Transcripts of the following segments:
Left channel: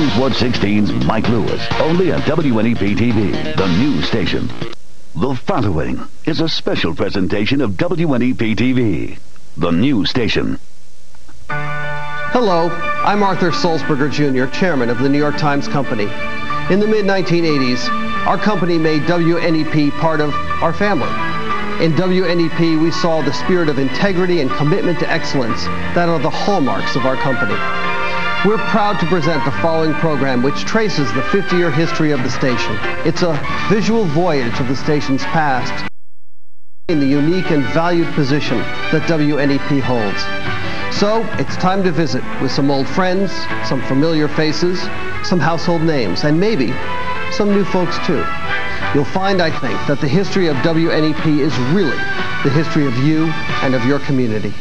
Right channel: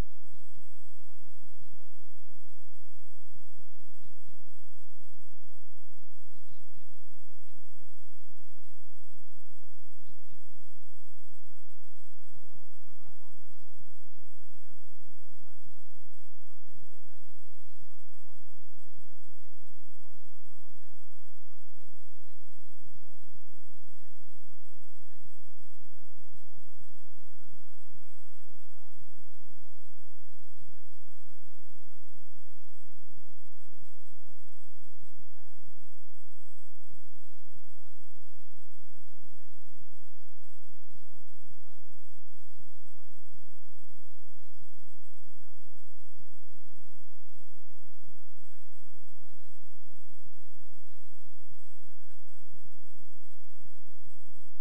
News 116's Mike Lewis, only on WNEP TV, the news station. The following is a special presentation of WNEP TV, the news station. Hello, I'm Arthur Sulzberger Jr., chairman of the New York Times Company. In the mid-1980s, our company made WNEP part of our family. In WNEP, we saw the spirit of integrity and commitment to excellence that are the hallmarks of our company. We're proud to present the following program, which traces the 50-year history of the station. It's a visual voyage of the station's past in the unique and valued position that WNEP holds. So, it's time to visit with some old friends, some familiar faces, some household names, and maybe some new folks too. You'll find, I think, that the history of WNEP is really the history of you and of your community.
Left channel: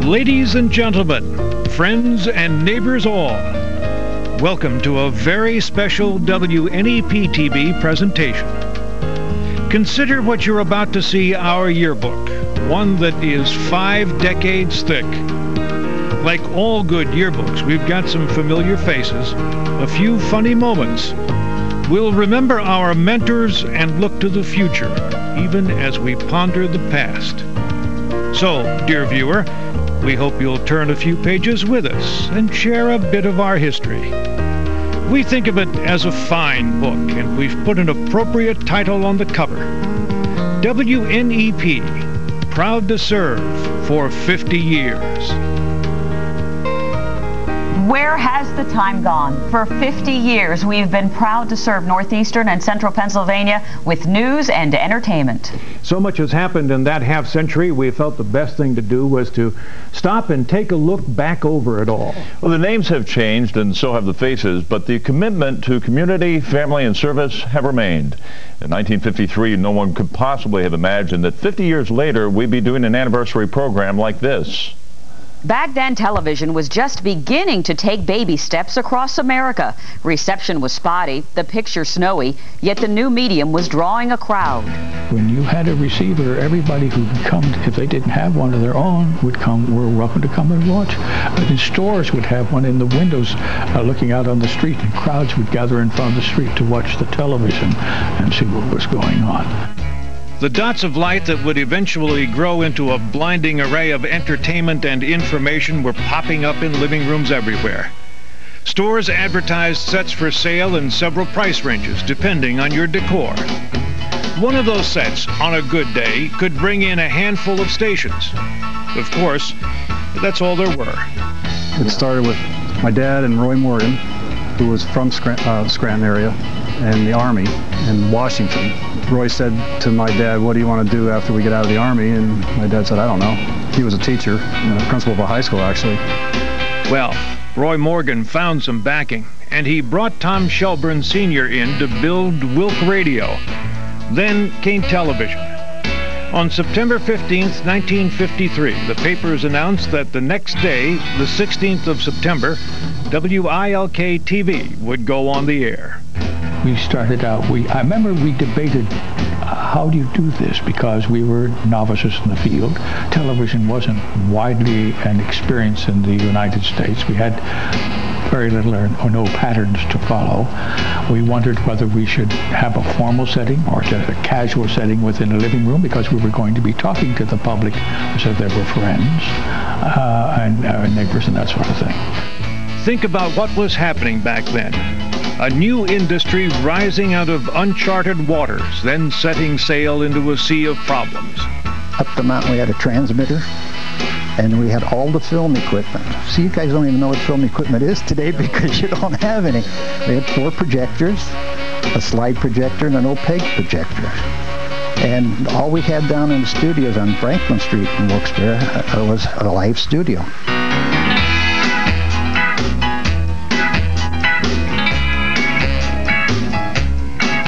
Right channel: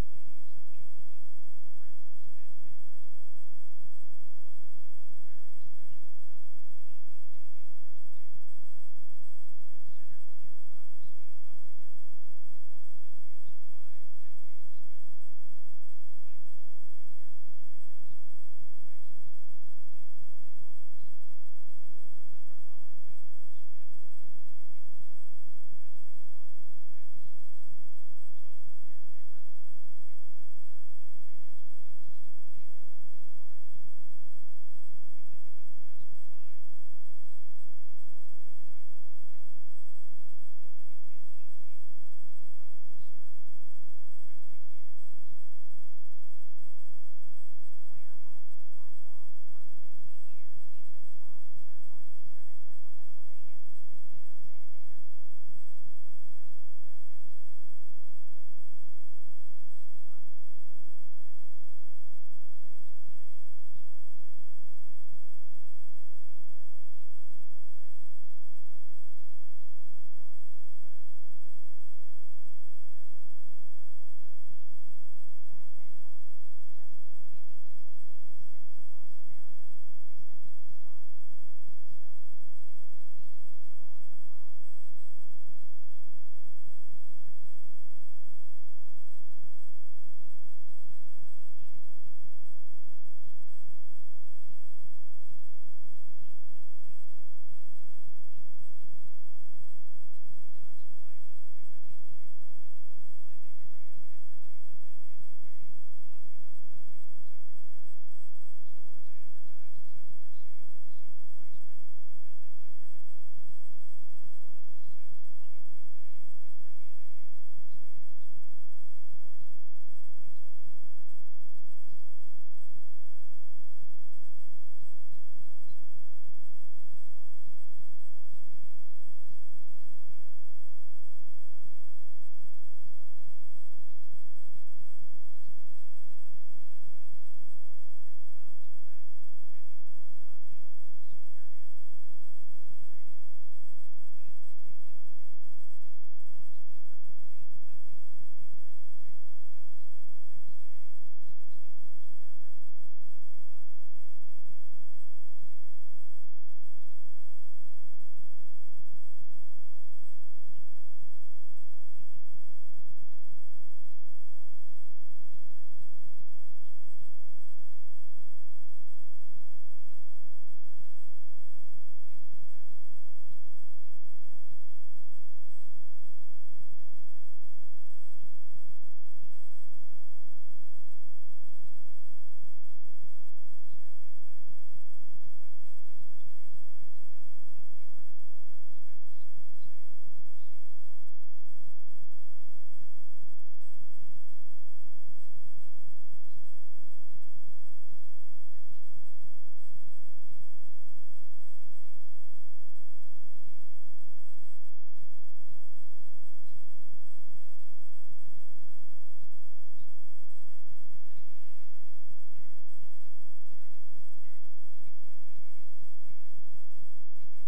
Ladies and gentlemen, friends and neighbors all, welcome to a very special WNEP TV presentation. Consider what you're about to see our yearbook, one that is 5 decades thick. Like all good yearbooks, we've got some familiar faces, a few funny moments. We'll remember our mentors and look to the future, even as we ponder the past. So, dear viewer, we hope you'll turn a few pages with us and share a bit of our history. We think of it as a fine book, and we've put an appropriate title on the cover. WNEP, proud to serve for 50 years. Where has the time gone? For 50 years, we've been proud to serve northeastern and central Pennsylvania with news and entertainment. So much has happened in that half century, we felt the best thing to do was to stop and take a look back over it all. Well, the names have changed and so have the faces, but the commitment to community, family, and service have remained. In 1953, no one could possibly have imagined that 50 years later, we'd be doing an anniversary program like this. Back then, television was just beginning to take baby steps across America. Reception was spotty, the picture snowy, yet the new medium was drawing a crowd. When you had a receiver, everybody who would come, if they didn't have one of their own, would come, were welcome to come and watch. But in stores would have one in the windows looking out on the street, and crowds would gather in front of the street to watch the television and see what was going on. The dots of light that would eventually grow into a blinding array of entertainment and information were popping up in living rooms everywhere. Stores advertised sets for sale in several price ranges, depending on your decor. One of those sets, on a good day, could bring in a handful of stations. Of course, that's all there were. It started with my dad and Roy Morgan, who was from Scranton area, and the Army in Washington. Roy said to my dad, "What do you want to do after we get out of the Army?" And my dad said, "I don't know." He was a teacher, principal of a high school, actually. Well, Roy Morgan found some backing, and he brought Tom Shelburne Sr. in to build Wilk Radio. Then came television. On September 15th, 1953, the papers announced that the next day, the 16th of September, WILK TV would go on the air. We started out, I remember we debated how do you do this, because we were novices in the field. Television wasn't widely an experience in the United States. We had very little or no patterns to follow. We wondered whether we should have a formal setting or just a casual setting within a living room, because we were going to be talking to the public as if they were friends and neighbors and that sort of thing. Think about what was happening back then. A new industry rising out of uncharted waters, then setting sail into a sea of problems. Up the mountain we had a transmitter, and we had all the film equipment. See, you guys don't even know what film equipment is today because you don't have any. We had 4 projectors, a slide projector, and an opaque projector. And all we had down in the studios on Franklin Street in Wilkes-Barre was a live studio.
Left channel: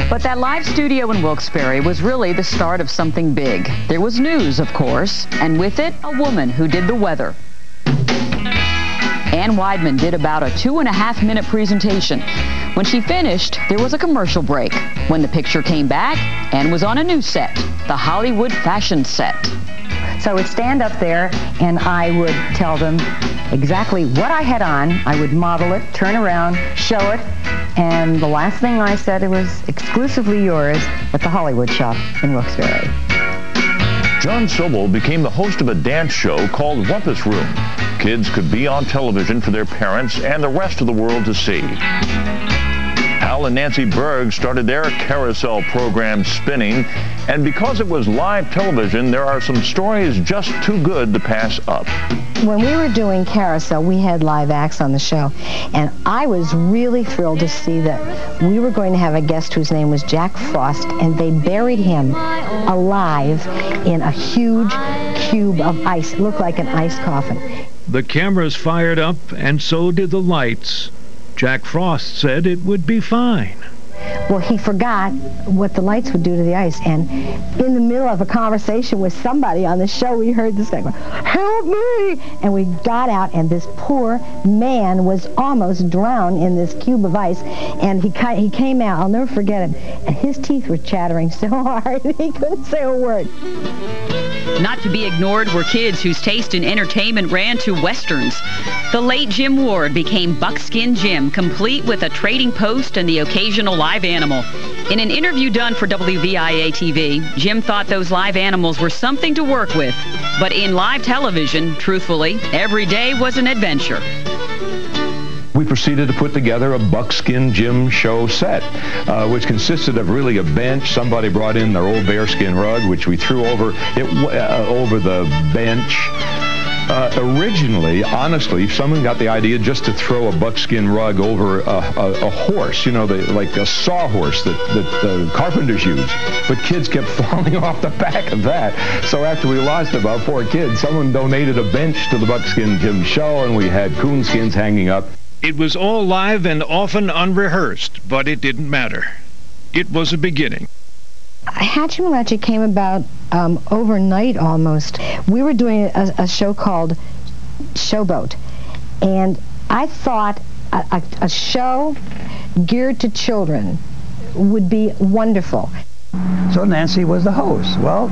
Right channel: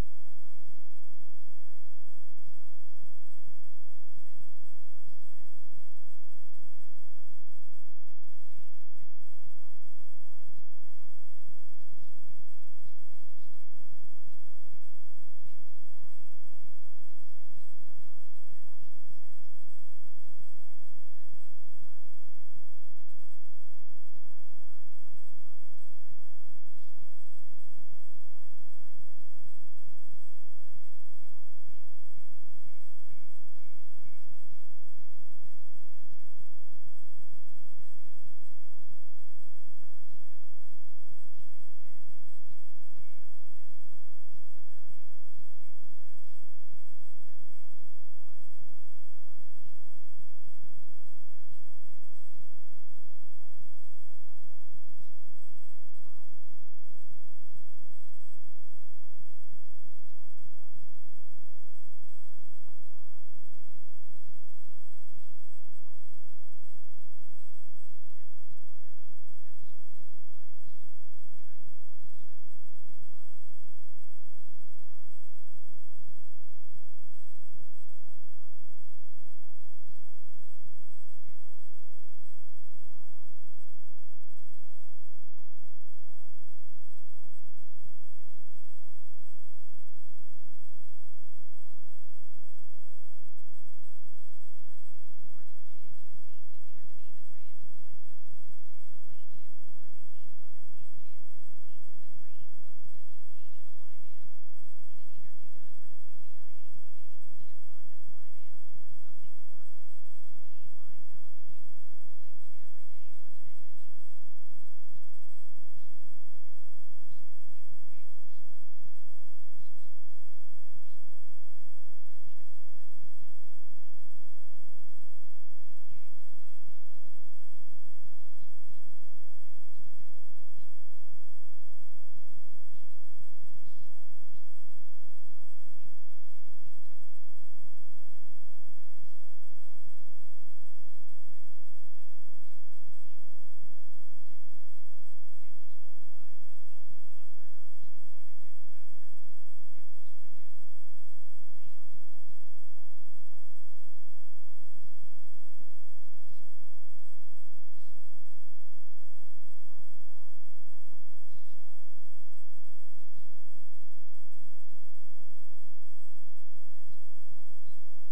But that live studio in Wilkes-Barre was really the start of something big. There was news, of course, and with it, a woman who did the weather. Ann Weidman did about a 2.5-minute presentation. When she finished, there was a commercial break. When the picture came back, Ann was on a new set, the Hollywood fashion set. So I would stand up there and I would tell them exactly what I had on. I would model it, turn around, show it, and the last thing I said, it was exclusively yours at the Hollywood shop in Wilkes-Barre. John Sobel became the host of a dance show called Rumpus Room. Kids could be on television for their parents and the rest of the world to see. Al and Nancy Burke started their carousel program spinning, and because it was live television, there are some stories just too good to pass up. When we were doing Carousel, we had live acts on the show, and I was really thrilled to see that we were going to have a guest whose name was Jack Frost, and they buried him alive in a huge cube of ice. It looked like an ice coffin. The cameras fired up, and so did the lights. Jack Frost said it would be fine. Well, he forgot what the lights would do to the ice, and in the middle of a conversation with somebody on the show, we heard this guy go, "Help me!" And we got out, and this poor man was almost drowned in this cube of ice, and he came out, I'll never forget it, and his teeth were chattering so hard he couldn't say a word. Not to be ignored were kids whose taste in entertainment ran to westerns. The late Jim Ward became Buckskin Jim, complete with a trading post and the occasional live animal. In an interview done for WVIA-TV, Jim thought those live animals were something to work with. But in live television, truthfully, every day was an adventure. We proceeded to put together a Buckskin Jim show set, which consisted of really a bench. Somebody brought in their old bearskin rug, which we threw over the bench. Originally, honestly, someone got the idea just to throw a buckskin rug over a horse, you know, like a sawhorse that the carpenters use. But kids kept falling off the back of that. So after we lost about 4 kids, someone donated a bench to the Buckskin Jim show, and we had coonskins hanging up. It was all live and often unrehearsed, but it didn't matter. It was a beginning. Hatchimalachi came about overnight almost. We were doing a show called Showboat, and I thought a show geared to children would be wonderful. So Nancy was the host. Well,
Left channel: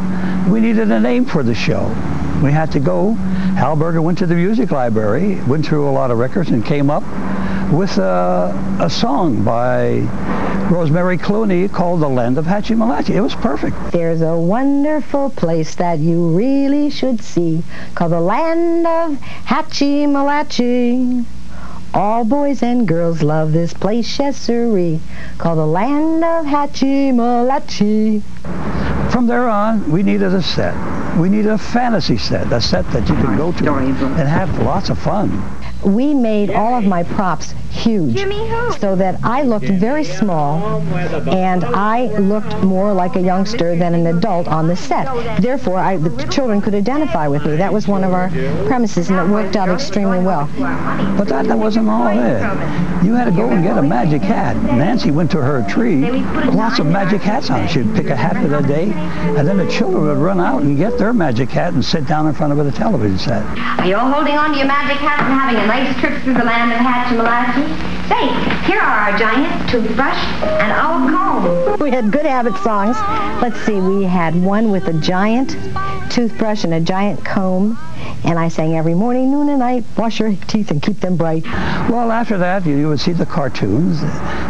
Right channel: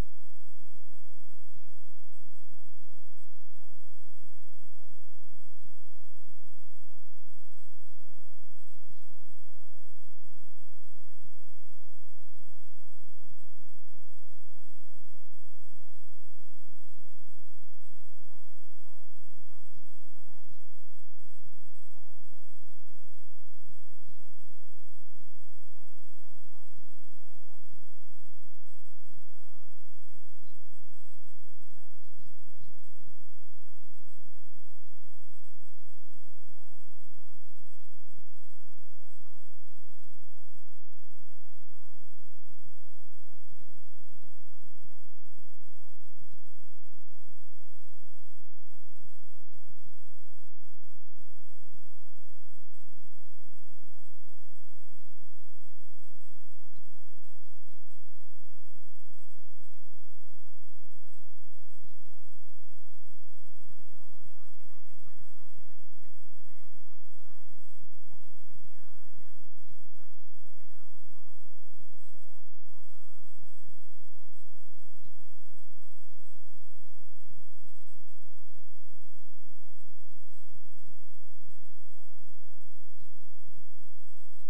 we needed a name for the show. We had to go. Hal Berger went to the music library, went through a lot of records, and came up with a song by Rosemary Clooney called The Land of Hatchimalachi. It was perfect. There's a wonderful place that you really should see called the Land of Hatchimalachi. All boys and girls love this place, yes sirree, called the Land of Hatchimalachi. From there on, we needed a set. We needed a fantasy set, a set that you could go to and have lots of fun. We made all of my props huge so that I looked very small and I looked more like a youngster than an adult on the set. Therefore, the children could identify with me. That was one of our premises, and it worked out extremely well. But that wasn't all it. You had to go and get a magic hat. Nancy went to her tree, lots of magic hats on. She'd pick a hat for the day, and then the children would run out and get their magic hat and sit down in front of the television set. Are you all holding on to your magic hats and having a nice trip through the land of Hatchimalachi? Say, here are our giant toothbrush and our comb. We had good habit songs. Let's see, we had one with a giant toothbrush and a giant comb, and I sang every morning, noon, and night, wash your teeth and keep them bright. Well, after that, you would see the cartoons.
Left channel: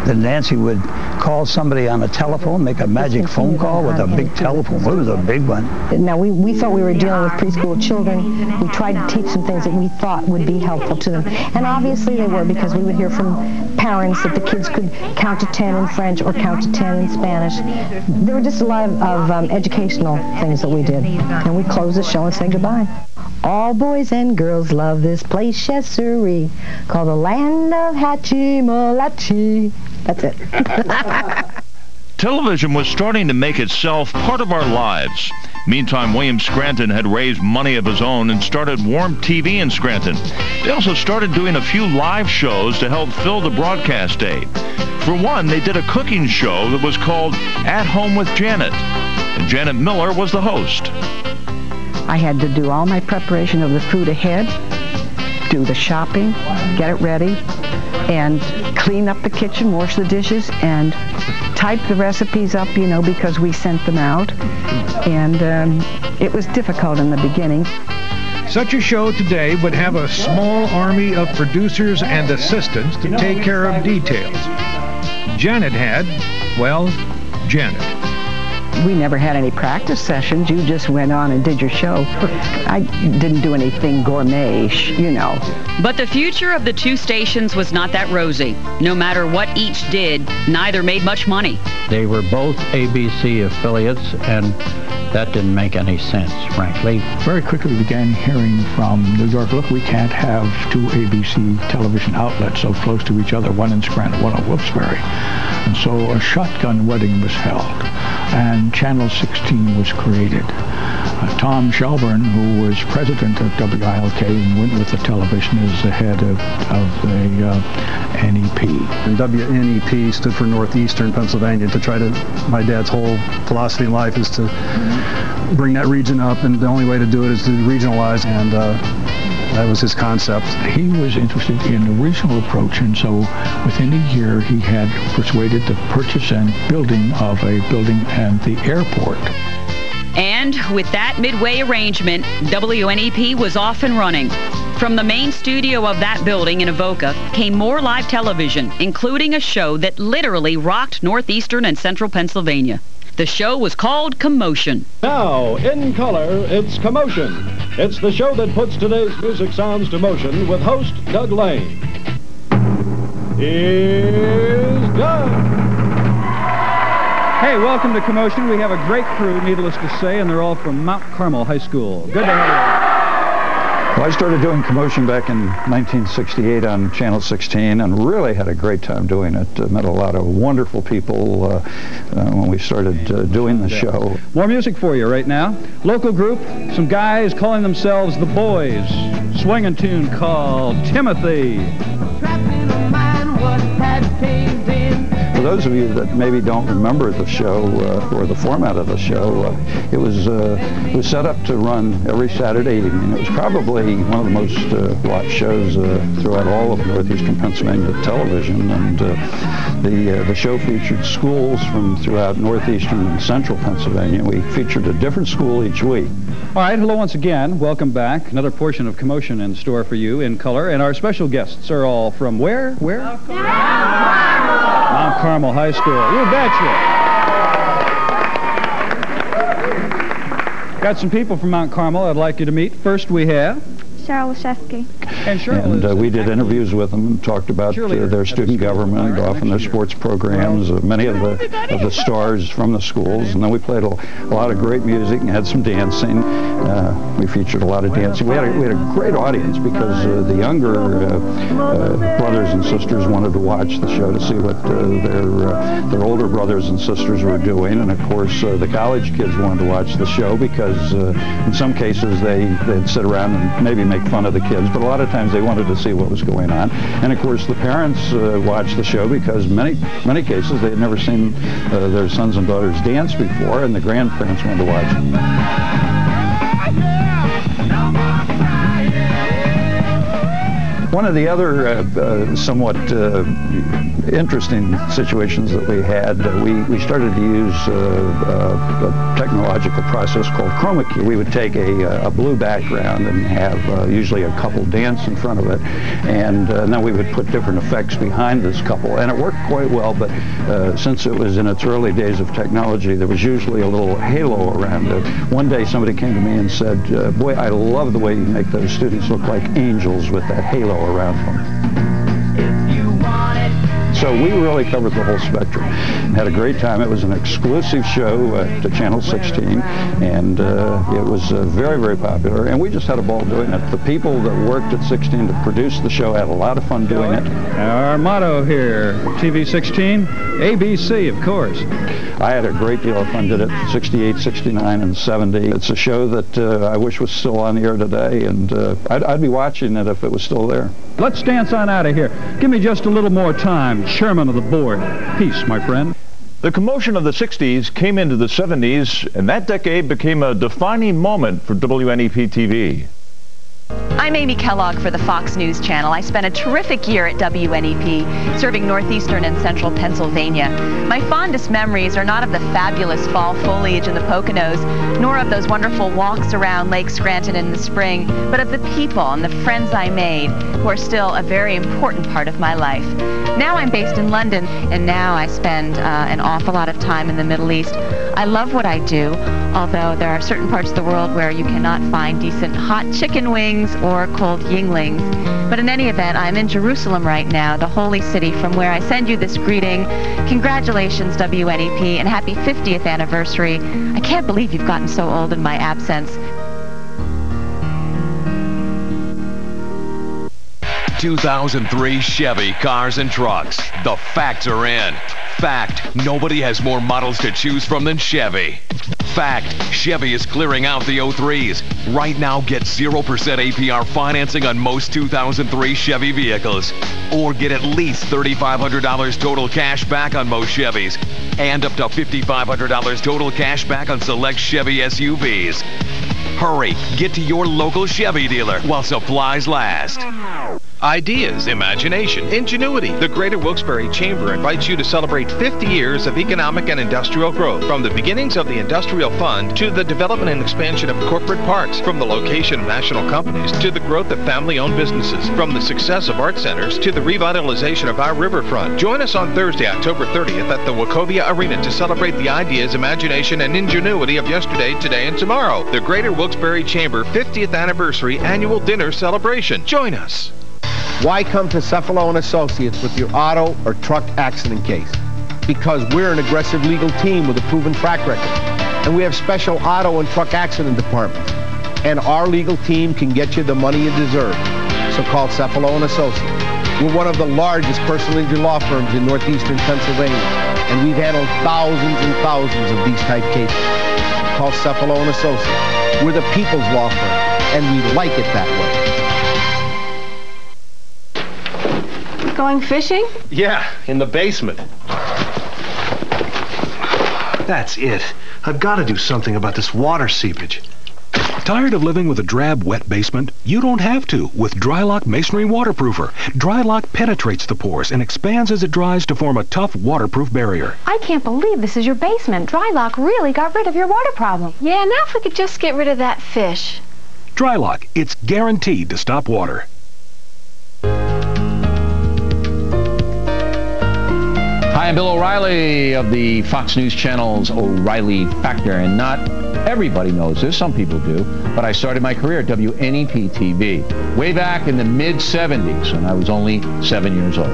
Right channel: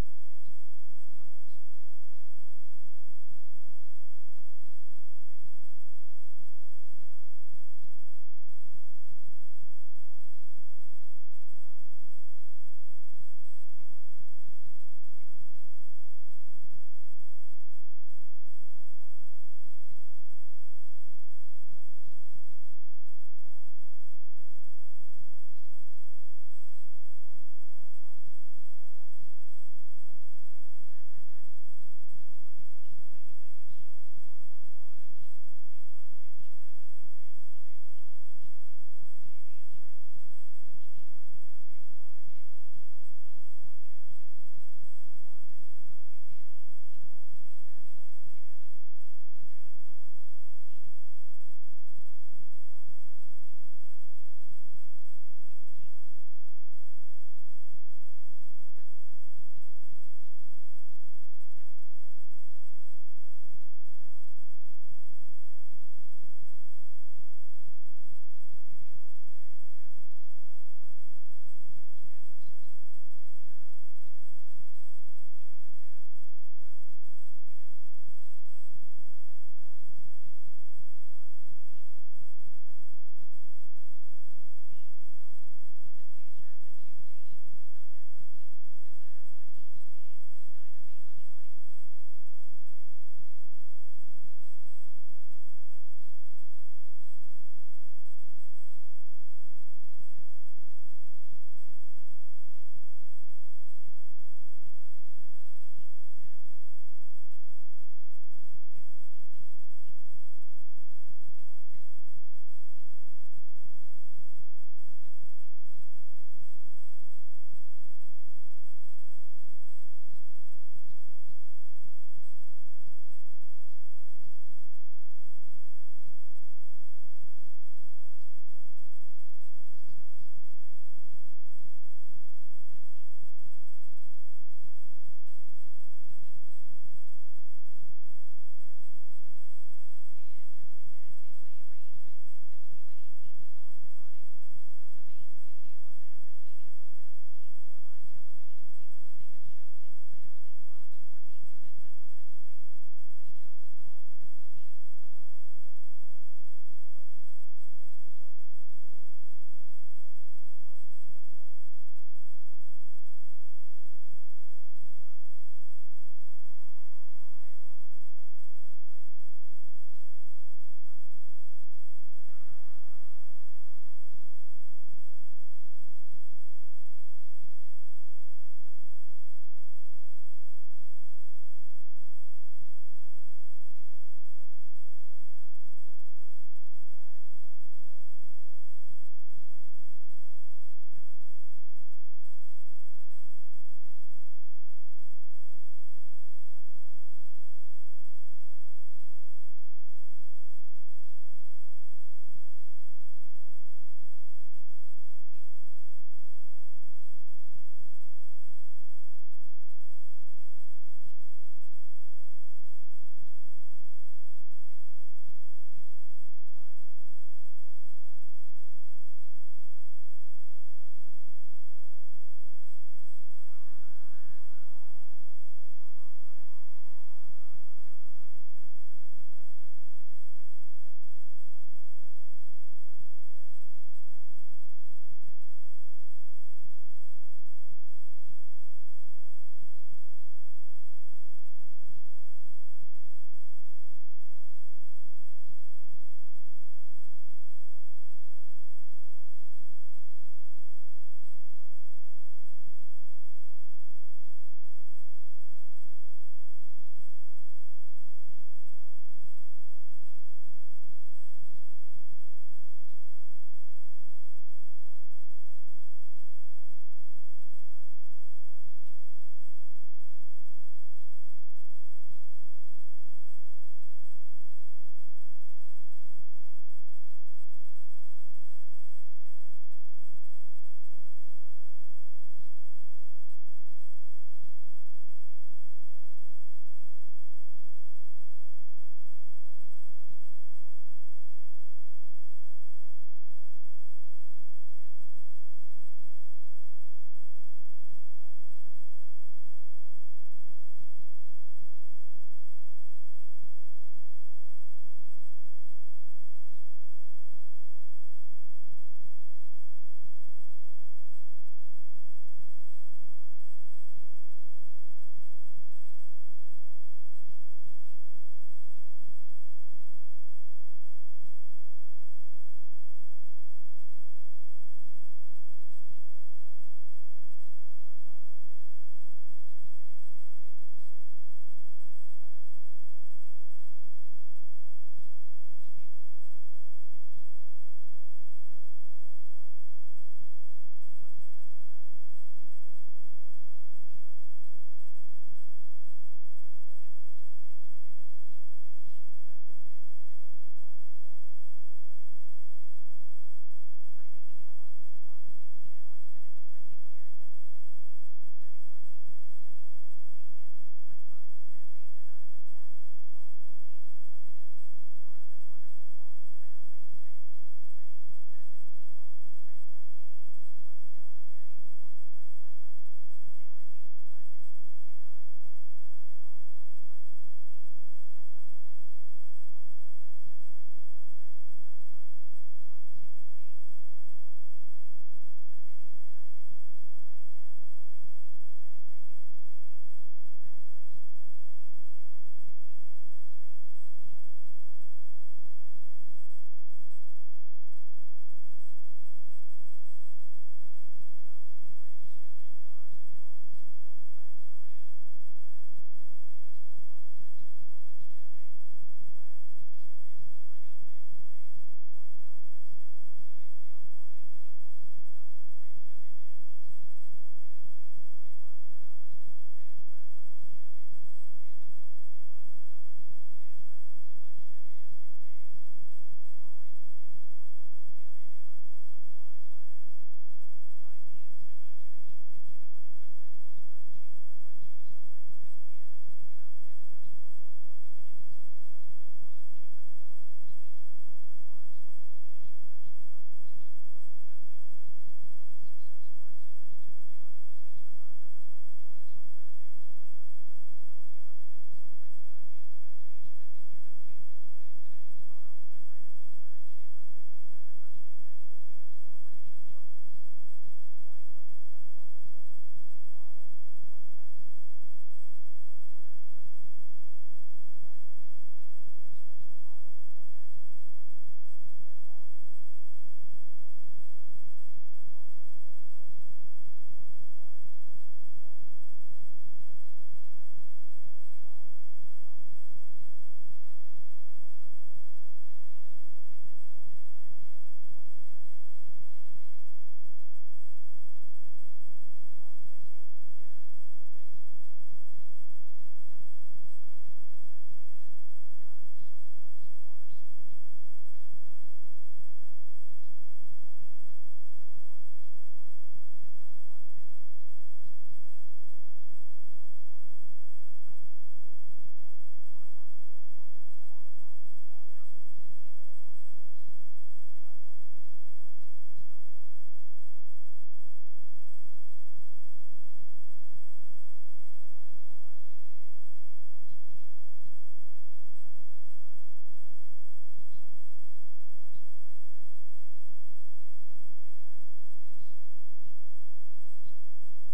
Then Nancy would call somebody on a telephone, make a magic phone call with a big telephone. It was a big one. Now, we thought we were dealing with preschool children. We tried to teach them things that we thought would be helpful to them. And obviously they were, because we would hear from parents that the kids could count to 10 in French or count to 10 in Spanish. There were just a lot of educational things that we did. And we closed the show and said goodbye. All boys and girls love this place, yes sirree, called the Land of Hatchimalachi. That's it. Television was starting to make itself part of our lives. Meantime, William Scranton had raised money of his own and started Warm TV in Scranton. They also started doing a few live shows to help fill the broadcast day. For one, they did a cooking show that was called At Home with Janet, and Janet Miller was the host. I had to do all my preparation of the food ahead, do the shopping, get it ready, and clean up the kitchen, wash the dishes, and type the recipes up, you know, because we sent them out. And it was difficult in the beginning. Such a show today would have a small army of producers and assistants to take care of details. Janet had, well, Janet. We never had any practice sessions. You just went on and did your show. I didn't do anything gourmet-ish, you know. But the future of the two stations was not that rosy. No matter what each did, neither made much money. They were both ABC affiliates, and that didn't make any sense, frankly. Very quickly we began hearing from New York, look, we can't have two ABC television outlets so close to each other, one in Scranton, one in Wilkes-Barre. And so a shotgun wedding was held, and Channel 16 was created. Tom Shelburne, who was president of WILK and went with the television, is the head of the NEP. And WNEP stood for Northeastern Pennsylvania. To try to, my dad's whole philosophy in life is to bring that region up, and the only way to do it is to regionalize, and that was his concept. He was interested in the regional approach, and so within a year he had persuaded the purchase and building of a building and the airport. And with that midway arrangement, WNEP was off and running. From the main studio of that building in Avoca came more live television, including a show that literally rocked northeastern and central Pennsylvania. The show was called Commotion. Now, in color, it's Commotion. It's the show that puts today's music sounds to motion with host Doug Lane. Here's Doug. Hey, welcome to Commotion. We have a great crew, needless to say, and they're all from Mount Carmel High School. Good to have you. Well, I started doing Commotion back in 1968 on Channel 16 and really had a great time doing it. Met a lot of wonderful people when we started doing the show. More music for you right now. Local group, some guys calling themselves The Boys. Swinging tune called Timothy. For those of you that maybe don't remember the show or the format of the show, it was set up to run every Saturday evening. It was probably one of the most watched shows throughout all of northeastern Pennsylvania television, and the show featured schools from throughout northeastern and central Pennsylvania. We featured a different school each week. All right, hello once again. Welcome back. Another portion of Commotion in store for you in color, and our special guests are all from where? Where? Mount Carmel High School. You betcha. Got some people from Mount Carmel I'd like you to meet. First we have Cheryl Leszewski. And we did interviews with them and talked about their student government, often their sports programs, many of the stars from the schools, and then we played a lot of great music and had some dancing. We featured a lot of dancing. We had a great audience because the younger brothers and sisters wanted to watch the show to see what their older brothers and sisters were doing, and of course the college kids wanted to watch the show because in some cases they'd sit around and maybe make fun of the kids, but a lot of times they wanted to see what was going on. And of course the parents watched the show because many cases they had never seen their sons and daughters dance before, and the grandparents wanted to watch it. One of the other somewhat interesting situations that we had, we started to use a technological process called chroma key. We would take a blue background and have usually a couple dance in front of it, and then we would put different effects behind this couple, and it worked quite well, but since it was in its early days of technology, there was usually a little halo around it. One day somebody came to me and said, boy, I love the way you make those students look like angels with that halo around them. So we really covered the whole spectrum and had a great time. It was an exclusive show to Channel 16, and it was very, very popular, and we just had a ball doing it. The people that worked at 16 to produce the show had a lot of fun doing it. Our motto here, TV 16, ABC, of course. I had a great deal of fun. Did it 68, 69, and 70. It's a show that I wish was still on the air today, and I'd be watching it if it was still there. Let's dance on out of here. Give me just a little more time, Chairman of the Board. Peace, my friend. The commotion of the 60s came into the 70s, and that decade became a defining moment for WNEP TV. I'm Amy Kellogg for the Fox News Channel. I spent a terrific year at WNEP, serving northeastern and central Pennsylvania. My fondest memories are not of the fabulous fall foliage in the Poconos, nor of those wonderful walks around Lake Scranton in the spring, but of the people and the friends I made, who are still a very important part of my life. Now I'm based in London, and now I spend an awful lot of time in the Middle East. I love what I do, although there are certain parts of the world where you cannot find decent hot chicken wings or cold Yinglings. But in any event, I'm in Jerusalem right now, the holy city, from where I send you this greeting. Congratulations, WNEP, and happy 50th anniversary. I can't believe you've gotten so old in my absence. 2003 Chevy cars and trucks. The facts are in. Fact, nobody has more models to choose from than Chevy. Fact, Chevy is clearing out the 03s. Right now, get 0% APR financing on most 2003 Chevy vehicles. Or get at least $3,500 total cash back on most Chevys. And up to $5,500 total cash back on select Chevy SUVs. Hurry, get to your local Chevy dealer while supplies last. Ideas, imagination, ingenuity. The Greater Wilkes-Barre Chamber invites you to celebrate 50 years of economic and industrial growth. From the beginnings of the Industrial Fund to the development and expansion of corporate parks, from the location of national companies to the growth of family-owned businesses, from the success of art centers to the revitalization of our riverfront. Join us on Thursday, October 30th at the Wachovia Arena to celebrate the ideas, imagination, and ingenuity of yesterday, today, and tomorrow. The Greater Wilkes-Barre Chamber 50th Anniversary Annual Dinner Celebration. Join us. Why come to Cephalo & Associates with your auto or truck accident case? Because we're an aggressive legal team with a proven track record. And we have special auto and truck accident departments. And our legal team can get you the money you deserve. So call Cephalo & Associates. We're one of the largest personal injury law firms in northeastern Pennsylvania. And we've handled thousands and thousands of these type cases. Call Cephalo & Associates. We're the people's law firm. And we like it that way. Going fishing? Yeah, in the basement. That's it. I've got to do something about this water seepage. Tired of living with a drab, wet basement? You don't have to with Drylock Masonry Waterproofer. Drylock penetrates the pores and expands as it dries to form a tough, waterproof barrier. I can't believe this is your basement. Drylock really got rid of your water problem. Yeah, now if we could just get rid of that fish. Drylock, it's guaranteed to stop water. Hi, I'm Bill O'Reilly of the Fox News Channel's O'Reilly Factor, and not everybody knows this, some people do, but I started my career at WNEP TV way back in the mid-'70s when I was only 7 years old.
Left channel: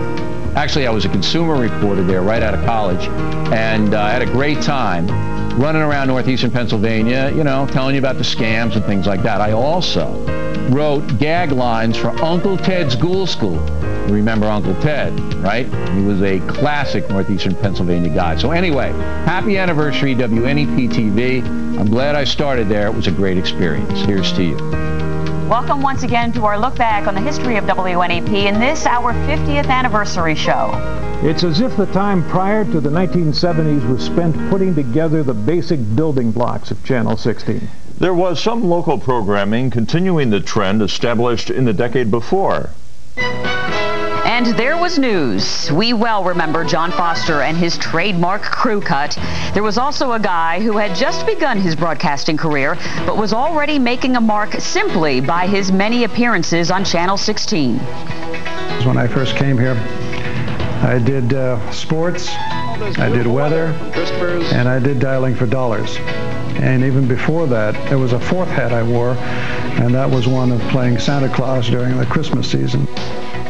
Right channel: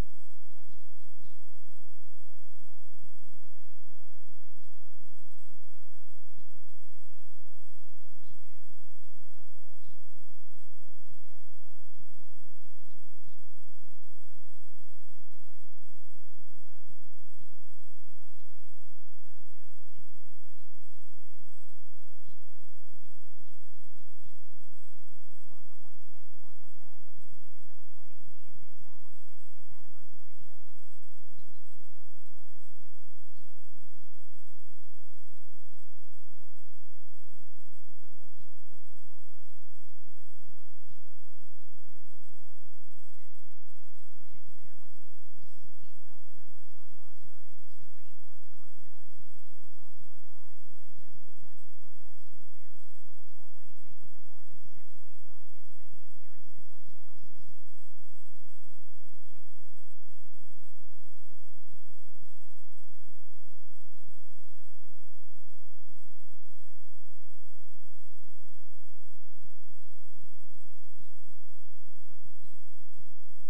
Actually, I was a consumer reporter there right out of college, and I had a great time running around northeastern Pennsylvania, you know, telling you about the scams and things like that. I also wrote gag lines for Uncle Ted's Ghoul School. You remember Uncle Ted, right? He was a classic northeastern Pennsylvania guy. So anyway, happy anniversary, WNEP TV. I'm glad I started there. It was a great experience. Here's to you. Welcome once again to our look back on the history of WNEP in this, our 50th anniversary show. It's as if the time prior to the 1970s was spent putting together the basic building blocks of Channel 16. There was some local programming continuing the trend established in the decade before. And there was news. We well remember John Foster and his trademark crew cut. There was also a guy who had just begun his broadcasting career, but was already making a mark simply by his many appearances on Channel 16. When I first came here, I did sports, I did weather, and I did dialing for dollars. And even before that, there was a fourth hat I wore, and that was one of playing Santa Claus during the Christmas season.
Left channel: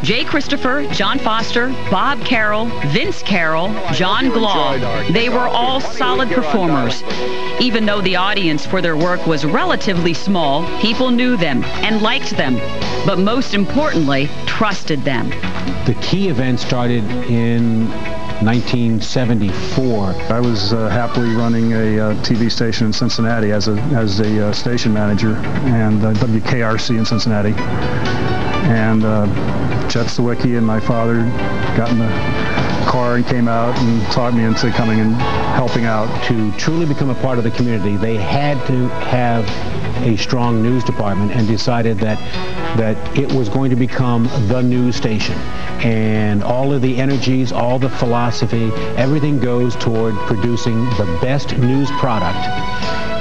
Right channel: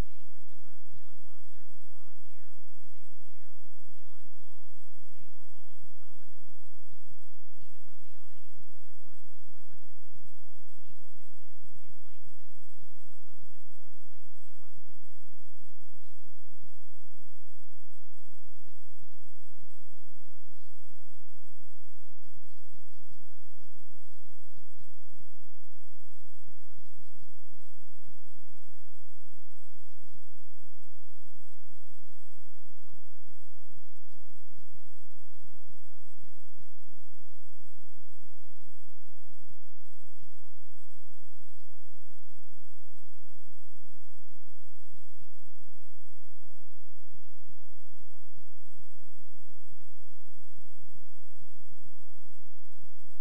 Jay Christopher, John Foster, Bob Carroll, Vince Carroll, John Glaw. They were all solid performers. Even though the audience for their work was relatively small, people knew them and liked them, but most importantly, trusted them. The key event started in 1974. I was happily running a TV station in Cincinnati as a station manager, and WKRC in Cincinnati. And Chet Sawicki and my father got in the car and came out and talked me into coming and helping out. To truly become a part of the community, they had to have a strong news department and decided that it was going to become the news station. And all of the energies, all the philosophy, everything goes toward producing the best news product.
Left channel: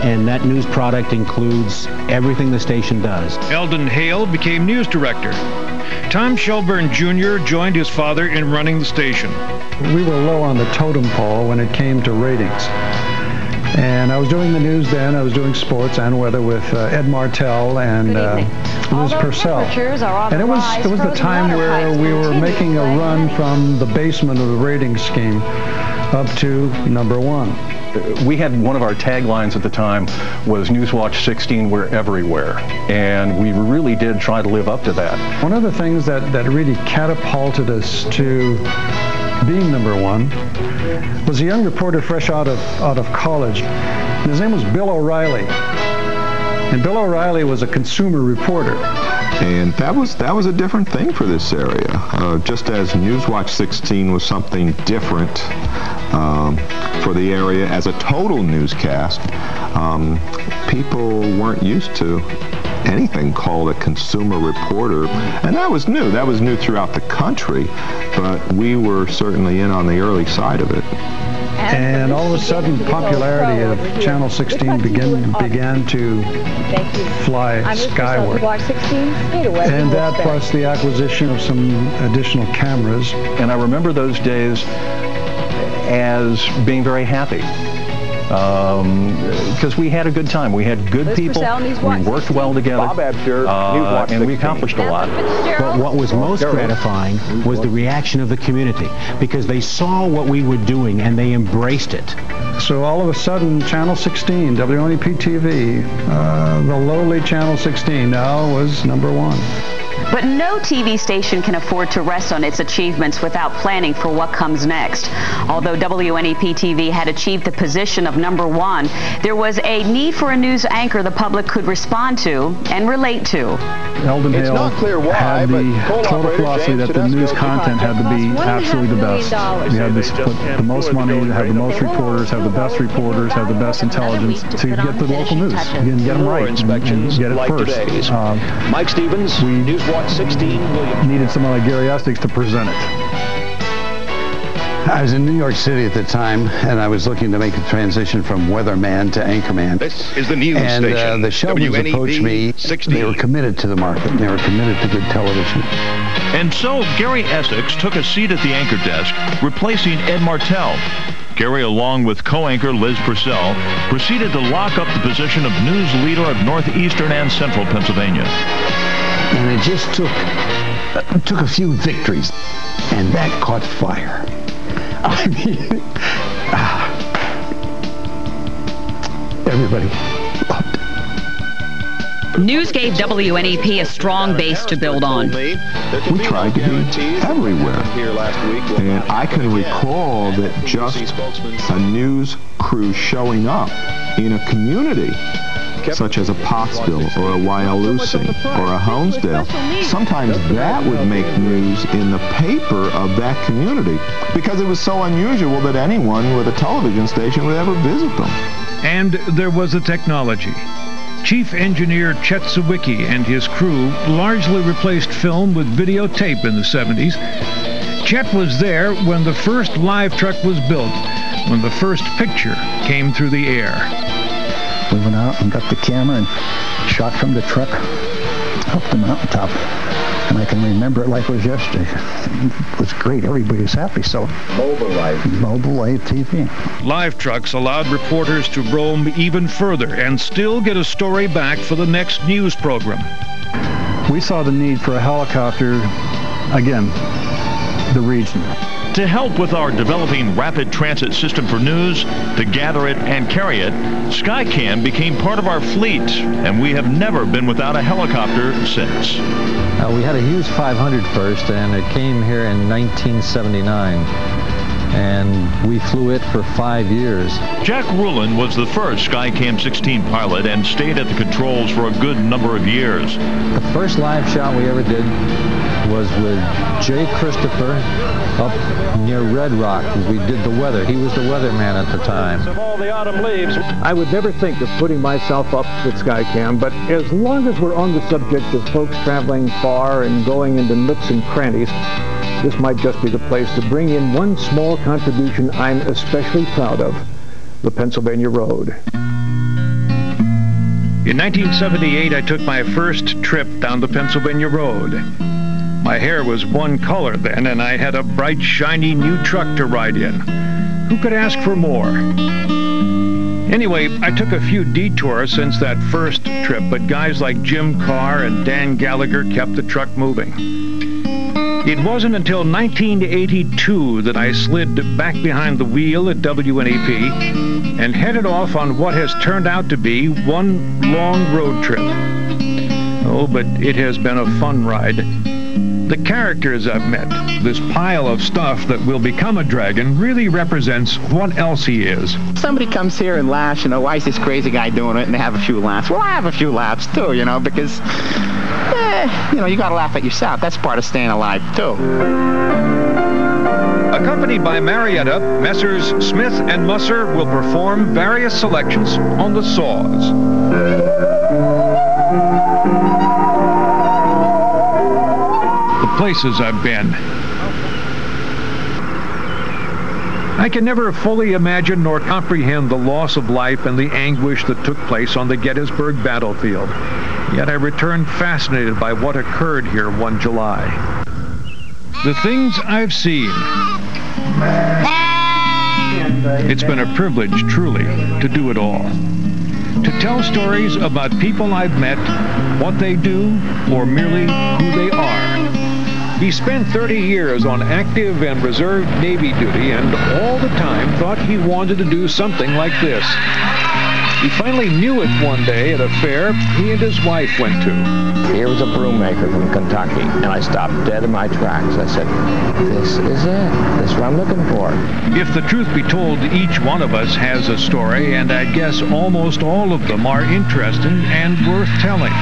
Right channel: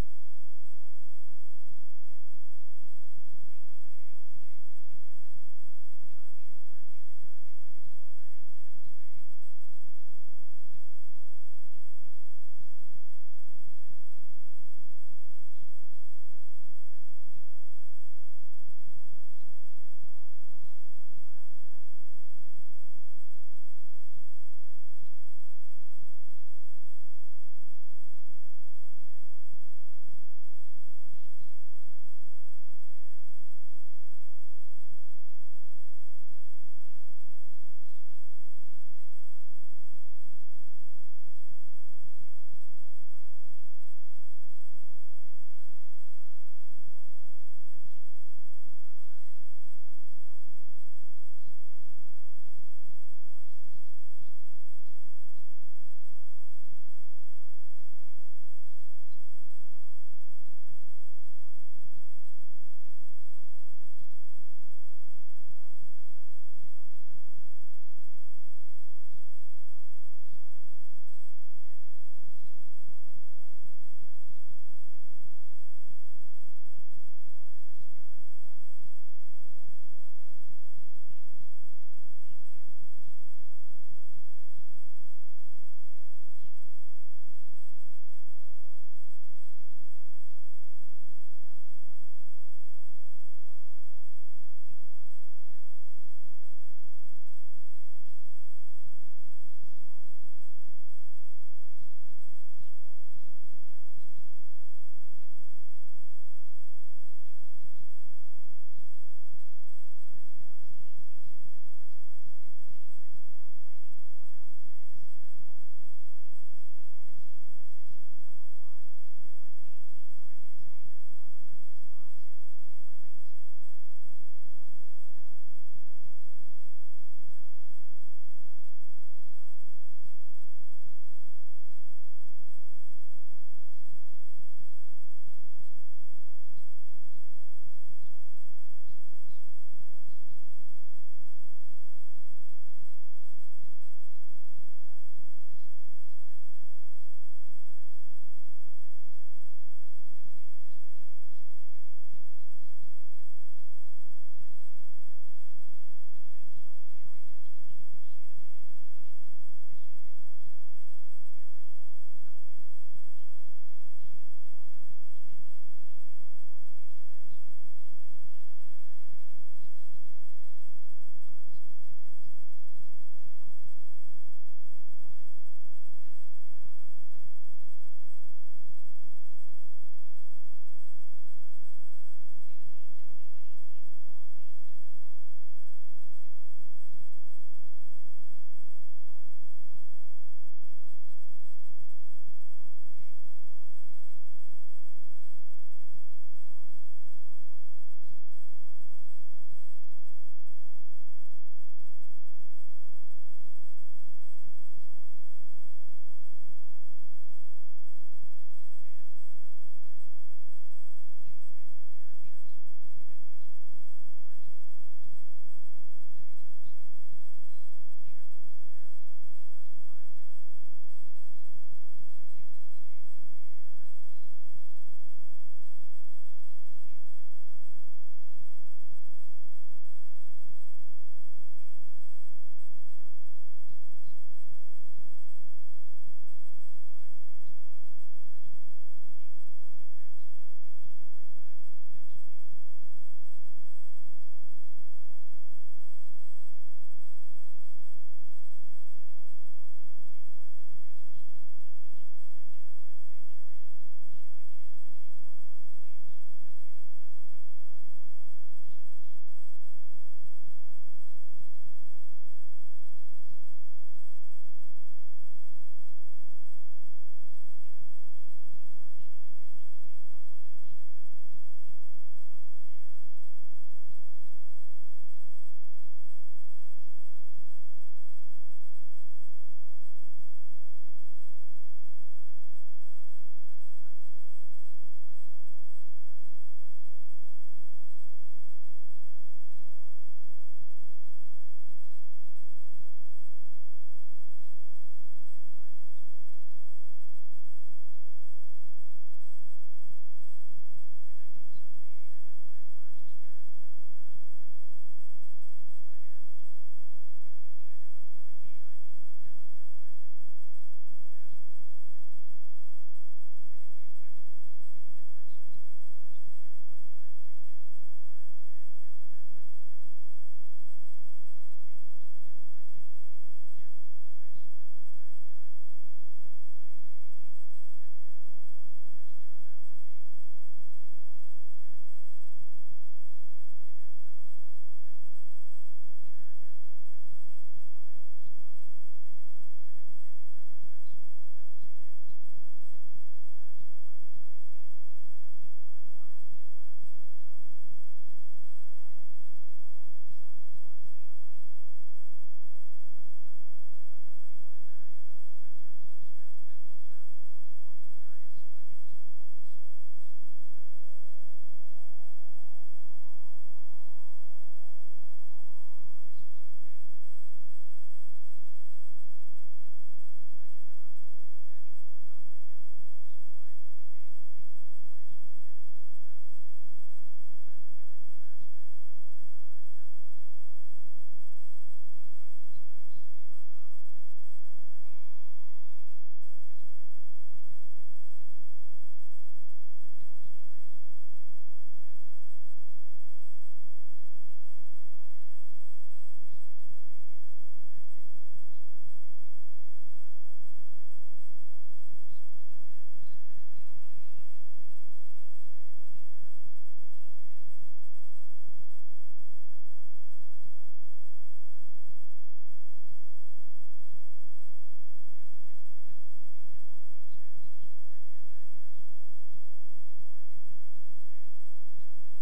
And that news product includes everything the station does. Eldon Hale became news director. Tom Shelburne Jr. joined his father in running the station. We were low on the totem pole when it came to ratings. And I was doing the news then. I was doing sports and weather with Ed Martell and Liz Purcell. And it was the time where we were making a run from the basement of the ratings scheme up to #1. We had one of our taglines at the time was Newswatch 16, we're everywhere. And we really did try to live up to that. One of the things that really catapulted us to being #1 was a young reporter fresh out of college. And his name was Bill O'Reilly. And Bill O'Reilly was a consumer reporter. And that was a different thing for this area. Just as Newswatch 16 was something different for the area as a total newscast, people weren't used to anything called a consumer reporter. And that was new. That was new throughout the country, but we were certainly in on the early side of it. And all of a sudden, popularity of Channel 16 began to fly skyward. And that plus the acquisition of some additional cameras. And I remember those days as being very happy. Because we had a good time. We had good people. We worked well together. And we accomplished a lot. But what was most gratifying was the reaction of the community, because they saw what we were doing and they embraced it. So all of a sudden, Channel 16, WNEP TV, the lowly Channel 16 now was #1. But no TV station can afford to rest on its achievements without planning for what comes next. Although WNEP TV had achieved the position of #1, there was a need for a news anchor the public could respond to and relate to. Eldon Hale had the total philosophy that the news content had to be absolutely the best. We had to put the most money, have the most reporters, have the best reporters, have the best intelligence to get the local news. You didn't get them right and get it first. Mike Stevens, Newswatch 16, needed someone like Gary Estes to present it. I was in New York City at the time, and I was looking to make a transition from weatherman to anchorman. This is the news station. And the Shelburnes approached me. 16. They were committed to the market, and they were committed to good television. And so Gary Essex took a seat at the anchor desk, replacing Ed Martell. Gary, along with co-anchor Liz Purcell, proceeded to lock up the position of news leader of northeastern and central Pennsylvania. And it just took a few victories, and that caught fire. I mean, everybody loved it. News gave WNEP a strong base to build on. We tried to be everywhere. And I can recall that just a news crew showing up in a community such as a Pottsville or a Wyalusing or a Honesdale, sometimes that would make news in the paper of that community because it was so unusual that anyone with a television station would ever visit them. And there was the technology. Chief Engineer Chet Sawicki and his crew largely replaced film with videotape in the 70s. Chet was there when the first live truck was built, when the first picture came through the air. We went out and got the camera and shot from the truck up the mountaintop. And I can remember it like it was yesterday. It was great. Everybody was happy. So Mobile Live TV. Live trucks allowed reporters to roam even further and still get a story back for the next news program. We saw the need for a helicopter, again, the region. To help with our developing rapid transit system for news, to gather it and carry it, Skycam became part of our fleet, and we have never been without a helicopter since. We had a Hughes 500 first, and it came here in 1979. and we flew it for 5 years. Jack Rulin was the first Skycam 16 pilot and stayed at the controls for a good number of years. The first live shot we ever did was with Jay Christopher up near Red Rock. We did the weather. He was the weatherman at the time. I would never think of putting myself up with Skycam, but as long as we're on the subject of folks traveling far and going into nooks and crannies, this might just be the place to bring in one small contribution I'm especially proud of, the Pennsylvania Road. In 1978, I took my first trip down the Pennsylvania Road. My hair was one color then, and I had a bright, shiny new truck to ride in. Who could ask for more? Anyway, I took a few detours since that first trip, but guys like Jim Carr and Dan Gallagher kept the truck moving. It wasn't until 1982 that I slid back behind the wheel at WNEP and headed off on what has turned out to be one long road trip. Oh, but it has been a fun ride. The characters I've met, this pile of stuff that will become a dragon, really represents what else he is. Somebody comes here and laughs, you know, why is this crazy guy doing it, and they have a few laughs. Well, I have a few laughs too, you know, because, you know, you got to laugh at yourself. That's part of staying alive too. Accompanied by Marietta, Messrs. Smith and Musser will perform various selections on the saws. Places I've been. I can never fully imagine nor comprehend the loss of life and the anguish that took place on the Gettysburg battlefield. Yet I returned fascinated by what occurred here one July. The things I've seen. It's been a privilege, truly, to do it all. To tell stories about people I've met, what they do, or merely who they are. He spent 30 years on active and reserve Navy duty and all the time thought he wanted to do something like this. He finally knew it one day at a fair he and his wife went to. Here was a broom maker from Kentucky, and I stopped dead in my tracks. I said, this is it. This is what I'm looking for. If the truth be told, each one of us has a story, and I guess almost all of them are interesting and worth telling.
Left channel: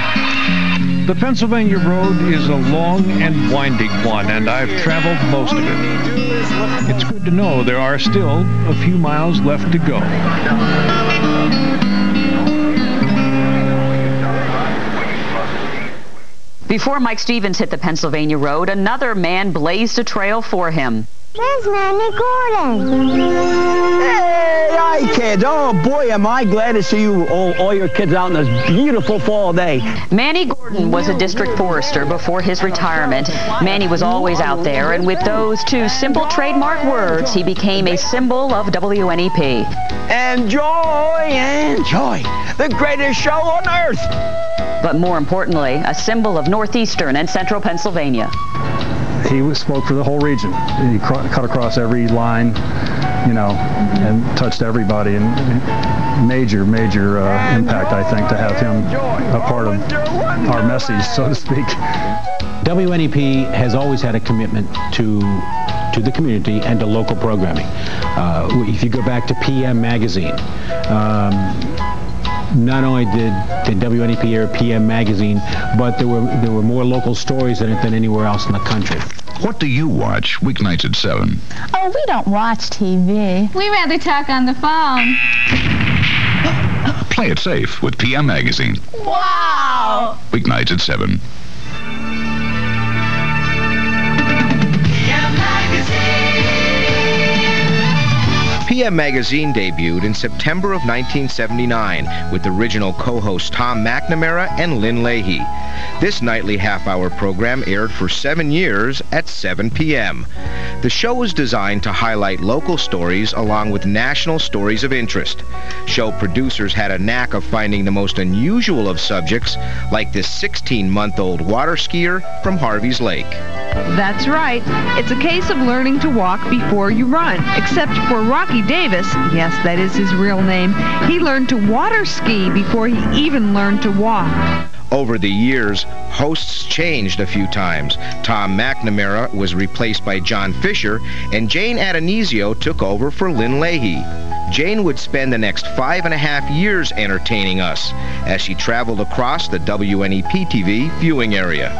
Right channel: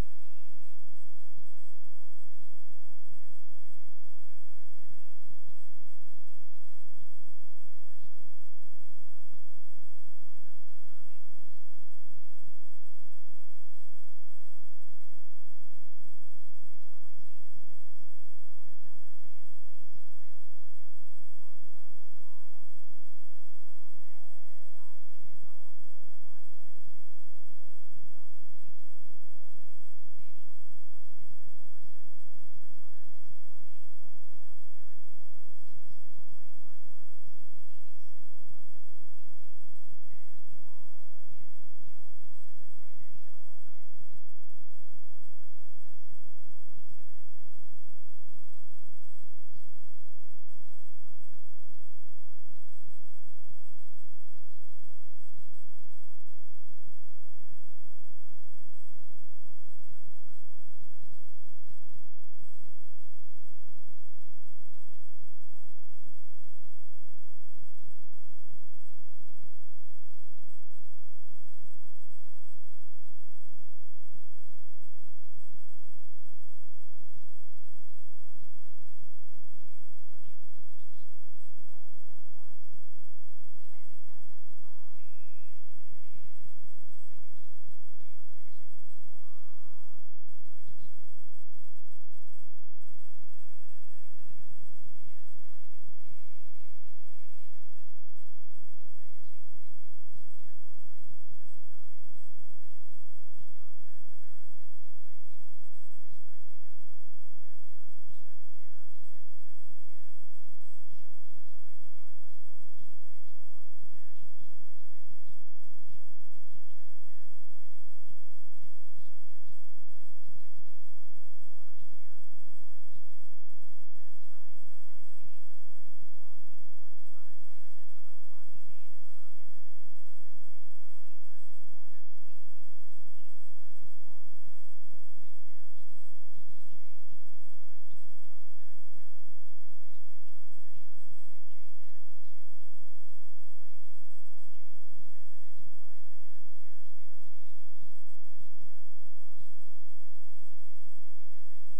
The Pennsylvania Road is a long and winding one, and I've traveled most of it. It's good to know there are still a few miles left to go. Before Mike Stevens hit the Pennsylvania Road, another man blazed a trail for him. There's Manny Gordon. Hey, hi, kids. Oh, boy, am I glad to see you, all your kids out on this beautiful fall day. Manny Gordon was a district forester before his retirement. Manny was always out there, and with those two simple trademark words, he became a symbol of WNEP. Enjoy, enjoy. The greatest show on earth. But more importantly, a symbol of northeastern and central Pennsylvania. He spoke for the whole region. He cut across every line, you know, and touched everybody. And major impact, I think, to have him a part of our message, so to speak. WNEP has always had a commitment to the community and to local programming. If you go back to PM Magazine, not only did WNEP air PM Magazine, but there were more local stories in it than anywhere else in the country. What do you watch weeknights at 7? Oh, we don't watch TV. We rather talk on the phone. Play it safe with PM Magazine. Wow! Weeknights at 7. PM Magazine debuted in September of 1979 with original co-hosts Tom McNamara and Lynn Leahy. This nightly half-hour program aired for 7 years at 7 p.m. The show was designed to highlight local stories along with national stories of interest. Show producers had a knack of finding the most unusual of subjects, like this 16-month-old water skier from Harvey's Lake. That's right. It's a case of learning to walk before you run, except for Rocky Davis. Yes, that is his real name. He learned to water ski before he even learned to walk. Over the years, hosts changed a few times. Tom McNamara was replaced by John Fisher, and Jane Adonisio took over for Lynn Leahy. Jane would spend the next 5.5 years entertaining us as she traveled across the WNEP TV viewing area.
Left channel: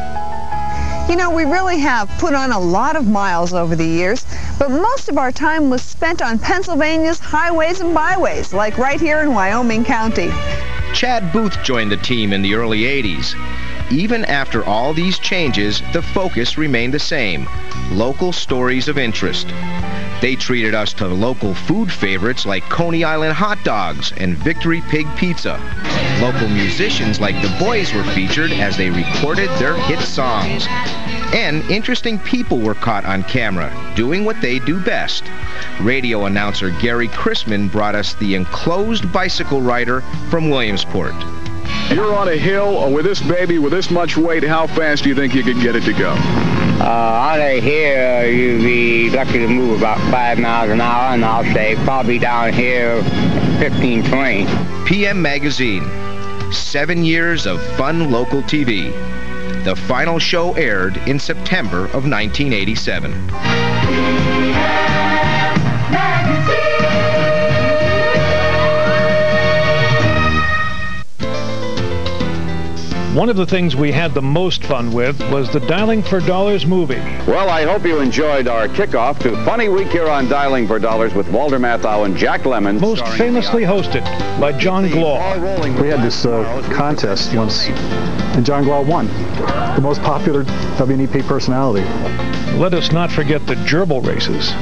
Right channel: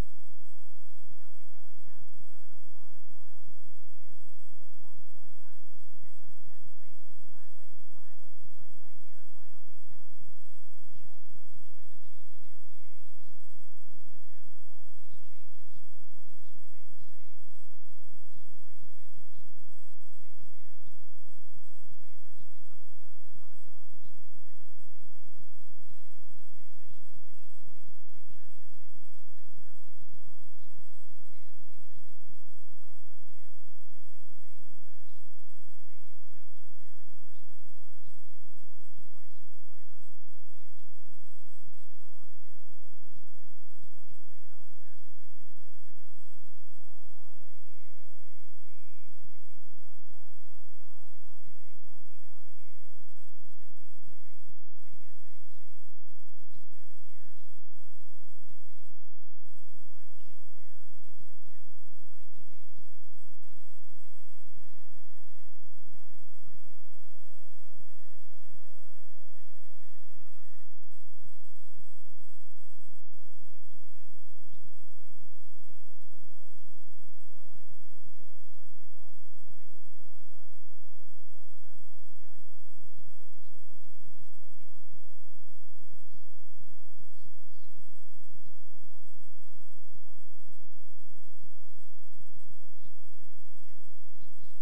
You know, we really have put on a lot of miles over the years, but most of our time was spent on Pennsylvania's highways and byways, like right here in Wyoming County. Chad Booth joined the team in the early 80s. Even after all these changes, the focus remained the same: local stories of interest. They treated us to local food favorites like Coney Island hot dogs and Victory Pig pizza. Local musicians like the Boys were featured as they recorded their hit songs. And interesting people were caught on camera, doing what they do best. Radio announcer Gary Chrisman brought us the enclosed bicycle rider from Williamsport. You're on a hill with this baby with this much weight. How fast do you think you can get it to go? On a hill, you'd be lucky to move about 5 miles an hour, and I'll say probably down here 15, 20. PM Magazine. 7 years of fun local TV. The final show aired in September of 1987. One of the things we had the most fun with was the Dialing for Dollars movie. Well, I hope you enjoyed our kickoff to Funny Week here on Dialing for Dollars with Walter Matthau and Jack Lemmon. Most famously hosted by John Glaw. We had this contest once, and John Glaw won. The most popular WNEP personality. Let us not forget the gerbil races.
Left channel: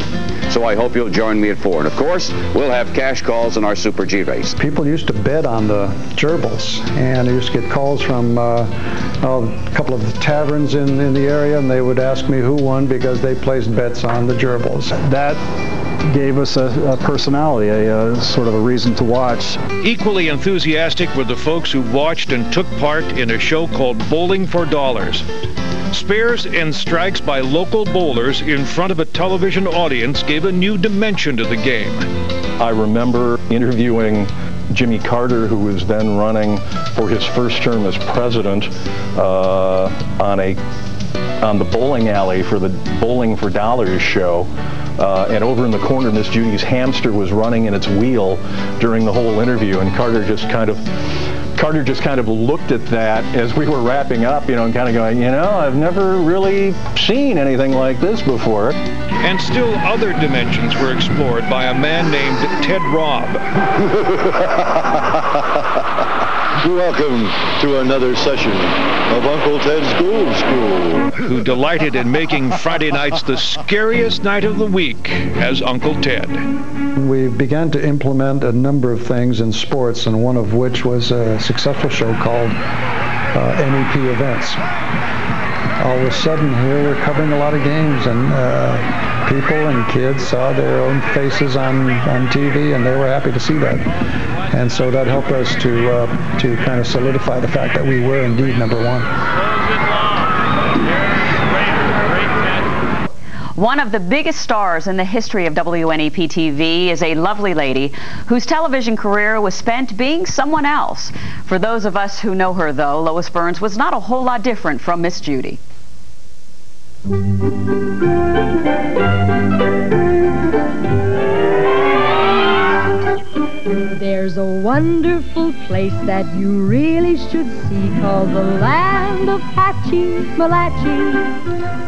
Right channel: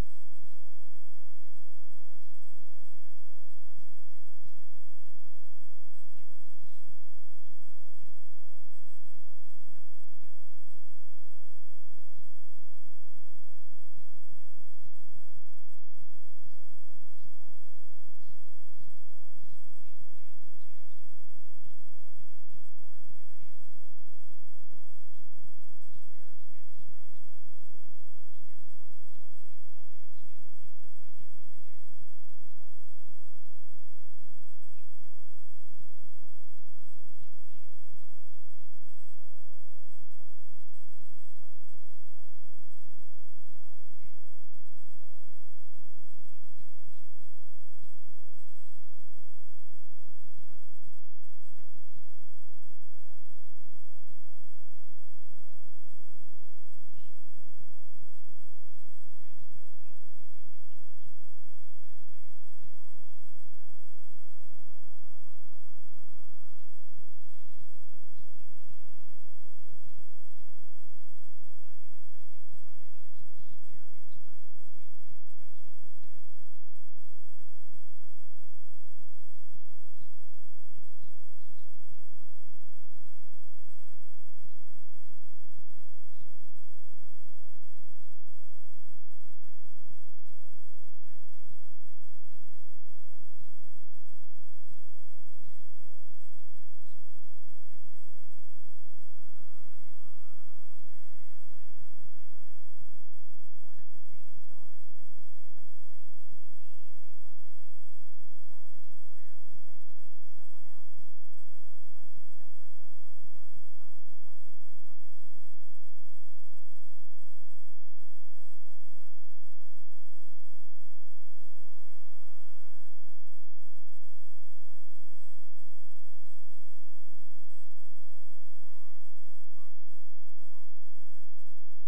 So I hope you'll join me at 4. And of course, we'll have cash calls in our Super G race. People used to bet on the gerbils, and I used to get calls from a couple of the taverns in the area, and they would ask me who won because they placed bets on the gerbils. That gave us a personality, a sort of a reason to watch. Equally enthusiastic were the folks who watched and took part in a show called Bowling for Dollars. Spares and strikes by local bowlers in front of a television audience gave a new dimension to the game. I remember interviewing Jimmy Carter, who was then running for his first term as president, on the bowling alley for the Bowling for Dollars show. And over in the corner, Miss Judy's hamster was running in its wheel during the whole interview, and Carter just kind of looked at that as we were wrapping up, and kind of going, I've never really seen anything like this before. And still other dimensions were explored by a man named Ted Robb. Welcome to another session of Uncle Ted's Groove School. Who delighted in making Friday nights the scariest night of the week as Uncle Ted. We began to implement a number of things in sports, and one of which was a successful show called NEP Events. All of a sudden here we're covering a lot of games, and people and kids saw their own faces on TV, and they were happy to see that. And so that helped us to kind of solidify the fact that we were indeed number one. One of the biggest stars in the history of WNEP TV is a lovely lady whose television career was spent being someone else. For those of us who know her, though, Lois Burns was not a whole lot different from Miss Judy. There's a wonderful place that you really should see called the land of Hatchie-Malachi.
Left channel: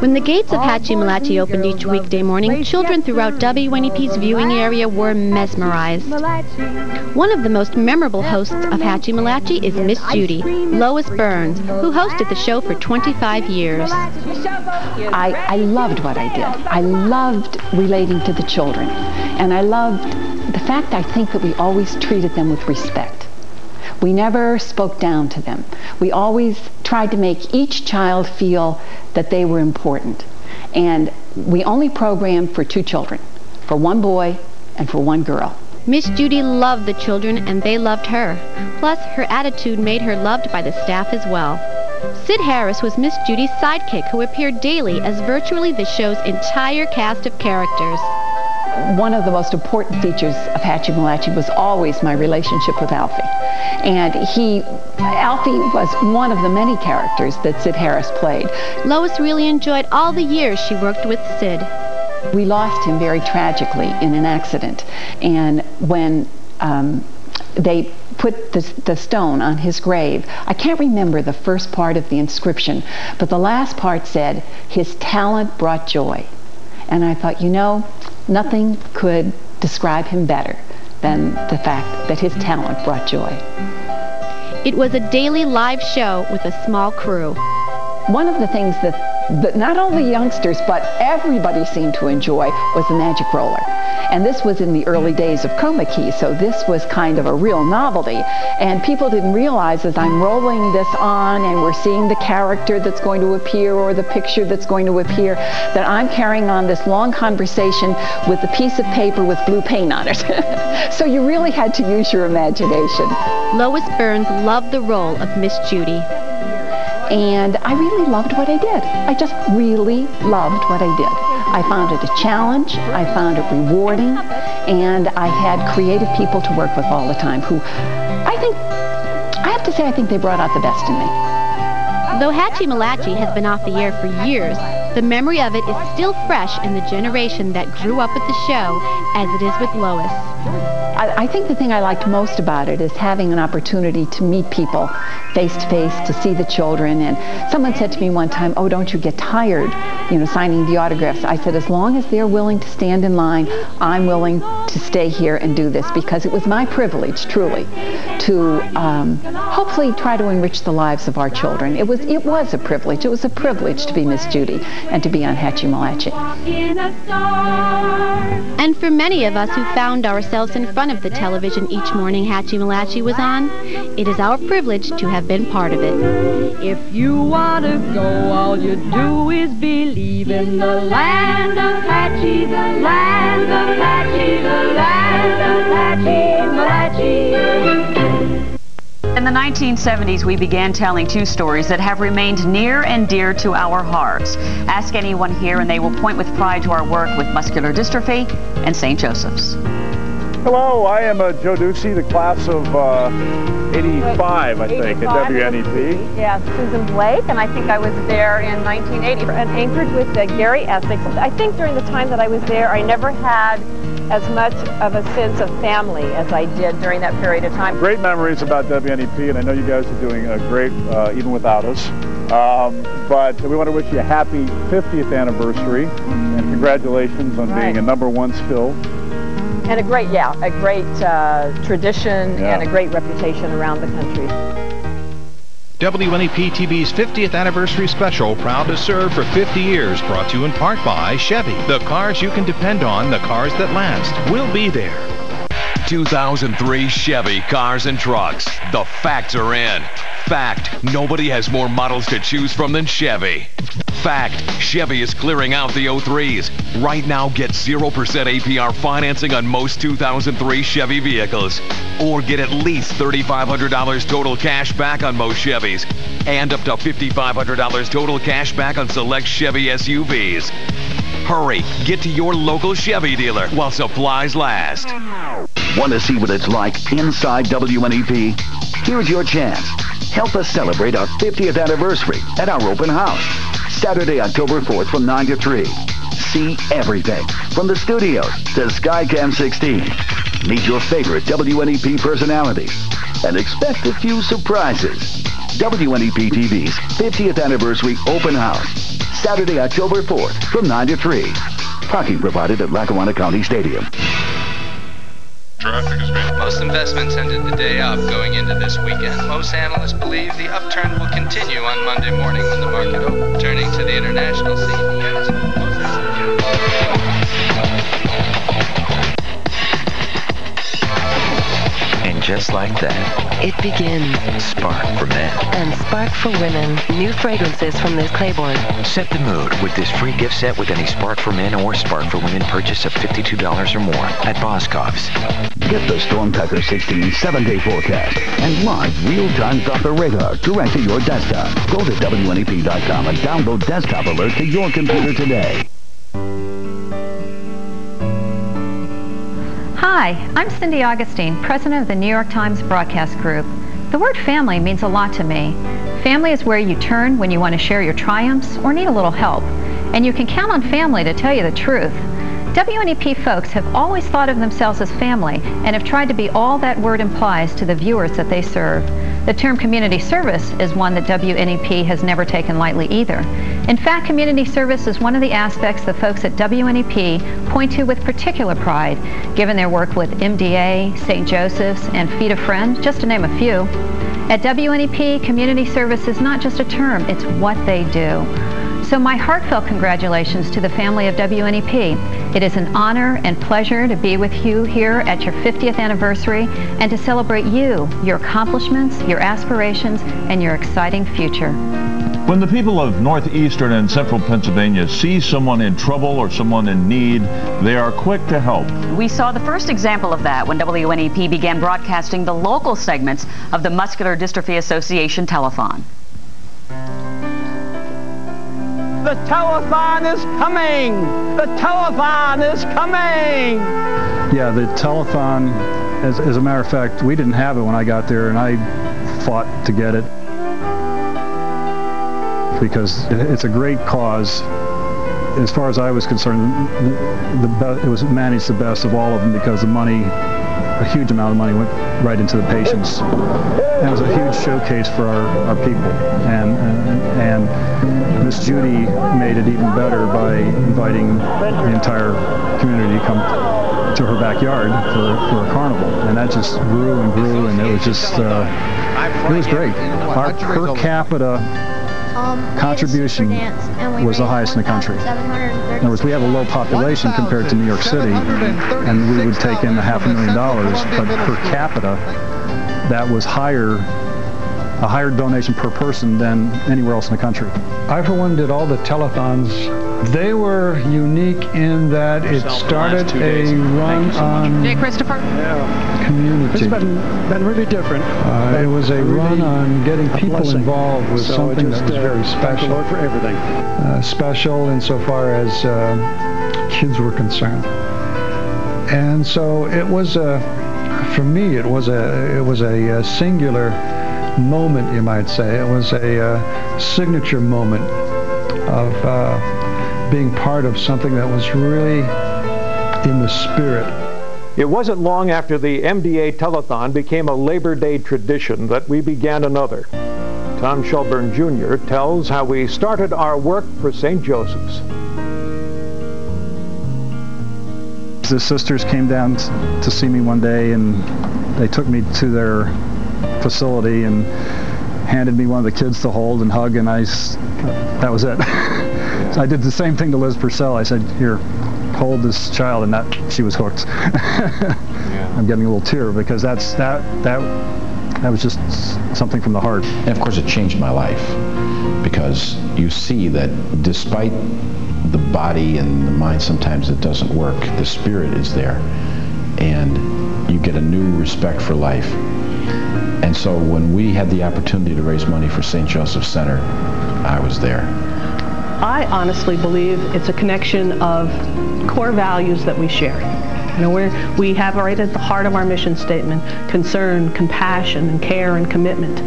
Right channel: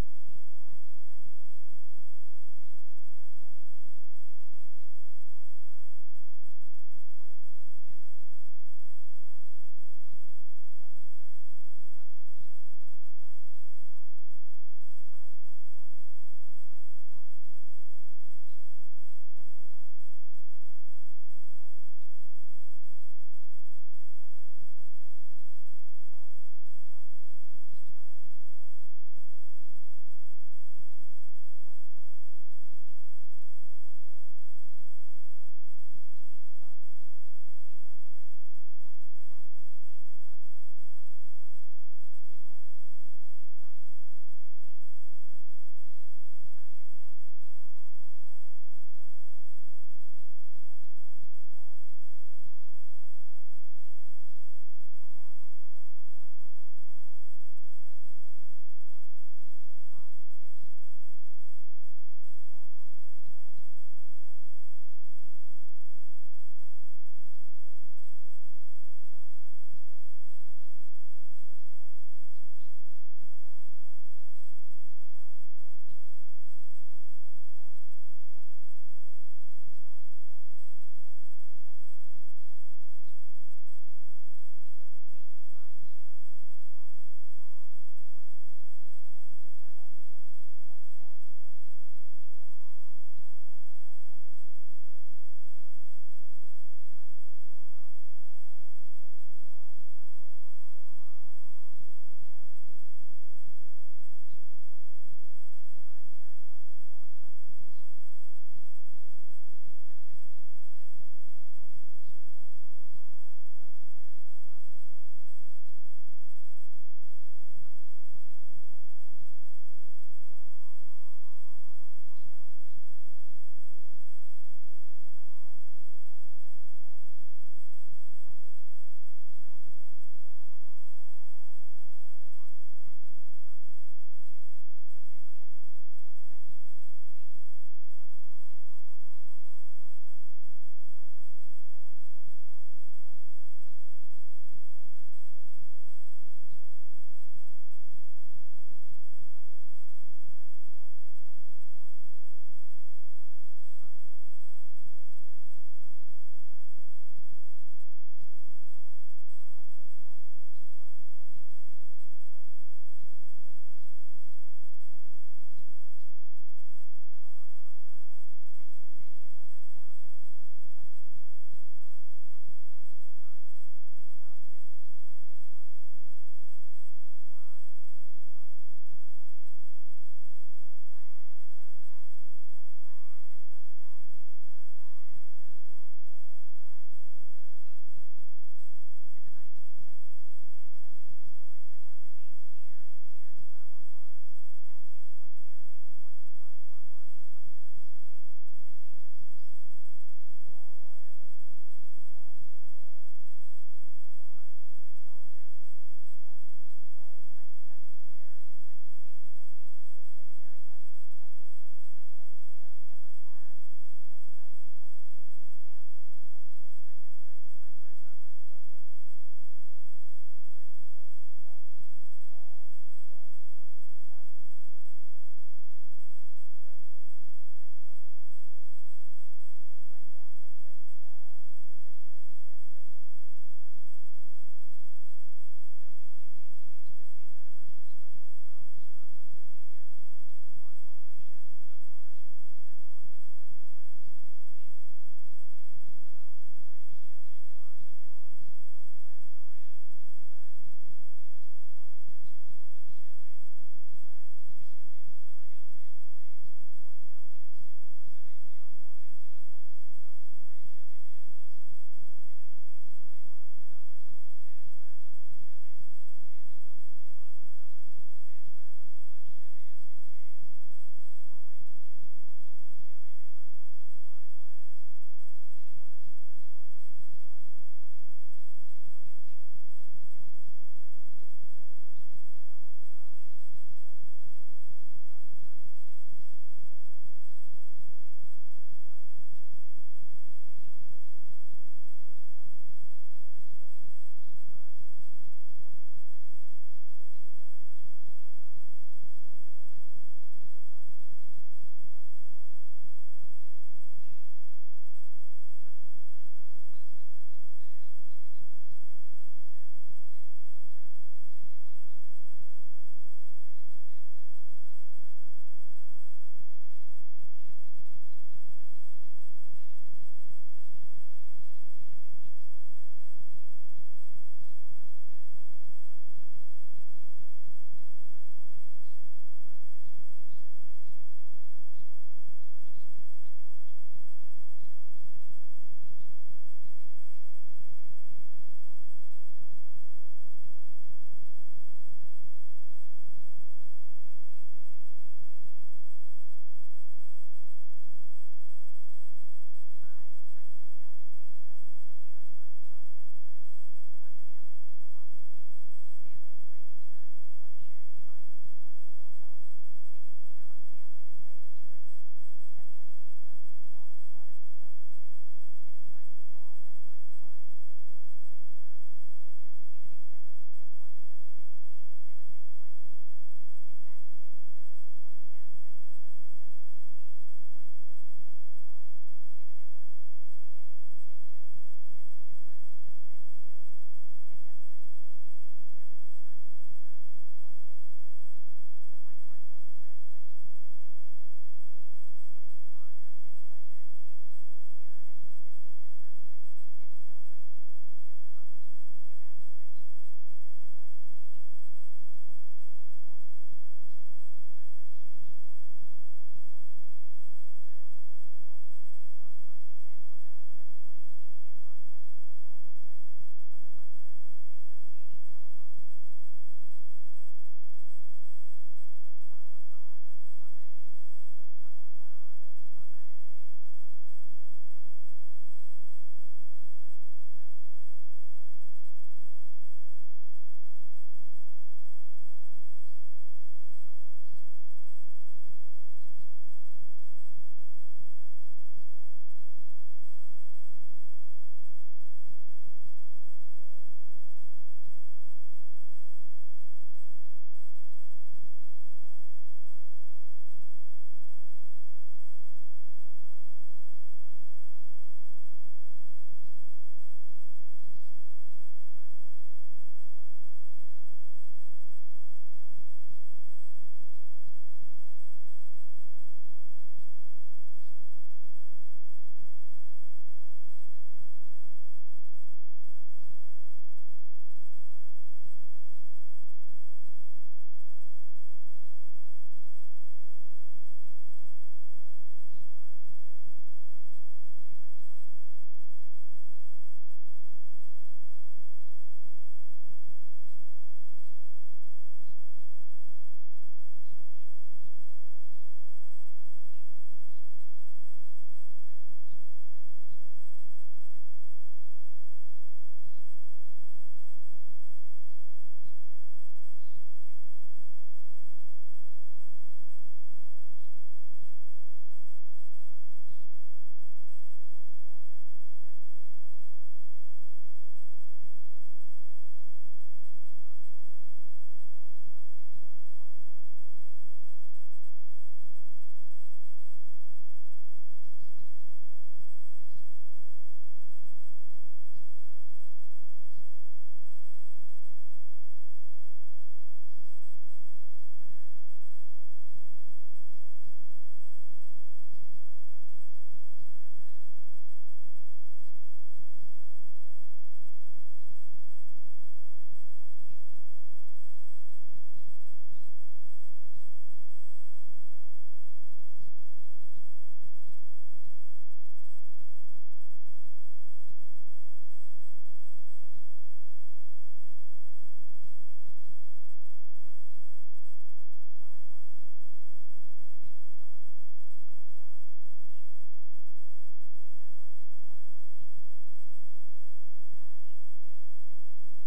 When the gates of Hatchie-Malachi opened each weekday morning, children throughout WNEP's viewing area were mesmerized. One of the most memorable hosts of Hatchie-Malachi is Miss Judy, Lois Burns, who hosted the show for 25 years. I loved what I did. I loved relating to the children, and I loved the fact, I think, that we always treated them with respect. We never spoke down to them. We always tried to make each child feel that they were important. And we only programmed for 2 children, for 1 boy and for 1 girl. Miss Judy loved the children, and they loved her. Plus, her attitude made her loved by the staff as well. Sid Harris was Miss Judy's sidekick, who appeared daily as virtually the show's entire cast of characters. one of the most important features of Hatchie Malachi was always my relationship with Alfie. And Alfie was one of the many characters that Sid Harris played. Lois really enjoyed all the years she worked with Sid. We lost him very tragically in an accident. And when they put the stone on his grave, I can't remember the first part of the inscription, but the last part said, "His talent brought joy." And I thought, you know, nothing could describe him better than the fact that his talent brought joy. It was a daily live show with a small crew. One of the things that not only youngsters, but everybody seemed to enjoy was the magic roller. And this was in the early days of chroma key, so this was kind of a real novelty. And people didn't realize as I'm rolling this on and we're seeing the character that's going to appear or the picture that's going to appear, that I'm carrying on this long conversation with a piece of paper with blue paint on it. So you really had to use your imagination. Lois Burns loved the role of Miss Judy. And I really loved what I did. I just really loved what I did. I found it a challenge, I found it rewarding, and I had creative people to work with all the time who I have to say, I think they brought out the best in me. Though Hatchie Malachi has been off the air for years, the memory of it is still fresh in the generation that grew up with the show, as it is with Lois. I think the thing I liked most about it is having an opportunity to meet people face to face, to see the children. And someone said to me one time, "Oh, don't you get tired, signing the autographs?" I said, as long as they're willing to stand in line, I'm willing to stay here and do this, because it was my privilege, truly, to hopefully try to enrich the lives of our children. It was a privilege. It was a privilege to be Miss Judy and to be on Hatchie Malachi. And for many of us who found ourselves in front of the television each morning Hatchie Malachi was on, it is our privilege to have been part of it. If you want to go, all you do is believe in the land of Hatchie, the land of Hatchie, the land of Hatchie Malachi. In the 1970s, we began telling two stories that have remained near and dear to our hearts. Ask anyone here and they will point with pride to our work with muscular dystrophy and St. Joseph's. Hello, I am Joe Ducey, the class of 85, I think, at WNEP. Yeah, Susan Blake, and I think I was there in 1980 and anchored with Gary Essex. I think during the time that I was there, I never had as much of a sense of family as I did during that period of time. Great memories about WNEP, and I know you guys are doing great even without us. But we want to wish you a happy 50th anniversary, and congratulations on being a #1 still. And a great tradition and a great reputation around the country. WNEP TV's 50th anniversary special, proud to serve for 50 years, brought to you in part by Chevy. The cars you can depend on, the cars that last. We'll be there. 2003 Chevy cars and trucks. The facts are in. Fact, nobody has more models to choose from than Chevy. Fact, Chevy is clearing out the 03s. Right now, get 0% APR financing on most 2003 Chevy vehicles. Or get at least $3,500 total cash back on most Chevys. And up to $5,500 total cash back on select Chevy SUVs. Hurry, get to your local Chevy dealer while supplies last. Want to see what it's like inside WNEP? Here's your chance. Help us celebrate our 50th anniversary at our open house. Saturday, October 4th from 9 to 3. See everything from the studios to Skycam 16. Meet your favorite WNEP personalities and expect a few surprises. WNEP TV's 50th anniversary open house. Saturday, October 4th from 9 to 3. Parking provided at Lackawanna County Stadium. Traffic has been. Most investments ended the day up going into this weekend. Most analysts believe the upturn will continue on Monday morning when the market opens. Turning to the international scene. And just like that, it begins. Spark for men. And Spark for women. New fragrances from Liz Claiborne. Set the mood with this free gift set with any Spark for Men or Spark for Women purchase of $52 or more at Boscov's. Get the Storm Tracker 16 7-day forecast and live real-time Doppler radar direct to your desktop. Go to WNEP.com and download Desktop Alert to your computer today. Hi, I'm Cindy Augustine, president of the New York Times Broadcast Group. The word family means a lot to me. Family is where you turn when you want to share your triumphs or need a little help. And you can count on family to tell you the truth. WNEP folks have always thought of themselves as family and have tried to be all that word implies to the viewers that they serve. The term community service is one that WNEP has never taken lightly either. In fact, community service is one of the aspects the folks at WNEP point to with particular pride, given their work with MDA, St. Joseph's, and Feed a Friend, just to name a few. At WNEP, community service is not just a term, it's what they do. So my heartfelt congratulations to the family of WNEP. It is an honor and pleasure to be with you here at your 50th anniversary and to celebrate you, your accomplishments, your aspirations, and your exciting future. When the people of northeastern and central Pennsylvania see someone in trouble or someone in need, they are quick to help. We saw the first example of that when WNEP began broadcasting the local segments of the Muscular Dystrophy Association telethon. The telethon is coming! The telethon is coming! Yeah, the telethon, as a matter of fact, we didn't have it when I got there, and I fought to get it because it's a great cause. As far as I was concerned, it was managed the best of all of them because the money, a huge amount of money went right into the patients. And it was a huge showcase for our people. And Miss Judy made it even better by inviting the entire community to come to her backyard for a carnival. And that just grew and grew, and it was just, it was great. Our per capita contribution was the highest in the country. In other words, we have a low population compared to New York City, and we would take in $500,000, but per capita, that was a higher donation per person than anywhere else in the country. I, for one, did all the telethons. They were unique in that it started a run on community. It's been really different. It was a run on getting people involved with something that was very special. Thank the Lord for everything. Special insofar as kids were concerned. And so it was for me, it was a singular moment, you might say. It was a signature moment of being part of something that was really in the spirit. It wasn't long after the MDA telethon became a Labor Day tradition that we began another. Tom Shelburne Jr. tells how we started our work for St. Joseph's. The sisters came down to see me one day, and they took me to their facility and handed me one of the kids to hold and hug, and that was it. So I did the same thing to Liz Purcell. I said, here, hold this child, and she was hooked. I'm getting a little tear because that was just something from the heart. And of course it changed my life because you see that despite the body and the mind sometimes it doesn't work, the spirit is there, and you get a new respect for life. And so when we had the opportunity to raise money for St. Joseph's Center, I was there. I honestly believe it's a connection of core values that we share. You know, we have right at the heart of our mission statement concern, compassion, and care and commitment.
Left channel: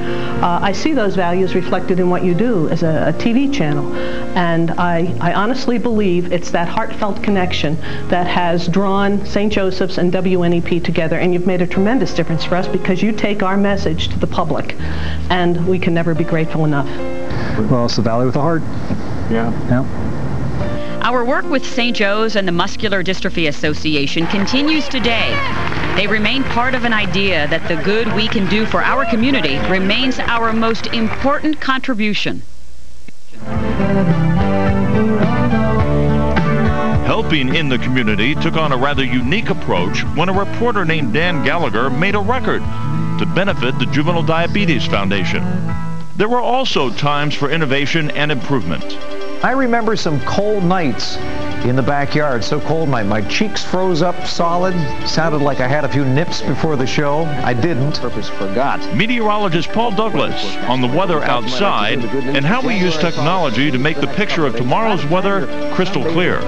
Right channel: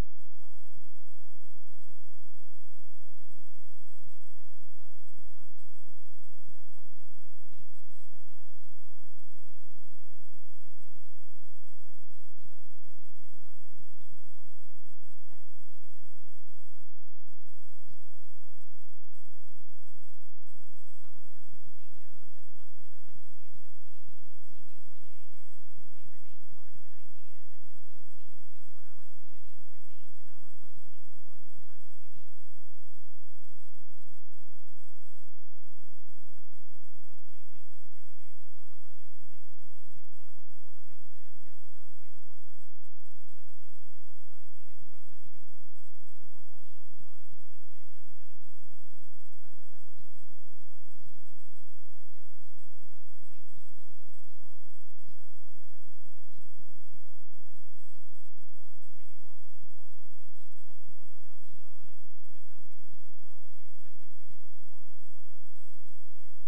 I see those values reflected in what you do as a TV channel. And I honestly believe it's that heartfelt connection that has drawn St. Joseph's and WNEP together. And you've made a tremendous difference for us because you take our message to the public. And we can never be grateful enough. Well, it's the Valley with a heart. Yeah. Yeah. Our work with St. Joe's and the Muscular Dystrophy Association continues today. They remain part of an idea that the good we can do for our community remains our most important contribution. Helping in the community took on a rather unique approach when a reporter named Dan Gallagher made a record to benefit the Juvenile Diabetes Foundation. There were also times for innovation and improvement. I remember some cold nights in the backyard, so cold my cheeks froze up solid. Sounded like I had a few nips before the show. I didn't. Purpose forgot. Meteorologist Paul Douglas on the weather outside and how we use technology to make the picture of tomorrow's weather crystal clear.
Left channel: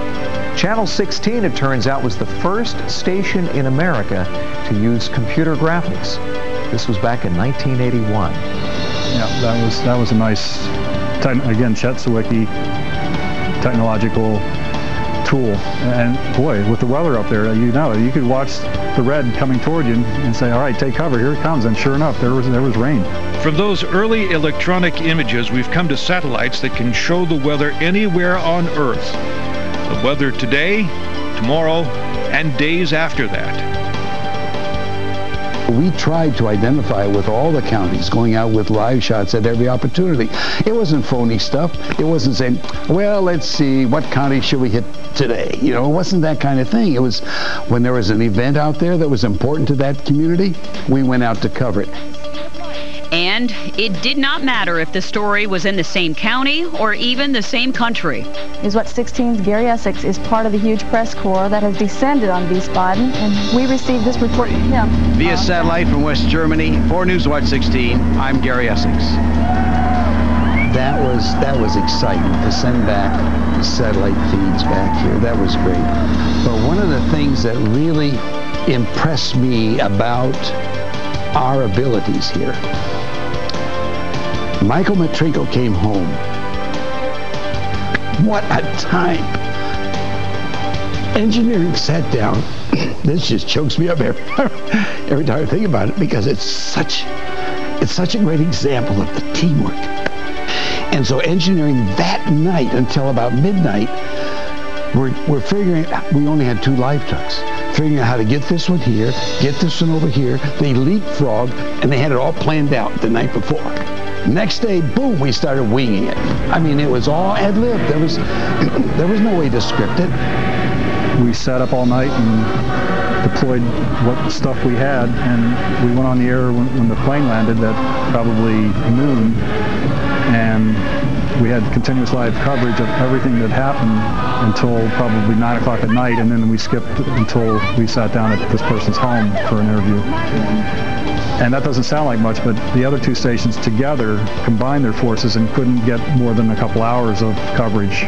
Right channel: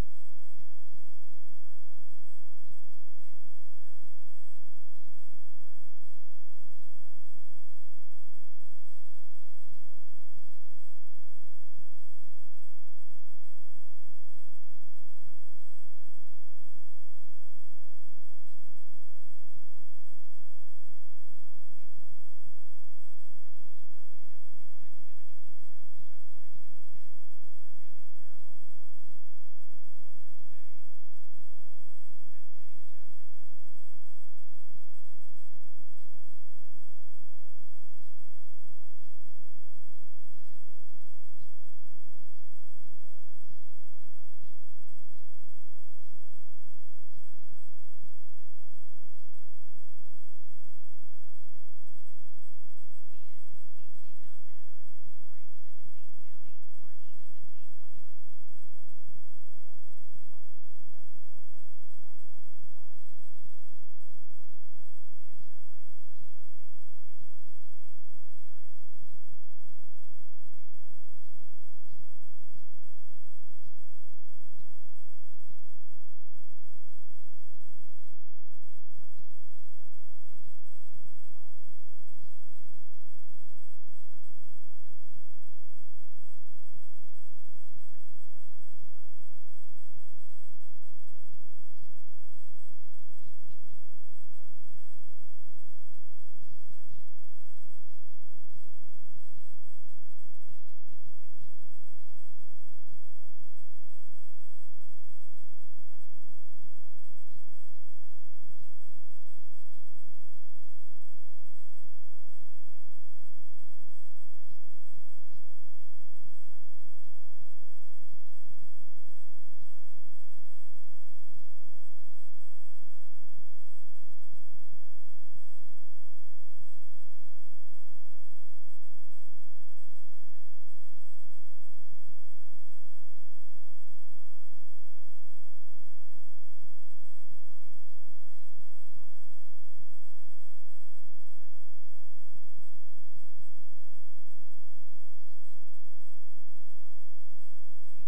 Channel 16, it turns out, was the first station in America to use computer graphics. This was back in 1981. Yeah, that was a nice, again, Chet Sawicki technological tool. And boy, with the weather up there, you could watch the red coming toward you and say, all right, take cover, here it comes. And sure enough, there was rain. From those early electronic images, we've come to satellites that can show the weather anywhere on Earth. The weather today, tomorrow, and days after that. We tried to identify with all the counties, going out with live shots at every opportunity. It wasn't phony stuff. It wasn't saying, well, let's see, what county should we hit today? You know, it wasn't that kind of thing. It was when there was an event out there that was important to that community, we went out to cover it. And it did not matter if the story was in the same county or even the same country. News Watch 16's Gary Essex is part of the huge press corps that has descended on Wiesbaden, and we received this report from him. Via satellite from West Germany, for News Watch 16, I'm Gary Essex. That was exciting to send back satellite feeds back here. That was great. But one of the things that really impressed me about our abilities here, Michael Matrico came home. What a time. Engineering sat down. This just chokes me up every time I think about it, because it's such a great example of the teamwork. And so engineering that night until about midnight, we're figuring out, we only had 2 live trucks, figuring out how to get this one here, get this one over here. They leapfrogged, and they had it all planned out the night before. Next day, boom, we started winging it. I mean, it was all ad-lib. There was no way to script it. We sat up all night and deployed what stuff we had, and we went on the air when the plane landed at probably noon, and we had continuous live coverage of everything that happened until probably 9 o'clock at night, and then we skipped until we sat down at this person's home for an interview. And that doesn't sound like much, but the other 2 stations together combined their forces and couldn't get more than a couple hours of coverage.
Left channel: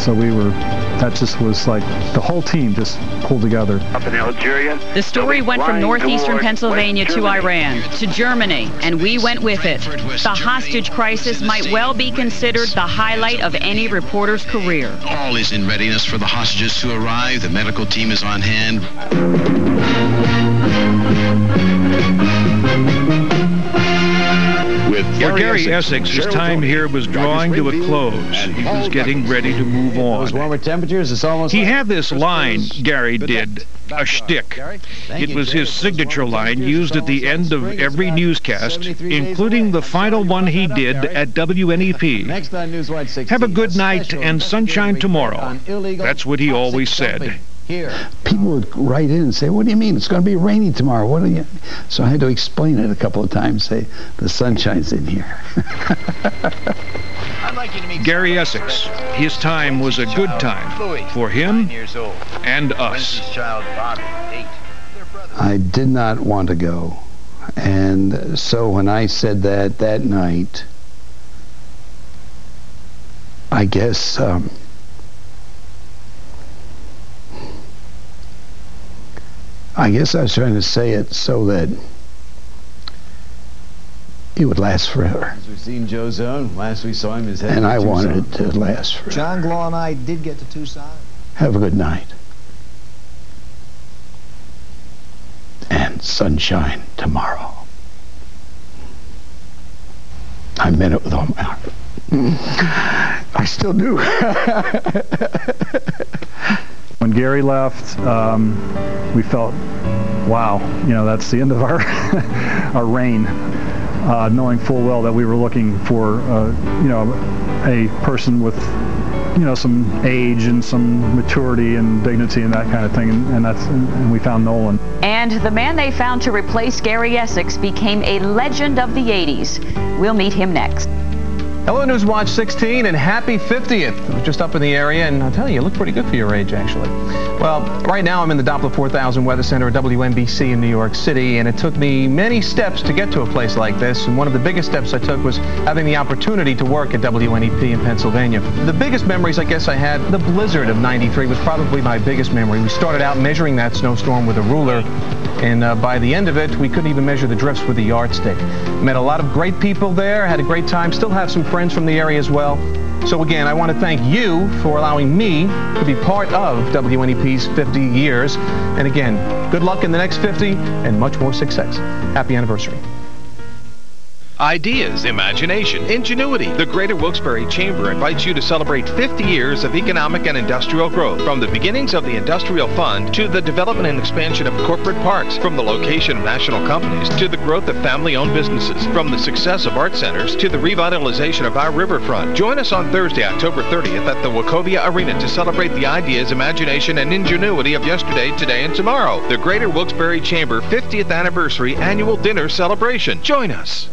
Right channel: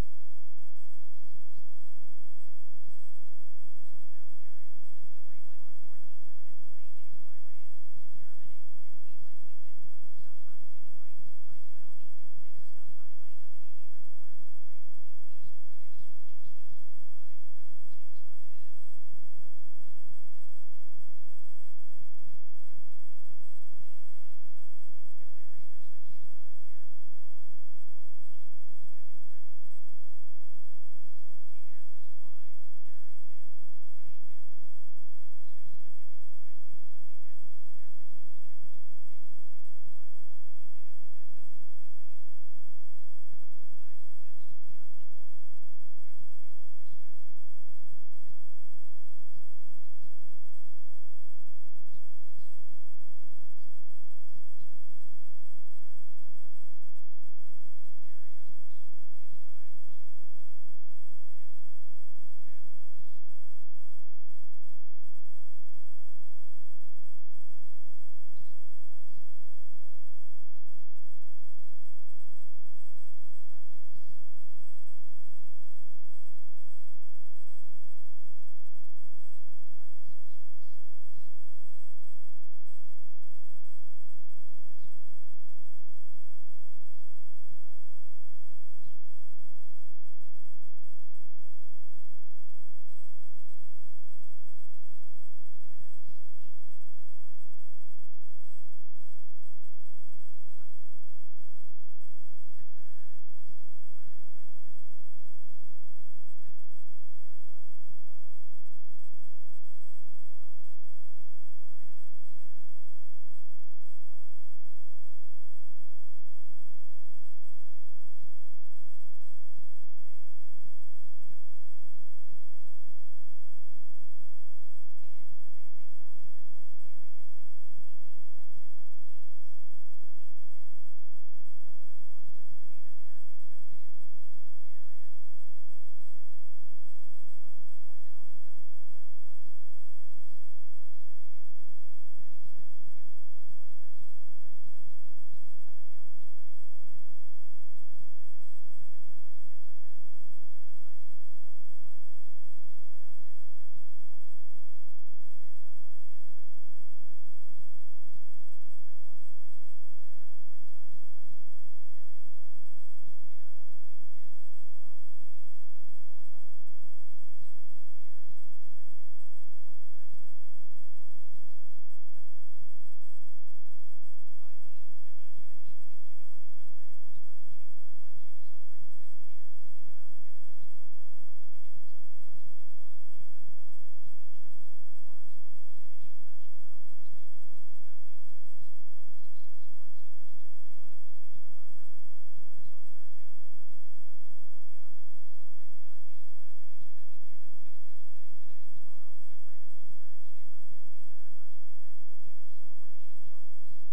So that just was like the whole team just pulled together. Up in Algeria. The story went from northeastern Pennsylvania to Iran, to Germany, and we went with it. The hostage crisis might well be considered the highlight of any reporter's career. All is in readiness for the hostages to arrive. The medical team is on hand. For Gary Essex, his time here was drawing to a close. He was getting ready to move on. Those warmer temperatures, it's almost He had this line, Gary did, a shtick. It was his signature line used at the end of every newscast, including the final one he did at WNEP. Have a good night and sunshine tomorrow. That's what he always said. People would write in and say, what do you mean? It's going to be rainy tomorrow. What do you? So I had to explain it a couple of times, say, the sunshine's in here. Gary Essex, his time was a good time for him and us. I did not want to go. And so when I said that night, I guess I was trying to say it so that it would last forever. As we've seen Joe's own, last we saw him, his head. And I wanted it to last forever. John Glaw and I did get to Tucson. Have a good night. And sunshine tomorrow. I meant it with all my heart. I still do. When Gary left, we felt, wow, that's the end of our our reign, knowing full well that we were looking for, a person with, some age and some maturity and dignity and that kind of thing, and we found Nolan. And the man they found to replace Gary Essex became a legend of the 80s. We'll meet him next. Hello, Newswatch 16, and happy 50th. I was just up in the area, and I'll tell you, you look pretty good for your age, actually. Well, right now I'm in the Doppler 4000 Weather Center at WNBC in New York City, and it took me many steps to get to a place like this, and one of the biggest steps I took was having the opportunity to work at WNEP in Pennsylvania. The biggest memories I guess I had, the blizzard of '93 was probably my biggest memory. We started out measuring that snowstorm with a ruler, and by the end of it, we couldn't even measure the drifts with a yardstick. Met a lot of great people there, had a great time, still have some friends from the area as well. So again, I want to thank you for allowing me to be part of WNEP's 50 years. And again, good luck in the next 50 and much more success. Happy anniversary. Ideas, imagination, ingenuity. The Greater Wilkes-Barre Chamber invites you to celebrate 50 years of economic and industrial growth. From the beginnings of the Industrial Fund to the development and expansion of corporate parks, from the location of national companies to the growth of family-owned businesses, from the success of art centers to the revitalization of our riverfront. Join us on Thursday, October 30th at the Wachovia Arena to celebrate the ideas, imagination, and ingenuity of yesterday, today, and tomorrow. The Greater Wilkes-Barre Chamber 50th Anniversary Annual Dinner Celebration. Join us.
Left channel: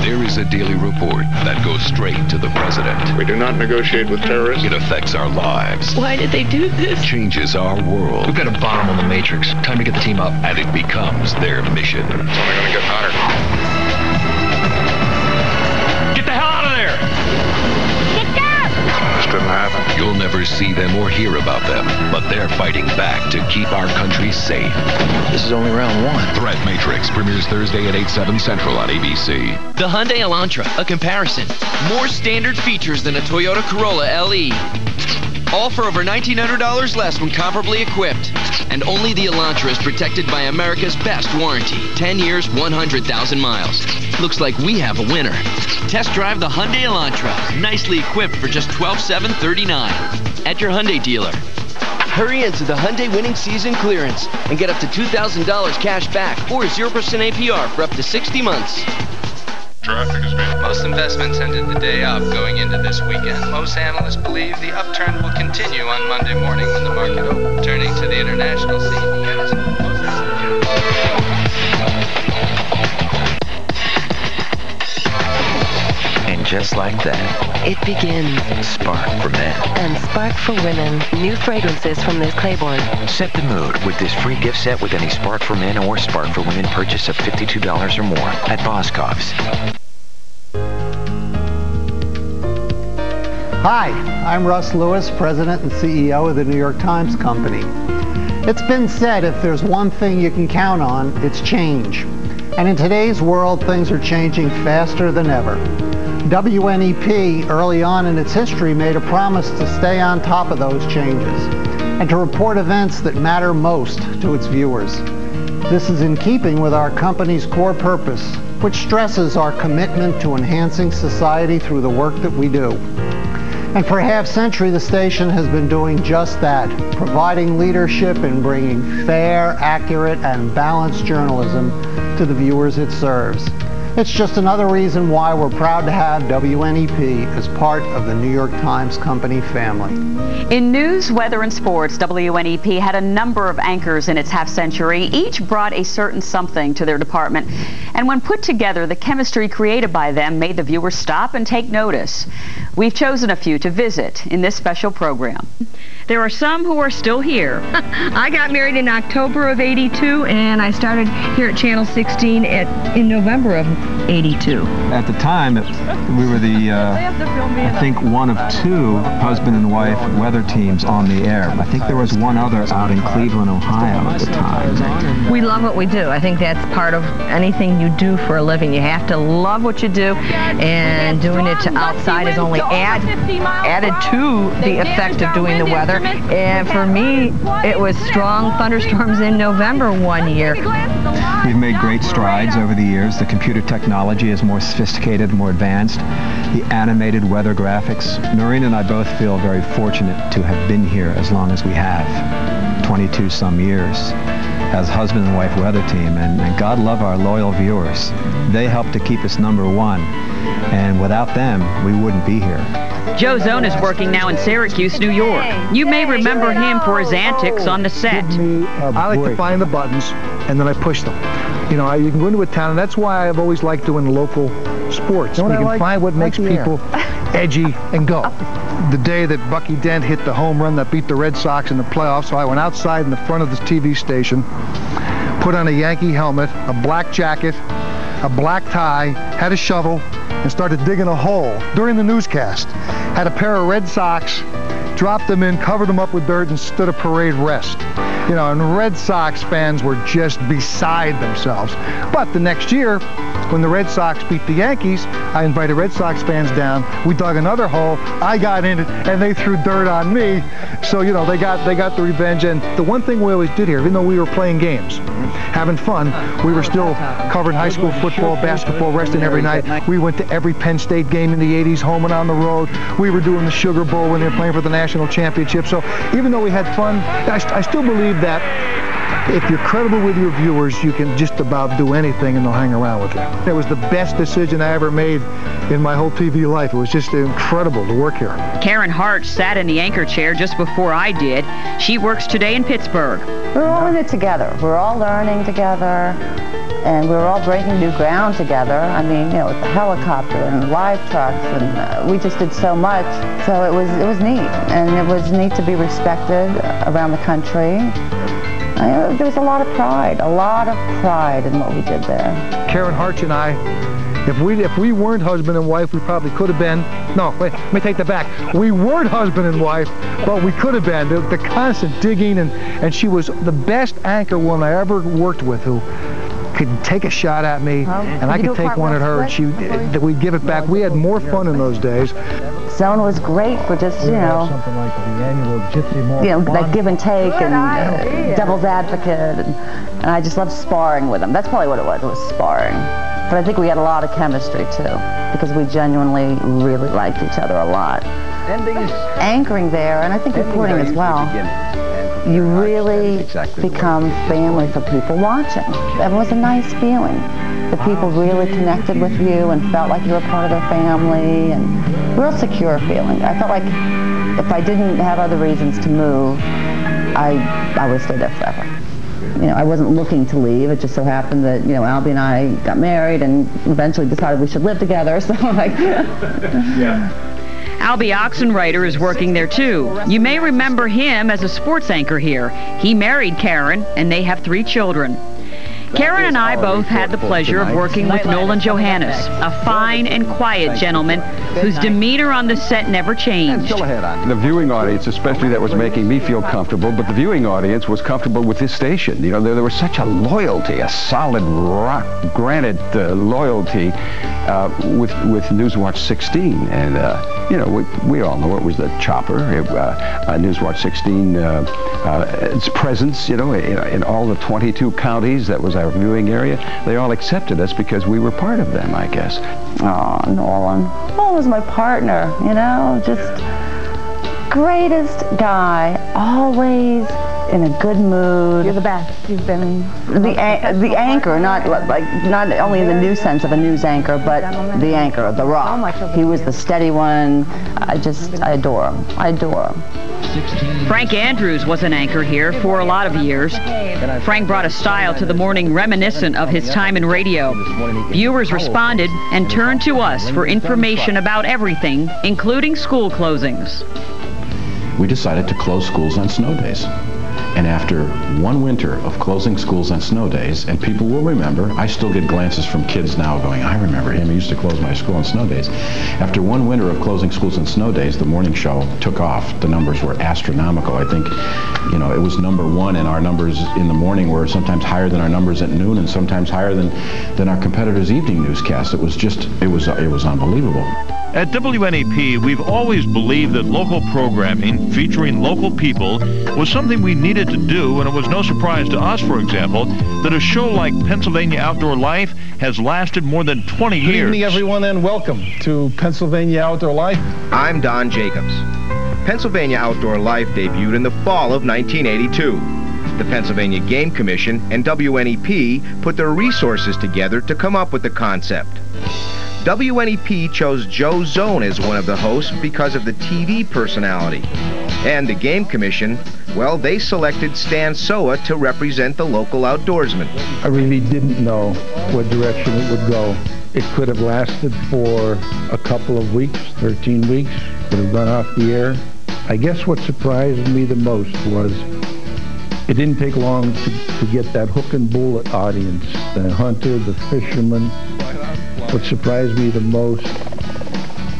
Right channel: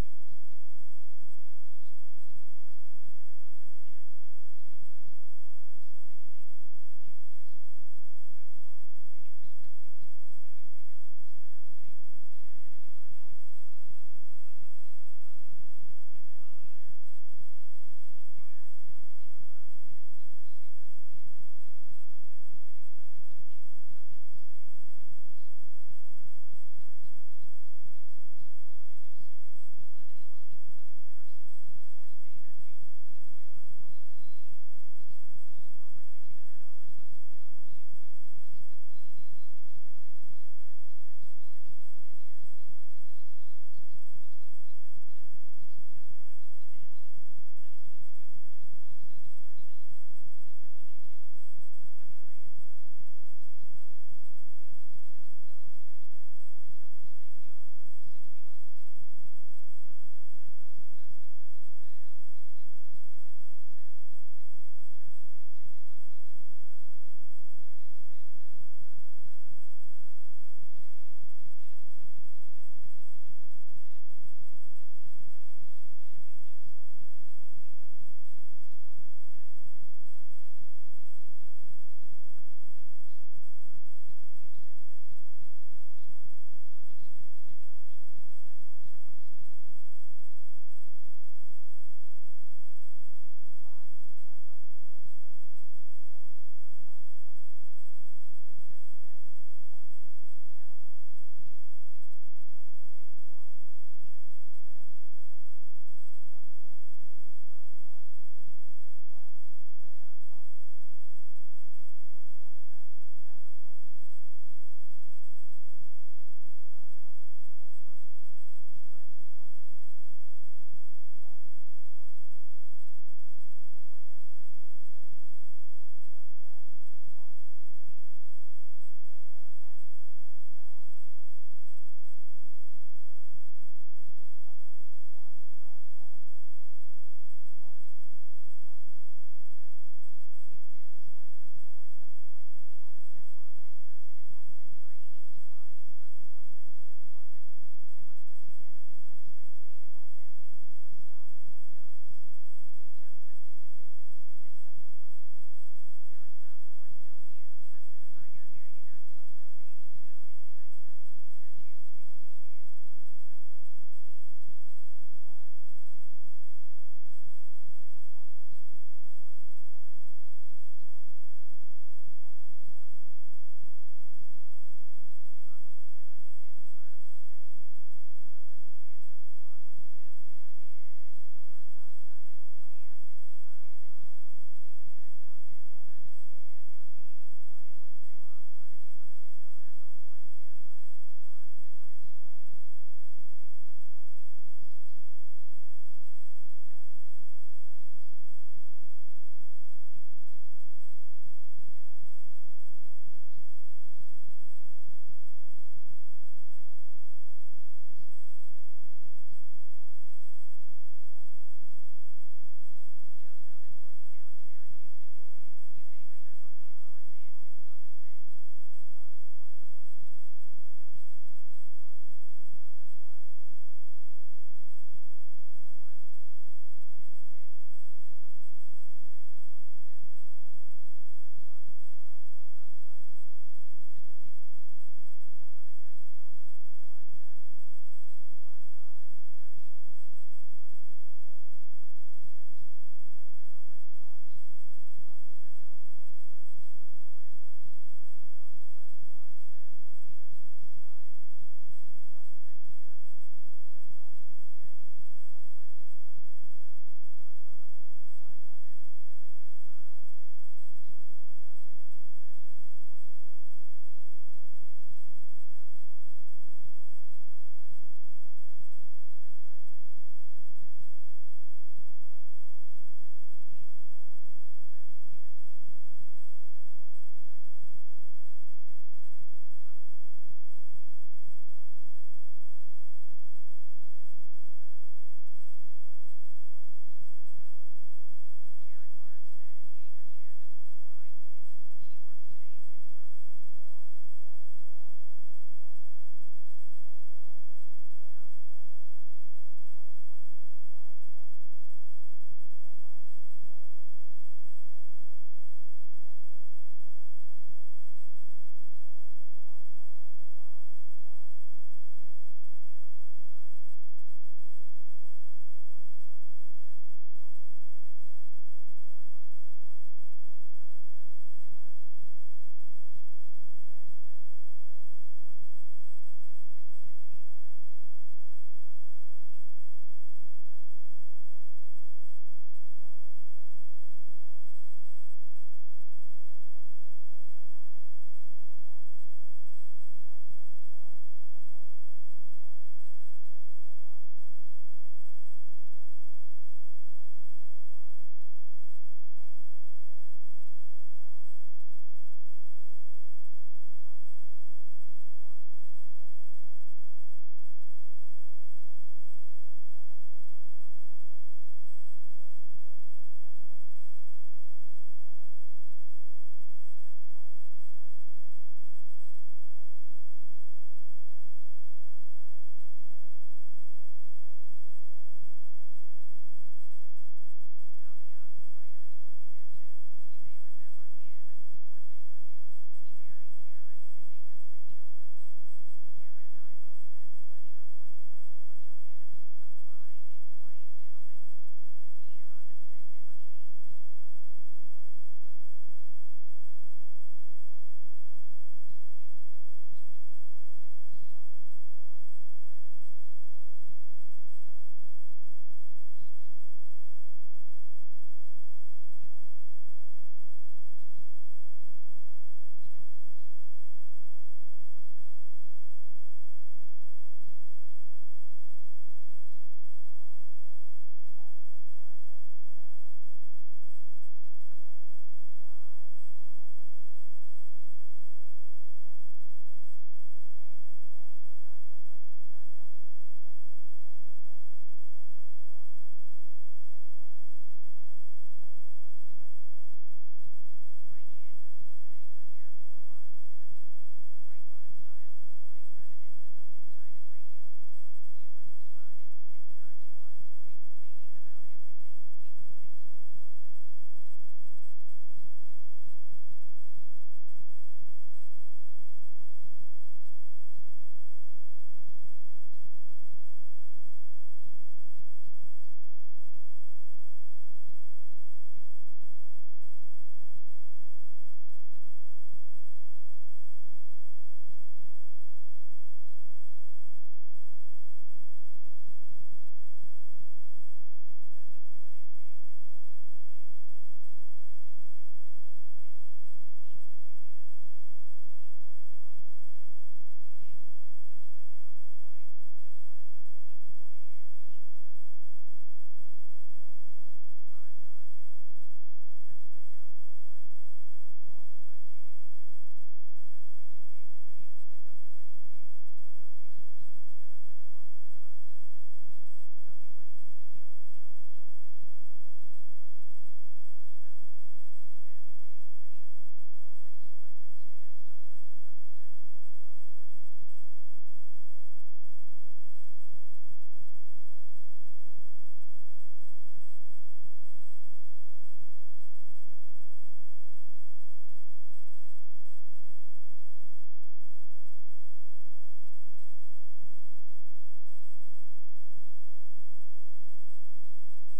There is a daily report that goes straight to the president. We do not negotiate with terrorists. It affects our lives. Why did they do this? Changes our world. We've got a bomb on the Matrix. Time to get the team up. And it becomes their mission. It's only going to get hotter. Get the hell out of there! Get down! This didn't happen. You'll never see them or hear about them, but they're fighting back to keep our country safe. This is only round one. Threat Matrix premieres Thursday at 8/7 Central on ABC. The Hyundai Elantra, a comparison. More standard features than a Toyota Corolla LE. All for over $1,900 less when comparably equipped. And only the Elantra is protected by America's best warranty. 10 years, 100,000 miles. Looks like we have a winner. Test drive the Hyundai Elantra. Nicely equipped for just $12,739 at your Hyundai dealer. Hurry into the Hyundai winning season clearance and get up to $2,000 cash back or 0% APR for up to 60 months. Traffic is being... Most investments ended the day up going into this weekend. Most analysts believe the upturn will continue on Monday morning when the market opens. Turning to the international scene. And just like that, it begins. Spark for men. And Spark for women. New fragrances from Liz Claiborne. Set the mood with this free gift set with any Spark for Men or Spark for Women purchase of $52 or more at Boscov's. Hi, I'm Russ Lewis, President and CEO of the New York Times Company. It's been said if there's one thing you can count on, it's change. And in today's world, things are changing faster than ever. WNEP, early on in its history, made a promise to stay on top of those changes and to report events that matter most to its viewers. This is in keeping with our company's core purpose, which stresses our commitment to enhancing society through the work that we do. And for a half-century, the station has been doing just that, providing leadership in bringing fair, accurate, and balanced journalism to the viewers it serves. It's just another reason why we're proud to have WNEP as part of the New York Times Company family. In news, weather, and sports, WNEP had a number of anchors in its half-century. Each brought a certain something to their department. And when put together, the chemistry created by them made the viewers stop and take notice. We've chosen a few to visit in this special program. There are some who are still here. I got married in October of '82, and I started here at Channel 16 in November of '82. At the time, we were the, I think, one of two husband and wife weather teams on the air. I think there was one other out in Cleveland, Ohio at the time. We love what we do. I think that's part of anything you do for a living. You have to love what you do, and doing it to outside is only added to the effect of doing the weather. And for me, it was strong thunderstorms in November one year. We've made great strides over the years. The computer technology is more sophisticated, more advanced. The animated weather graphics. Noreen and I both feel very fortunate to have been here as long as we have, 22 some years, as husband and wife weather team. And God love our loyal viewers. They help to keep us #1. And without them, we wouldn't be here. Joe Zone is working now in Syracuse, New York. You may remember him for his antics on the set. I like to find the buttons, and then I push them. You know, you can go into a town, and that's why I've always liked doing local sports. You can find what makes people edgy and go. The day that Bucky Dent hit the home run that beat the Red Sox in the playoffs, so I went outside in the front of the TV station, put on a Yankee helmet, a black jacket, a black tie, had a shovel, and started digging a hole during the newscast. Had a pair of Red Sox, dropped them in, covered them up with dirt, and stood a parade rest. You know, and Red Sox fans were just beside themselves. But the next year, when the Red Sox beat the Yankees, I invited Red Sox fans down. We dug another hole. I got in it, and they threw dirt on me. So, you know, they got the revenge. And the one thing we always did here, even though we were playing games, having fun, we were still covering high school football, basketball, wrestling every night. We went to every Penn State game in the 80s, home and on the road. We were doing the Sugar Bowl when they were playing for the national championship. So even though we had fun, I still believe that if you're credible with your viewers, you can just about do anything and they'll hang around with you. It was the best decision I ever made in my whole TV life. It was just incredible to work here. Karen Hart sat in the anchor chair just before I did. She works today in Pittsburgh. We're all in it together. We're all learning together, and we're all breaking new ground together. I mean, you know, with the helicopter and live trucks, and we just did so much. So it was neat, and it was neat to be respected around the country. There was a lot of pride in what we did there. Karen Hart and I, if we weren't husband and wife, we probably could have been. No, wait, let me take that back. We weren't husband and wife, but we could have been. The constant digging, and she was the best anchor woman I ever worked with, who could take a shot at me, and I could take one at her, and we'd give it back. We had more fun in those days. Zone was great for just, you know, something like the annual Gypsy you know, like give and take and devil's advocate, and I just loved sparring with them. That's probably what it was sparring. But I think we had a lot of chemistry too, because we genuinely really liked each other a lot. Anchoring there, and I think reporting as well, you really become family for people watching. It was a nice feeling. The people really connected with you and felt like you were part of their family, and real secure feeling. I felt like if I didn't have other reasons to move, I would stay there forever. You know, I wasn't looking to leave. It just so happened that, you know, Albie and I got married and eventually decided we should live together, so like... Yeah. Albie Oxenreiter is working there too. You may remember him as a sports anchor here. He married Karen, and they have 3 children. Karen and I both had the pleasure of working with Nolan Johannes, a fine and quiet gentleman whose demeanor on the set never changed. The viewing audience, especially, that was making me feel comfortable, but the viewing audience was comfortable with this station. You know, there was such a loyalty, a solid, rock-granted loyalty with Newswatch 16. And, you know, we all know it was the chopper. Newswatch 16, its presence, you know, in all the 22 counties, that was our viewing area. They all accepted us because we were part of them, I guess. Oh, Nolan. Nolan was my partner, you know, just greatest guy, always in a good mood. You're the best. You've been the anchor, not only in the news sense of a news anchor, but the anchor, the rock. He was the steady one. I adore him. I adore him. Frank Andrews was an anchor here for a lot of years. Frank brought a style to the morning reminiscent of his time in radio. Viewers responded and turned to us for information about everything, including school closings. We decided to close schools on snow days. And after one winter of closing schools on snow days, and people will remember, I still get glances from kids now going, I remember him, he used to close my school on snow days. After one winter of closing schools on snow days, the morning show took off. The numbers were astronomical. I think, you know, it was #1, and our numbers in the morning were sometimes higher than our numbers at noon, and sometimes higher than our competitors' evening newscasts. It was just, it was unbelievable. At WNEP, we've always believed that local programming featuring local people was something we needed to do, and it was no surprise to us, for example, that a show like Pennsylvania Outdoor Life has lasted more than 20 years. Good evening, everyone, and welcome to Pennsylvania Outdoor Life. I'm Don Jacobs. Pennsylvania Outdoor Life debuted in the fall of 1982. The Pennsylvania Game Commission and WNEP put their resources together to come up with the concept. WNEP chose Joe Zone as one of the hosts because of the TV personality. And the Game Commission, well, they selected Stan Soa to represent the local outdoorsman. I really didn't know what direction it would go. It could have lasted for a couple of weeks, 13 weeks, could have gone off the air. I guess what surprised me the most was it didn't take long to get that hook and bullet audience, the hunter, the fisherman. What surprised me the most,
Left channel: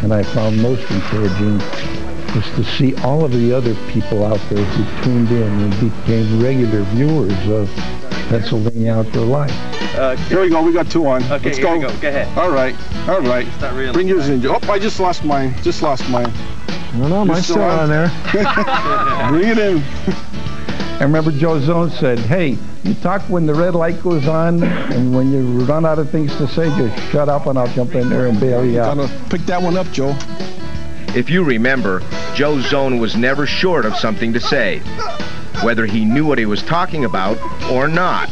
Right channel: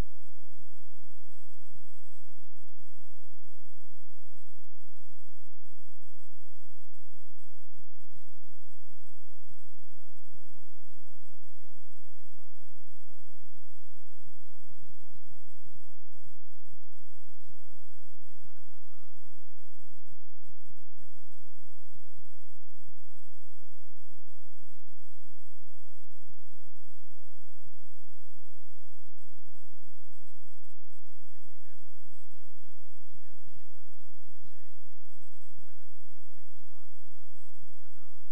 and I found most encouraging, was to see all of the other people out there who tuned in and became regular viewers of Pennsylvania Outdoor Life. Here we go. We got two on. Okay, let's go. Go ahead. All right. All right. Bring yours in. Oh, I just lost mine. No, mine's still on there. Bring it in. I remember Joe Zone said, hey, you talk when the red light goes on, and when you run out of things to say, just shut up and I'll jump in there and bail you out. Pick that one up, Joe. If you remember, Joe Zone was never short of something to say, whether he knew what he was talking about or not.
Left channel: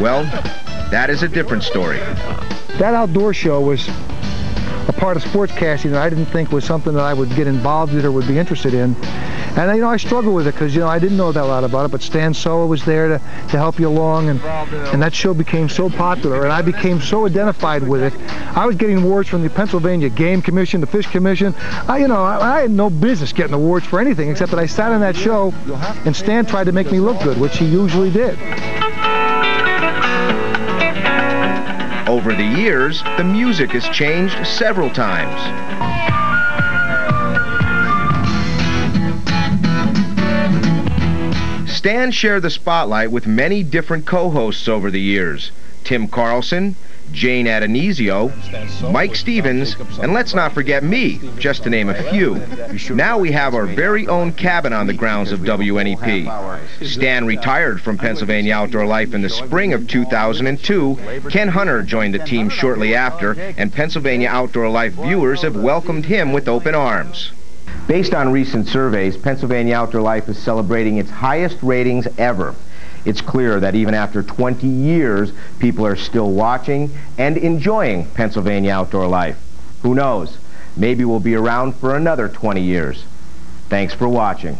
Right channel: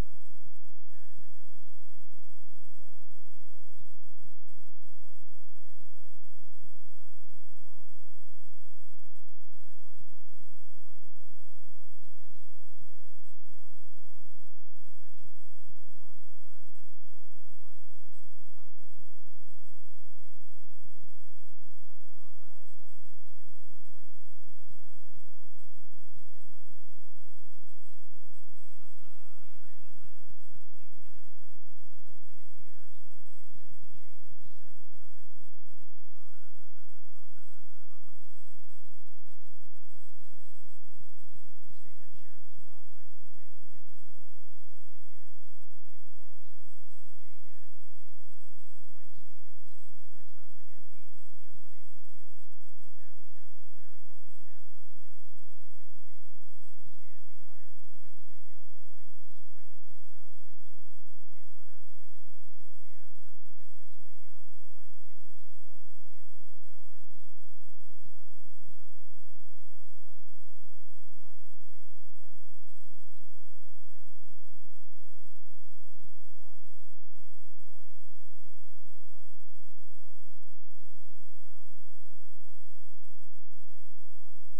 Well, that is a different story. That outdoor show was a part of sportscasting that I didn't think was something that I would get involved with or would be interested in. And, you know, I struggled with it because, you know, I didn't know that a lot about it, but Stan Soa was there to help you along, and that show became so popular, and I became so identified with it. I was getting awards from the Pennsylvania Game Commission, the Fish Commission. I had no business getting awards for anything except that I sat on that show, and Stan tried to make me look good, which he usually did. Over the years, the music has changed several times. Stan shared the spotlight with many different co-hosts over the years. Tim Carlson, Jane Adonisio, Mike Stevens, and let's not forget me, just to name a few. Now we have our very own cabin on the grounds of WNEP. Stan retired from Pennsylvania Outdoor Life in the spring of 2002. Ken Hunter joined the team shortly after, and Pennsylvania Outdoor Life viewers have welcomed him with open arms. Based on recent surveys, Pennsylvania Outdoor Life is celebrating its highest ratings ever. It's clear that even after 20 years, people are still watching and enjoying Pennsylvania Outdoor Life. Who knows? Maybe we'll be around for another 20 years. Thanks for watching.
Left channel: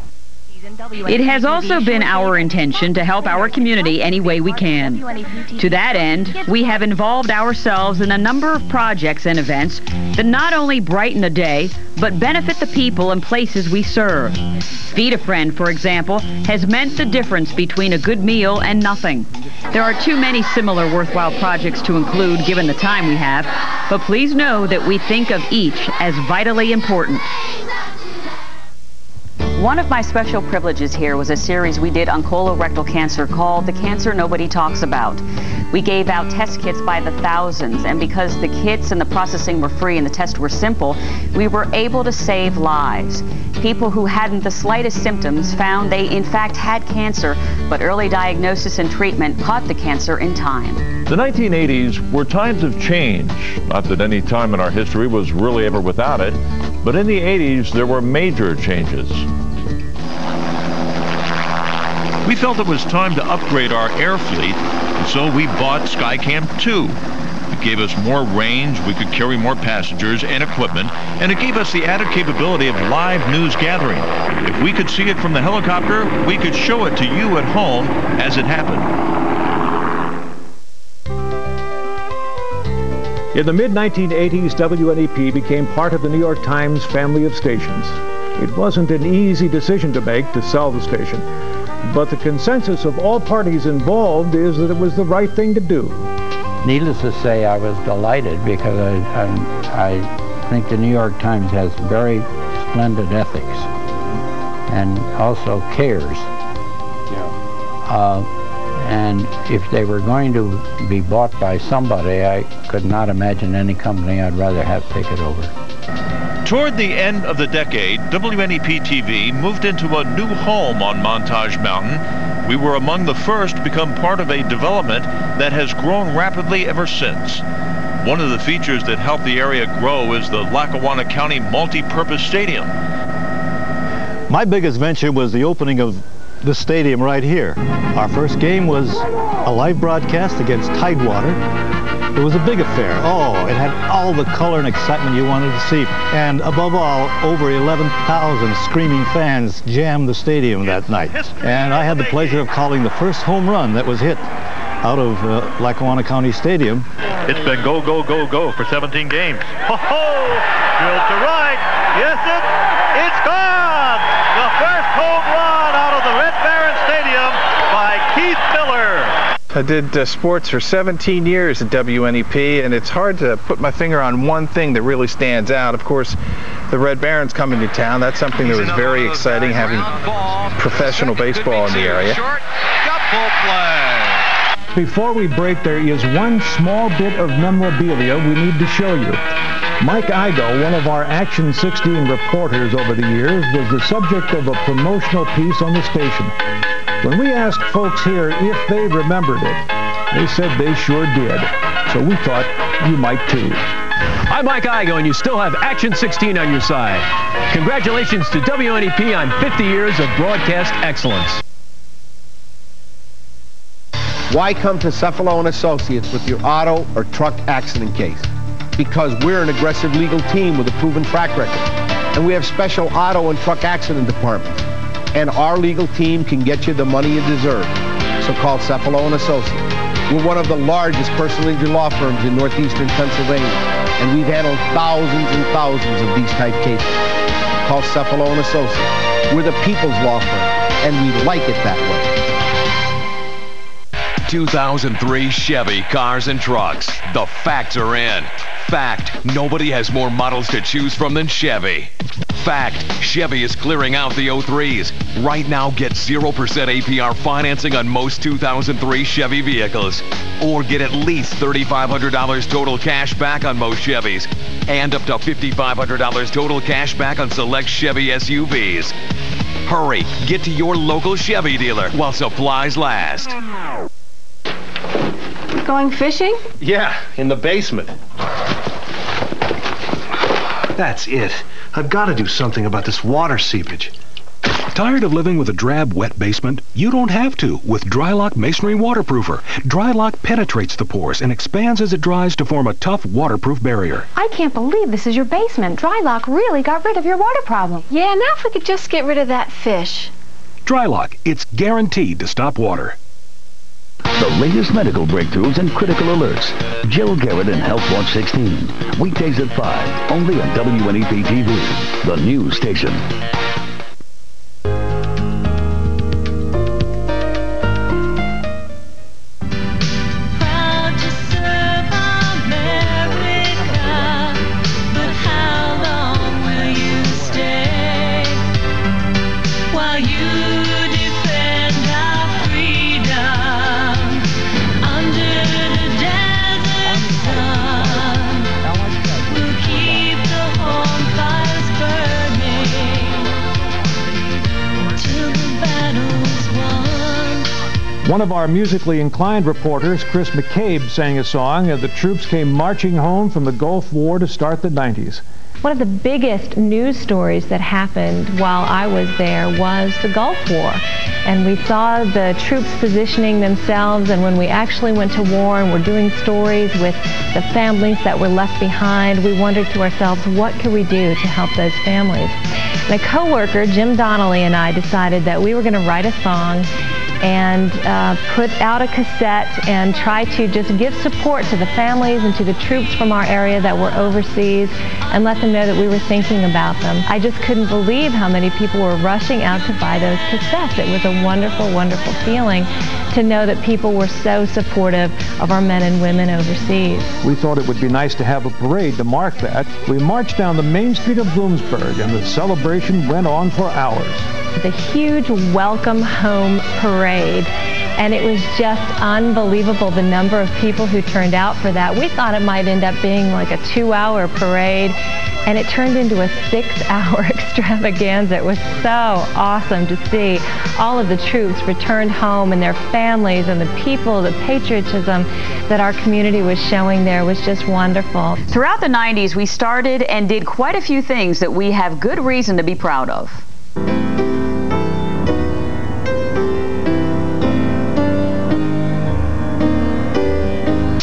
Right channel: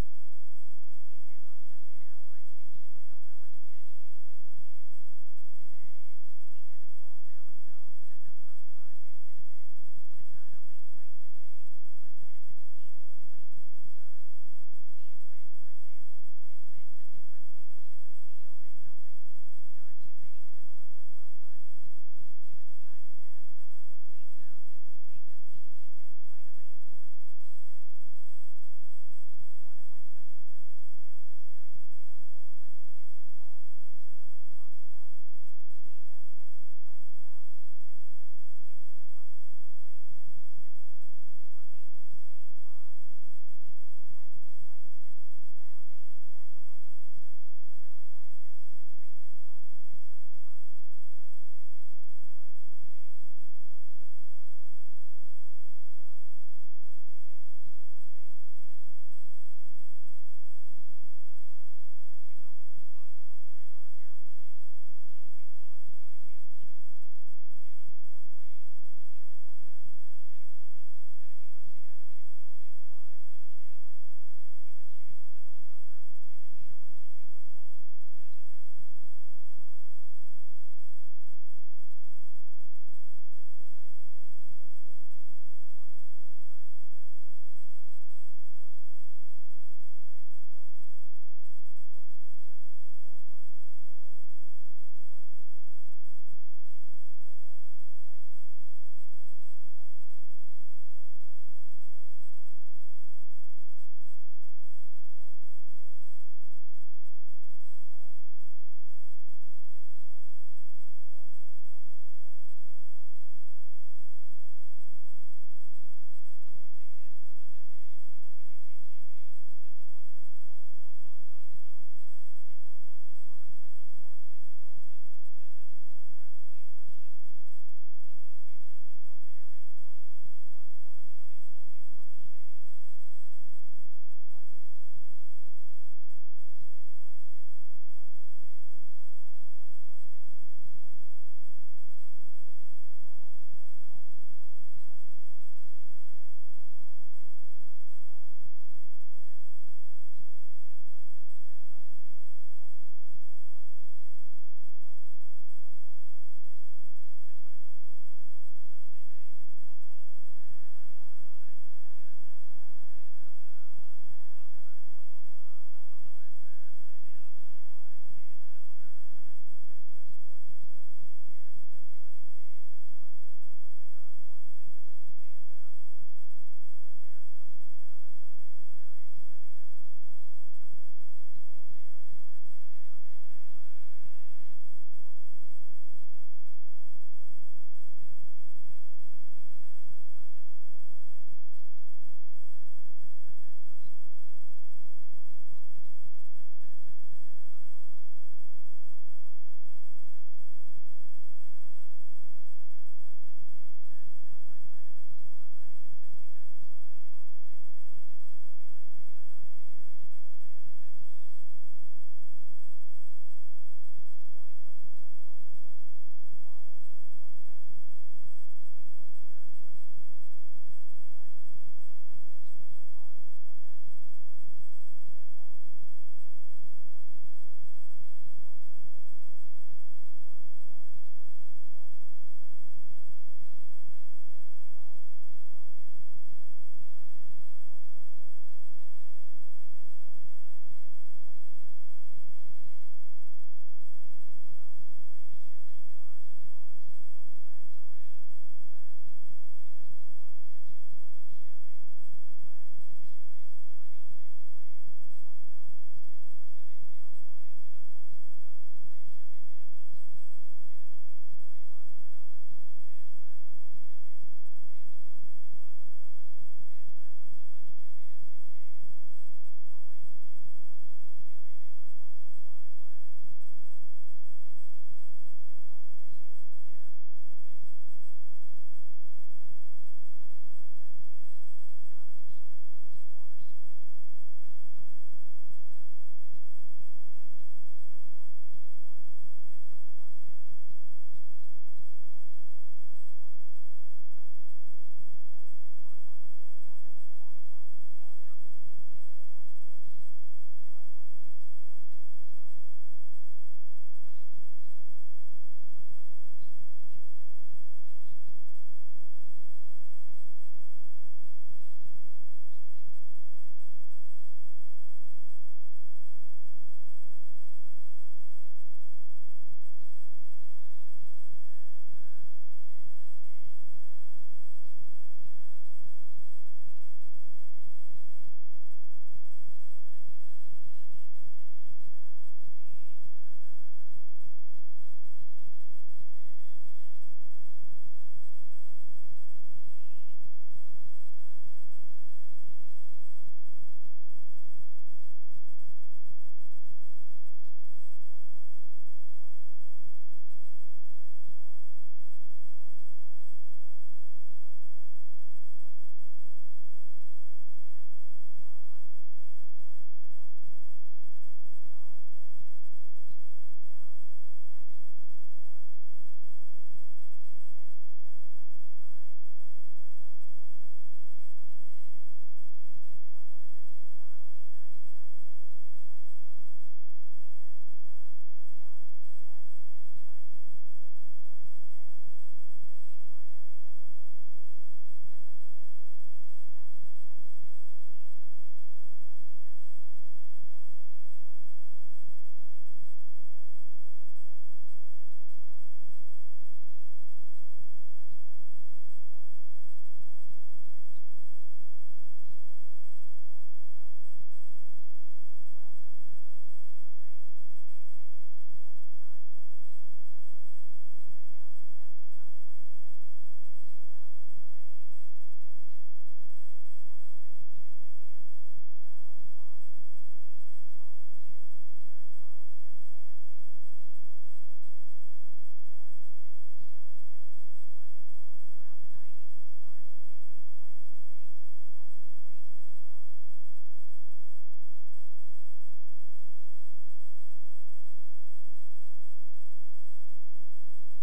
It has also been our intention to help our community any way we can. To that end, we have involved ourselves in a number of projects and events that not only brighten the day, but benefit the people and places we serve. Feed a Friend, for example, has meant the difference between a good meal and nothing. There are too many similar worthwhile projects to include given the time we have, but please know that we think of each as vitally important. One of my special privileges here was a series we did on colorectal cancer called The Cancer Nobody Talks About. We gave out test kits by the thousands, and because the kits and the processing were free and the tests were simple, we were able to save lives. People who hadn't the slightest symptoms found they in fact had cancer, but early diagnosis and treatment caught the cancer in time. The 1980s were times of change. Not that any time in our history was really ever without it, but in the 80s there were major changes. We felt it was time to upgrade our air fleet, and so we bought Skycam 2. It gave us more range, we could carry more passengers and equipment, and it gave us the added capability of live news gathering. If we could see it from the helicopter, we could show it to you at home as it happened. In the mid-1980s, WNEP became part of the New York Times family of stations. It wasn't an easy decision to make to sell the station, but the consensus of all parties involved is that it was the right thing to do. Needless to say, I was delighted because I think the New York Times has very splendid ethics and also cares. And if they were going to be bought by somebody, I could not imagine any company I'd rather have take it over. Toward the end of the decade, WNEP TV moved into a new home on Montage Mountain. We were among the first to become part of a development that has grown rapidly ever since. One of the features that helped the area grow is the Lackawanna County Multi-Purpose Stadium. My biggest venture was the opening of the stadium right here. Our first game was a live broadcast against Tidewater. It was a big affair. Oh, it had all the color and excitement you wanted to see. And above all, over 11,000 screaming fans jammed the stadium that night. And I had the pleasure of calling the first home run that was hit out of Lackawanna County Stadium. It's been go, go, go, go for 17 games. Ho-ho! Drilled to right. Yes, it's gone! The first home run out of the Red Baron Stadium by Keith Miller. I did sports for 17 years at WNEP, and it's hard to put my finger on one thing that really stands out. Of course, the Red Barons coming to town. That's something that was very exciting, having professional baseball in the area. Before we break, there is one small bit of memorabilia we need to show you. Mike Igo, one of our Action 16 reporters over the years, was the subject of a promotional piece on the station. When we asked folks here if they remembered it, they said they sure did. So we thought you might too. I'm Mike Igo, and you still have Action 16 on your side. Congratulations to WNEP on 50 years of broadcast excellence. Why come to Cephalo & Associates with your auto or truck accident case? Because we're an aggressive legal team with a proven track record. And we have special auto and truck accident departments. And our legal team can get you the money you deserve. So call Cephalo & Associates. We're one of the largest personal injury law firms in northeastern Pennsylvania. And we've handled thousands and thousands of these type cases. Call Cephalo & Associates. We're the people's law firm. And we like it that way. 2003 Chevy cars and trucks. The facts are in. Fact, nobody has more models to choose from than Chevy. Fact, Chevy is clearing out the 03s. Right now, get 0% APR financing on most 2003 Chevy vehicles. Or get at least $3,500 total cash back on most Chevys. And up to $5,500 total cash back on select Chevy SUVs. Hurry, get to your local Chevy dealer while supplies last. Going fishing? Yeah, in the basement. That's it. I've got to do something about this water seepage. Tired of living with a drab, wet basement? You don't have to with Drylock Masonry Waterproofer. Drylock penetrates the pores and expands as it dries to form a tough, waterproof barrier. I can't believe this is your basement. Drylock really got rid of your water problem. Yeah, now if we could just get rid of that fish. Drylock, it's guaranteed to stop water. The latest medical breakthroughs and critical alerts. Jill Garrett and Health Watch 16. Weekdays at 5, only on WNEP TV, the news station. One of our musically inclined reporters, Chris McCabe, sang a song as the troops came marching home from the Gulf War to start the 90s. One of the biggest news stories that happened while I was there was the Gulf War. And we saw the troops positioning themselves, and when we actually went to war and were doing stories with the families that were left behind, we wondered to ourselves, what could we do to help those families? And a co-worker, Jim Donnelly, and I decided that we were going to write a song and put out a cassette and try to just give support to the families and to the troops from our area that were overseas and let them know that we were thinking about them. I just couldn't believe how many people were rushing out to buy those cassettes. It was a wonderful, wonderful feeling to know that people were so supportive of our men and women overseas. We thought it would be nice to have a parade to mark that. We marched down the main street of Bloomsburg, and the celebration went on for hours. The huge welcome home parade, and it was just unbelievable the number of people who turned out for that. We thought it might end up being like a 2-hour parade, and it turned into a 6-hour extravaganza. It was so awesome to see all of the troops returned home and their families, and the people, the patriotism that our community was showing there was just wonderful. Throughout the 90s, we started and did quite a few things that we have good reason to be proud of.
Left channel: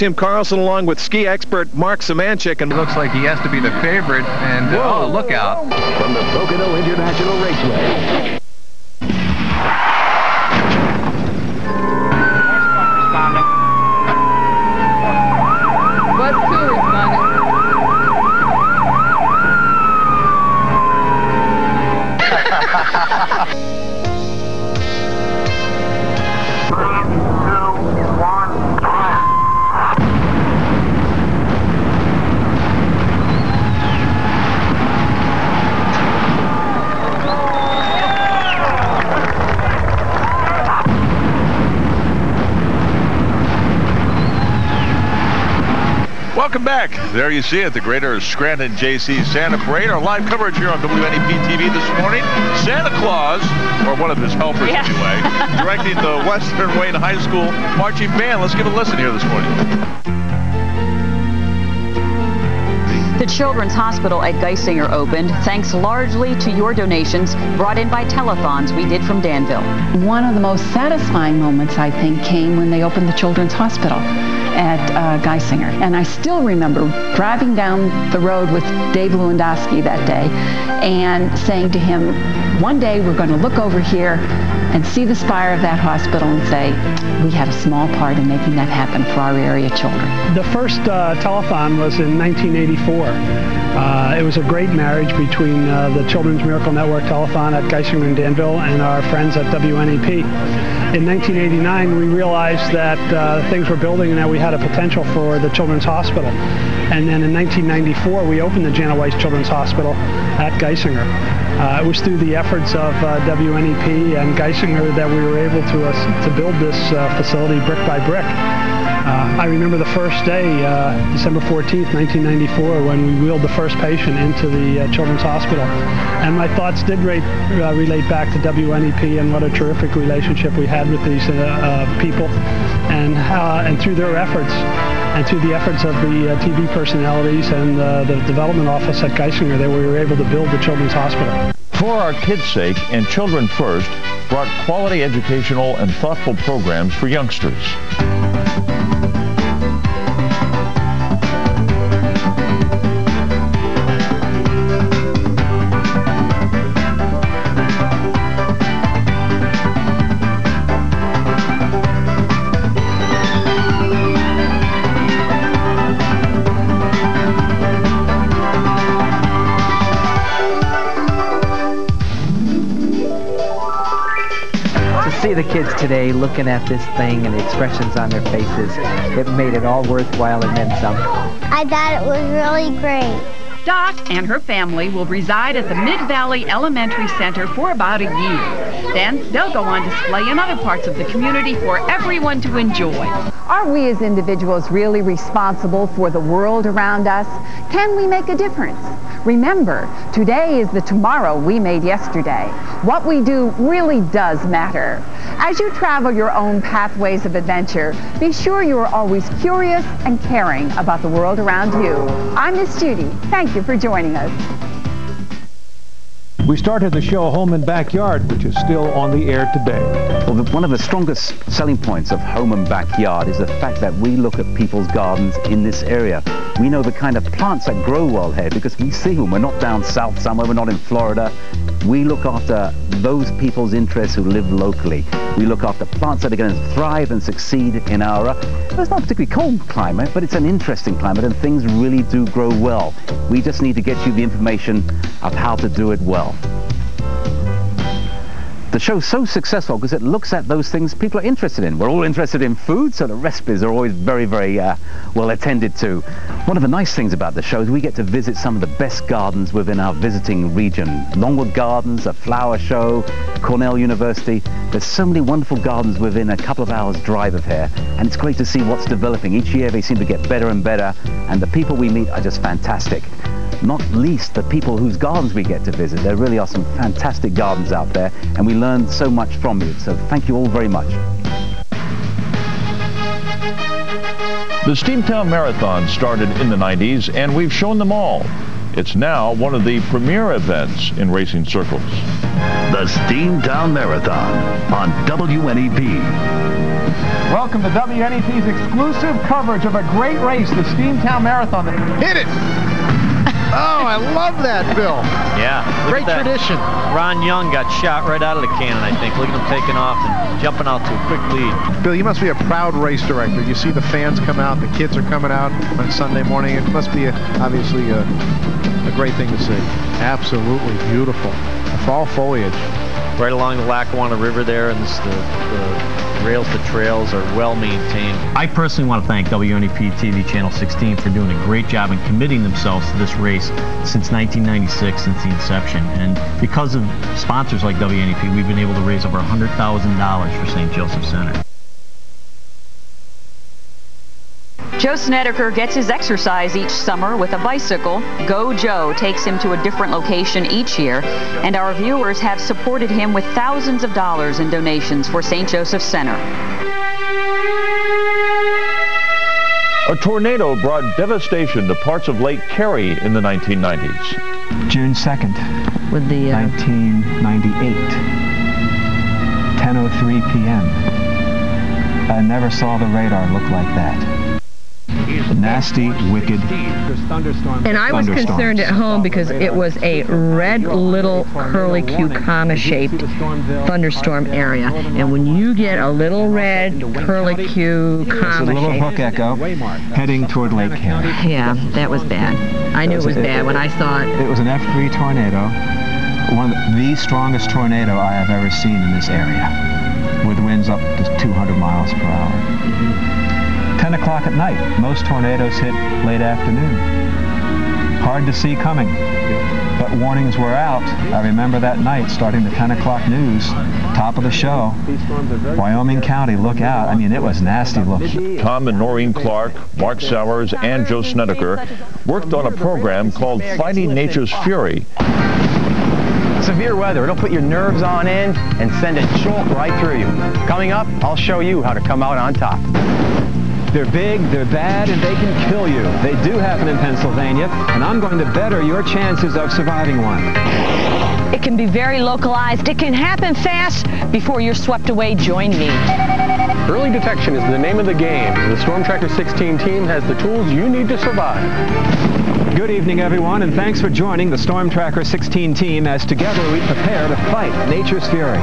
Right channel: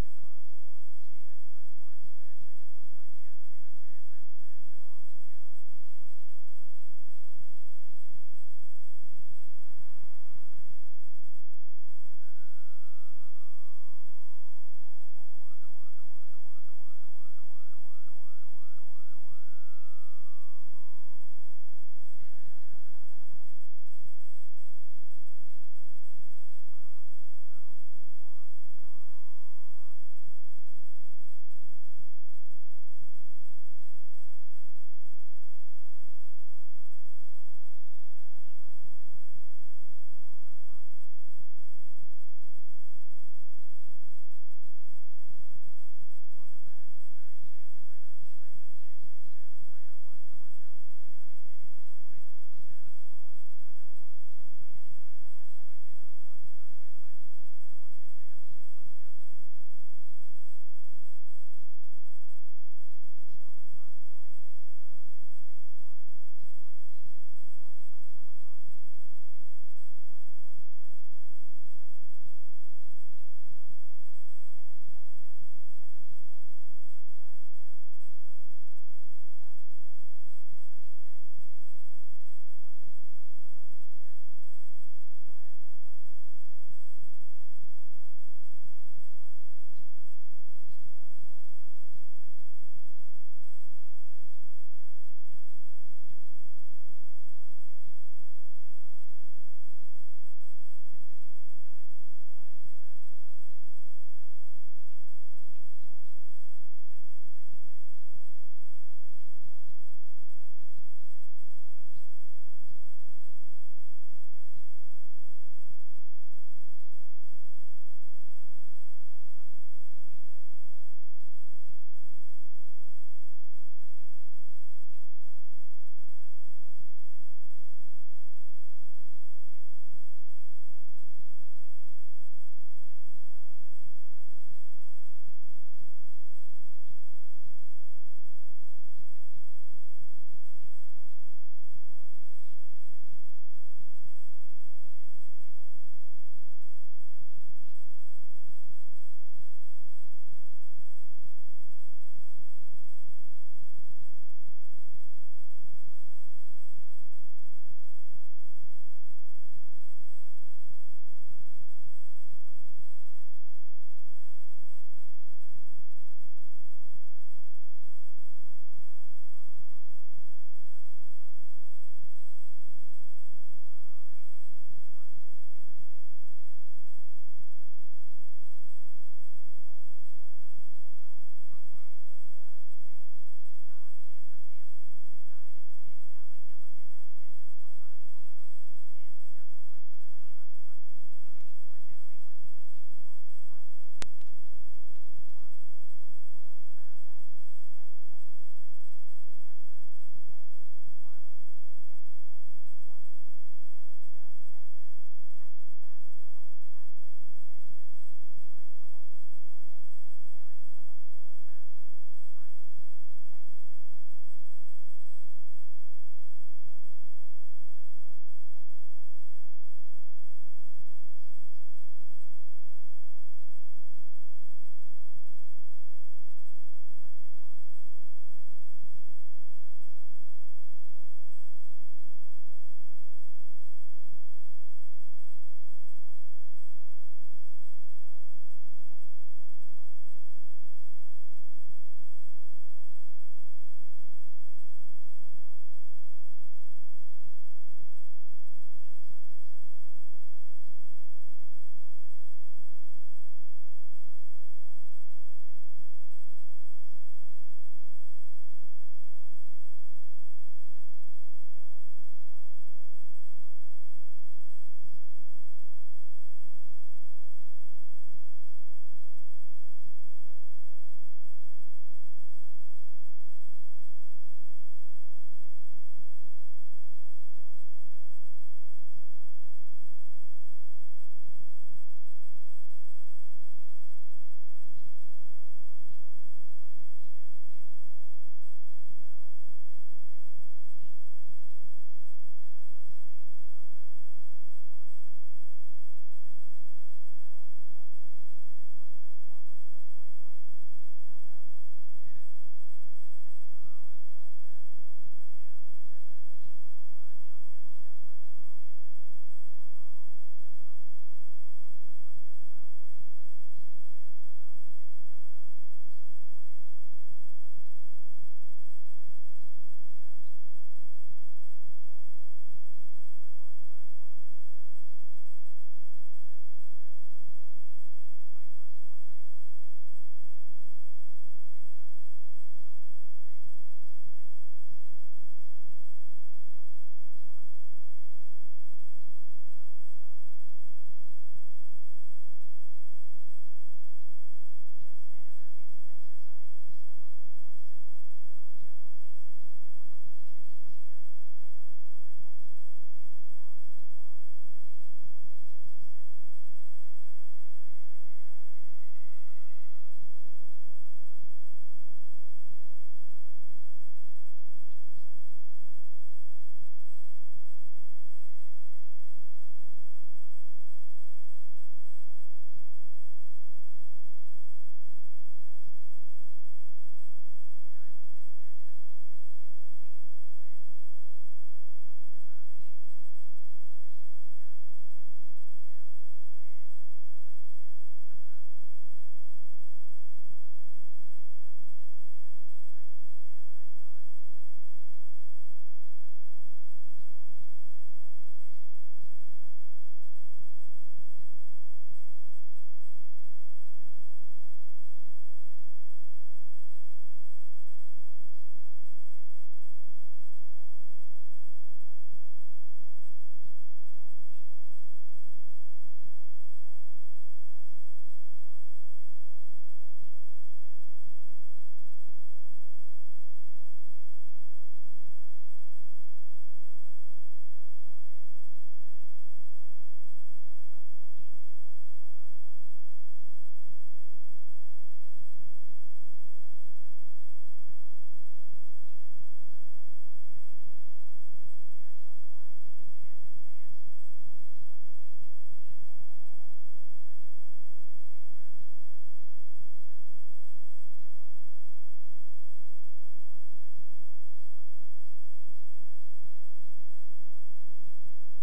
Tim Carlson along with ski expert Mark Samanchik. And it looks like he has to be the favorite. And, oh, look out. From the Pocono International Raceway. Welcome back. There you see it, the Greater Scranton JC Santa Parade. Our live coverage here on WNEP TV this morning. Santa Claus, or one of his helpers anyway, directing the Western Wayne High School marching band. Let's give a listen here this morning. The Children's Hospital at Geisinger opened thanks largely to your donations brought in by telethons we did from Danville. One of the most satisfying moments, I think, came when they opened the Children's Hospital at Geisinger. And I still remember driving down the road with Dave Lewandowski that day and saying to him, one day we're going to look over here and see the spire of that hospital and say, we had a small part in making that happen for our area children. The first telethon was in 1984. It was a great marriage between the Children's Miracle Network telethon at Geisinger and Danville and our friends at WNEP. In 1989, we realized that things were building and that we had a potential for the Children's Hospital. And then in 1994, we opened the Janet Weiss Children's Hospital at Geisinger. It was through the efforts of WNEP and Geisinger that we were able to build this facility brick by brick. I remember the first day, December 14th, 1994, when we wheeled the first patient into the Children's Hospital. And my thoughts did relate back to WNEP and what a terrific relationship we had with these people. And through their efforts, and through the efforts of the TV personalities and the development office at Geisinger, that we were able to build the Children's Hospital. For Our Kids' Sake and Children First brought quality educational and thoughtful programs for youngsters. See the kids today looking at this thing and the expressions on their faces. It made it all worthwhile and then some. I thought it was really great. Dot and her family will reside at the Mid-Valley Elementary Center for about a year. Then they'll go on display in other parts of the community for everyone to enjoy. Are we as individuals really responsible for the world around us? Can we make a difference? Remember, today is the tomorrow we made yesterday. What we do really does matter. As you travel your own pathways of adventure, be sure you are always curious and caring about the world around you. I'm Miss Judy. Thank you for joining us. We started the show Home and Backyard, which is still on the air today. Well, one of the strongest selling points of Home and Backyard is the fact that we look at people's gardens in this area. We know the kind of plants that grow well here because we see them. We're not down south somewhere, we're not in Florida. We look after those people's interests who live locally. We look after plants that are going to thrive and succeed in our, it's not a particularly cold climate, but it's an interesting climate and things really do grow well. We just need to get you the information of how to do it well. The show's so successful because it looks at those things people are interested in. We're all interested in food, so the recipes are always very, very well attended to. One of the nice things about the show is we get to visit some of the best gardens within our visiting region. Longwood Gardens, a flower show, Cornell University. There's so many wonderful gardens within a couple of hours drive of here, and it's great to see what's developing. Each year they seem to get better and better, and the people we meet are just fantastic. Not least the people whose gardens we get to visit. There really are some fantastic gardens out there, and we learn so much from you. So thank you all very much. The Steamtown Marathon started in the 90s, and we've shown them all. It's now one of the premier events in racing circles. The Steamtown Marathon on WNEP. Well, welcome to WNEP's exclusive coverage of a great race, the Steamtown Marathon. Hit it! Oh, I love that, Bill. Yeah. Great tradition. Ron Young got shot right out of the cannon, I think. Look at him taking off and jumping out to a quick lead. Bill, you must be a proud race director. You see the fans come out, the kids are coming out on Sunday morning. It must be obviously a great thing to see. Absolutely beautiful. The fall foliage. Right along the Lackawanna River there, and the rails to trails are well maintained. I personally want to thank WNEP TV Channel 16 for doing a great job and committing themselves to this race since 1996, since the inception. And because of sponsors like WNEP, we've been able to raise over $100,000 for St. Joseph Center. Joe Snedeker gets his exercise each summer with a bicycle. Go Joe takes him to a different location each year, and our viewers have supported him with thousands of dollars in donations for St. Joseph Center. A tornado brought devastation to parts of Lake Erie in the 1990s. June 2nd, with the 1998, 10:03 p.m. I never saw the radar look like that. Nasty, wicked And I was concerned at home because it was a red little curly-Q comma-shaped thunderstorm area. And when you get a little red curly-Q comma-shaped... a little hook echo heading toward Lake Erie. Yeah, that was bad. I knew it was bad when I saw it. It was an F3 tornado, one of the strongest tornado I have ever seen in this area, with winds up to 200 miles per hour. 10 o'clock at night. Most tornadoes hit late afternoon. Hard to see coming, but warnings were out. I remember that night starting the 10 o'clock news, top of the show, Wyoming County, look out. I mean, it was nasty looking. Tom and Noreen Clark, Mark Sowers, and Joe Snedeker worked on a program called Fighting Nature's Fury. Severe weather, it'll put your nerves on end and send a jolt right through you. Coming up, I'll show you how to come out on top. They're big, they're bad, and they can kill you. They do happen in Pennsylvania, and I'm going to better your chances of surviving one. It can be very localized. It can happen fast before you're swept away. Join me. Early detection is the name of the game. The Storm Tracker 16 team has the tools you need to survive. Good evening, everyone, and thanks for joining the Storm Tracker 16 team as together we prepare to fight nature's fury.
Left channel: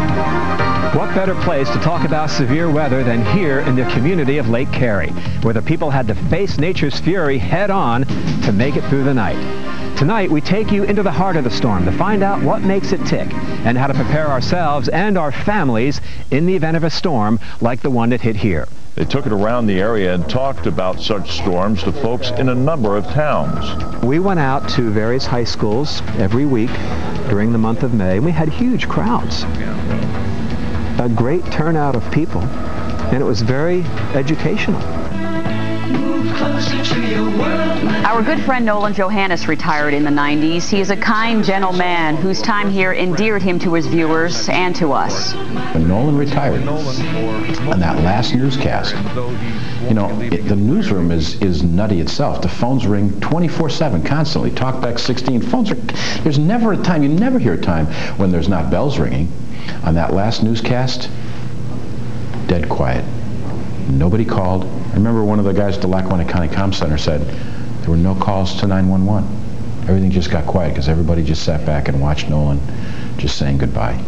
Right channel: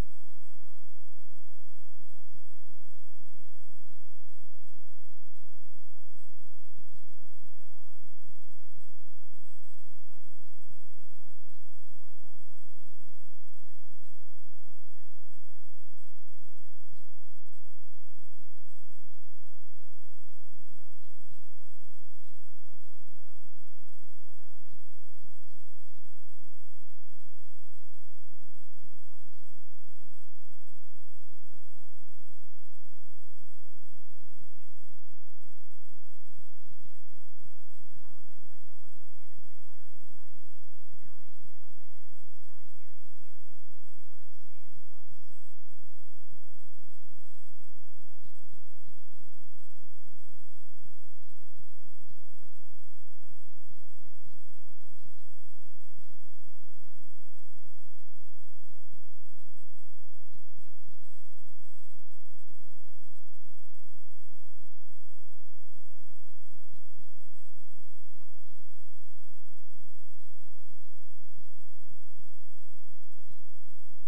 What better place to talk about severe weather than here in the community of Lake Erie, where the people had to face nature's fury head-on to make it through the night. Tonight, we take you into the heart of the storm to find out what makes it tick and how to prepare ourselves and our families in the event of a storm like the one that hit here. They took it around the area and talked about such storms to folks in a number of towns. We went out to various high schools every week during the month of May, and we had huge crowds. A great turnout of people, and it was very educational. Our good friend Nolan Johannes retired in the 90s. He is a kind, gentle man whose time here endeared him to his viewers and to us. When Nolan retired, on that last newscast, you know, the newsroom is nutty itself. The phones ring 24/7, constantly. Talkback 16, phones are, there's never a time, you never hear a time when there's not bells ringing. On that last newscast, dead quiet. Nobody called. I remember one of the guys at the Lackawanna County Comm Center said there were no calls to 911. Everything just got quiet because everybody just sat back and watched Nolan just saying goodbye.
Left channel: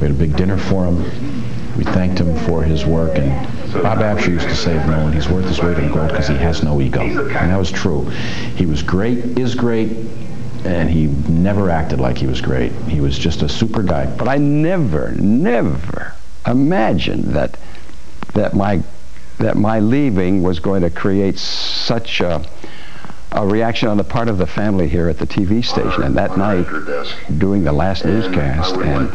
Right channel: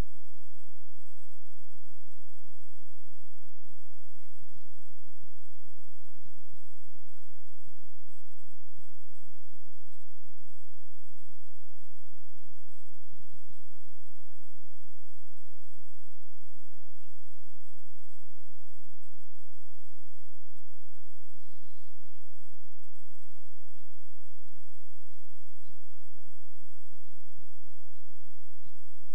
We had a big dinner for him. We thanked him for his work, and Bob Absher used to say of Nolan, he's worth his weight in gold because he has no ego. And that was true. He was great, is great, and he never acted like he was great. He was just a super guy. But I never imagined that my leaving was going to create such a reaction on the part of the family here at the TV station. And that night, doing the last newscast and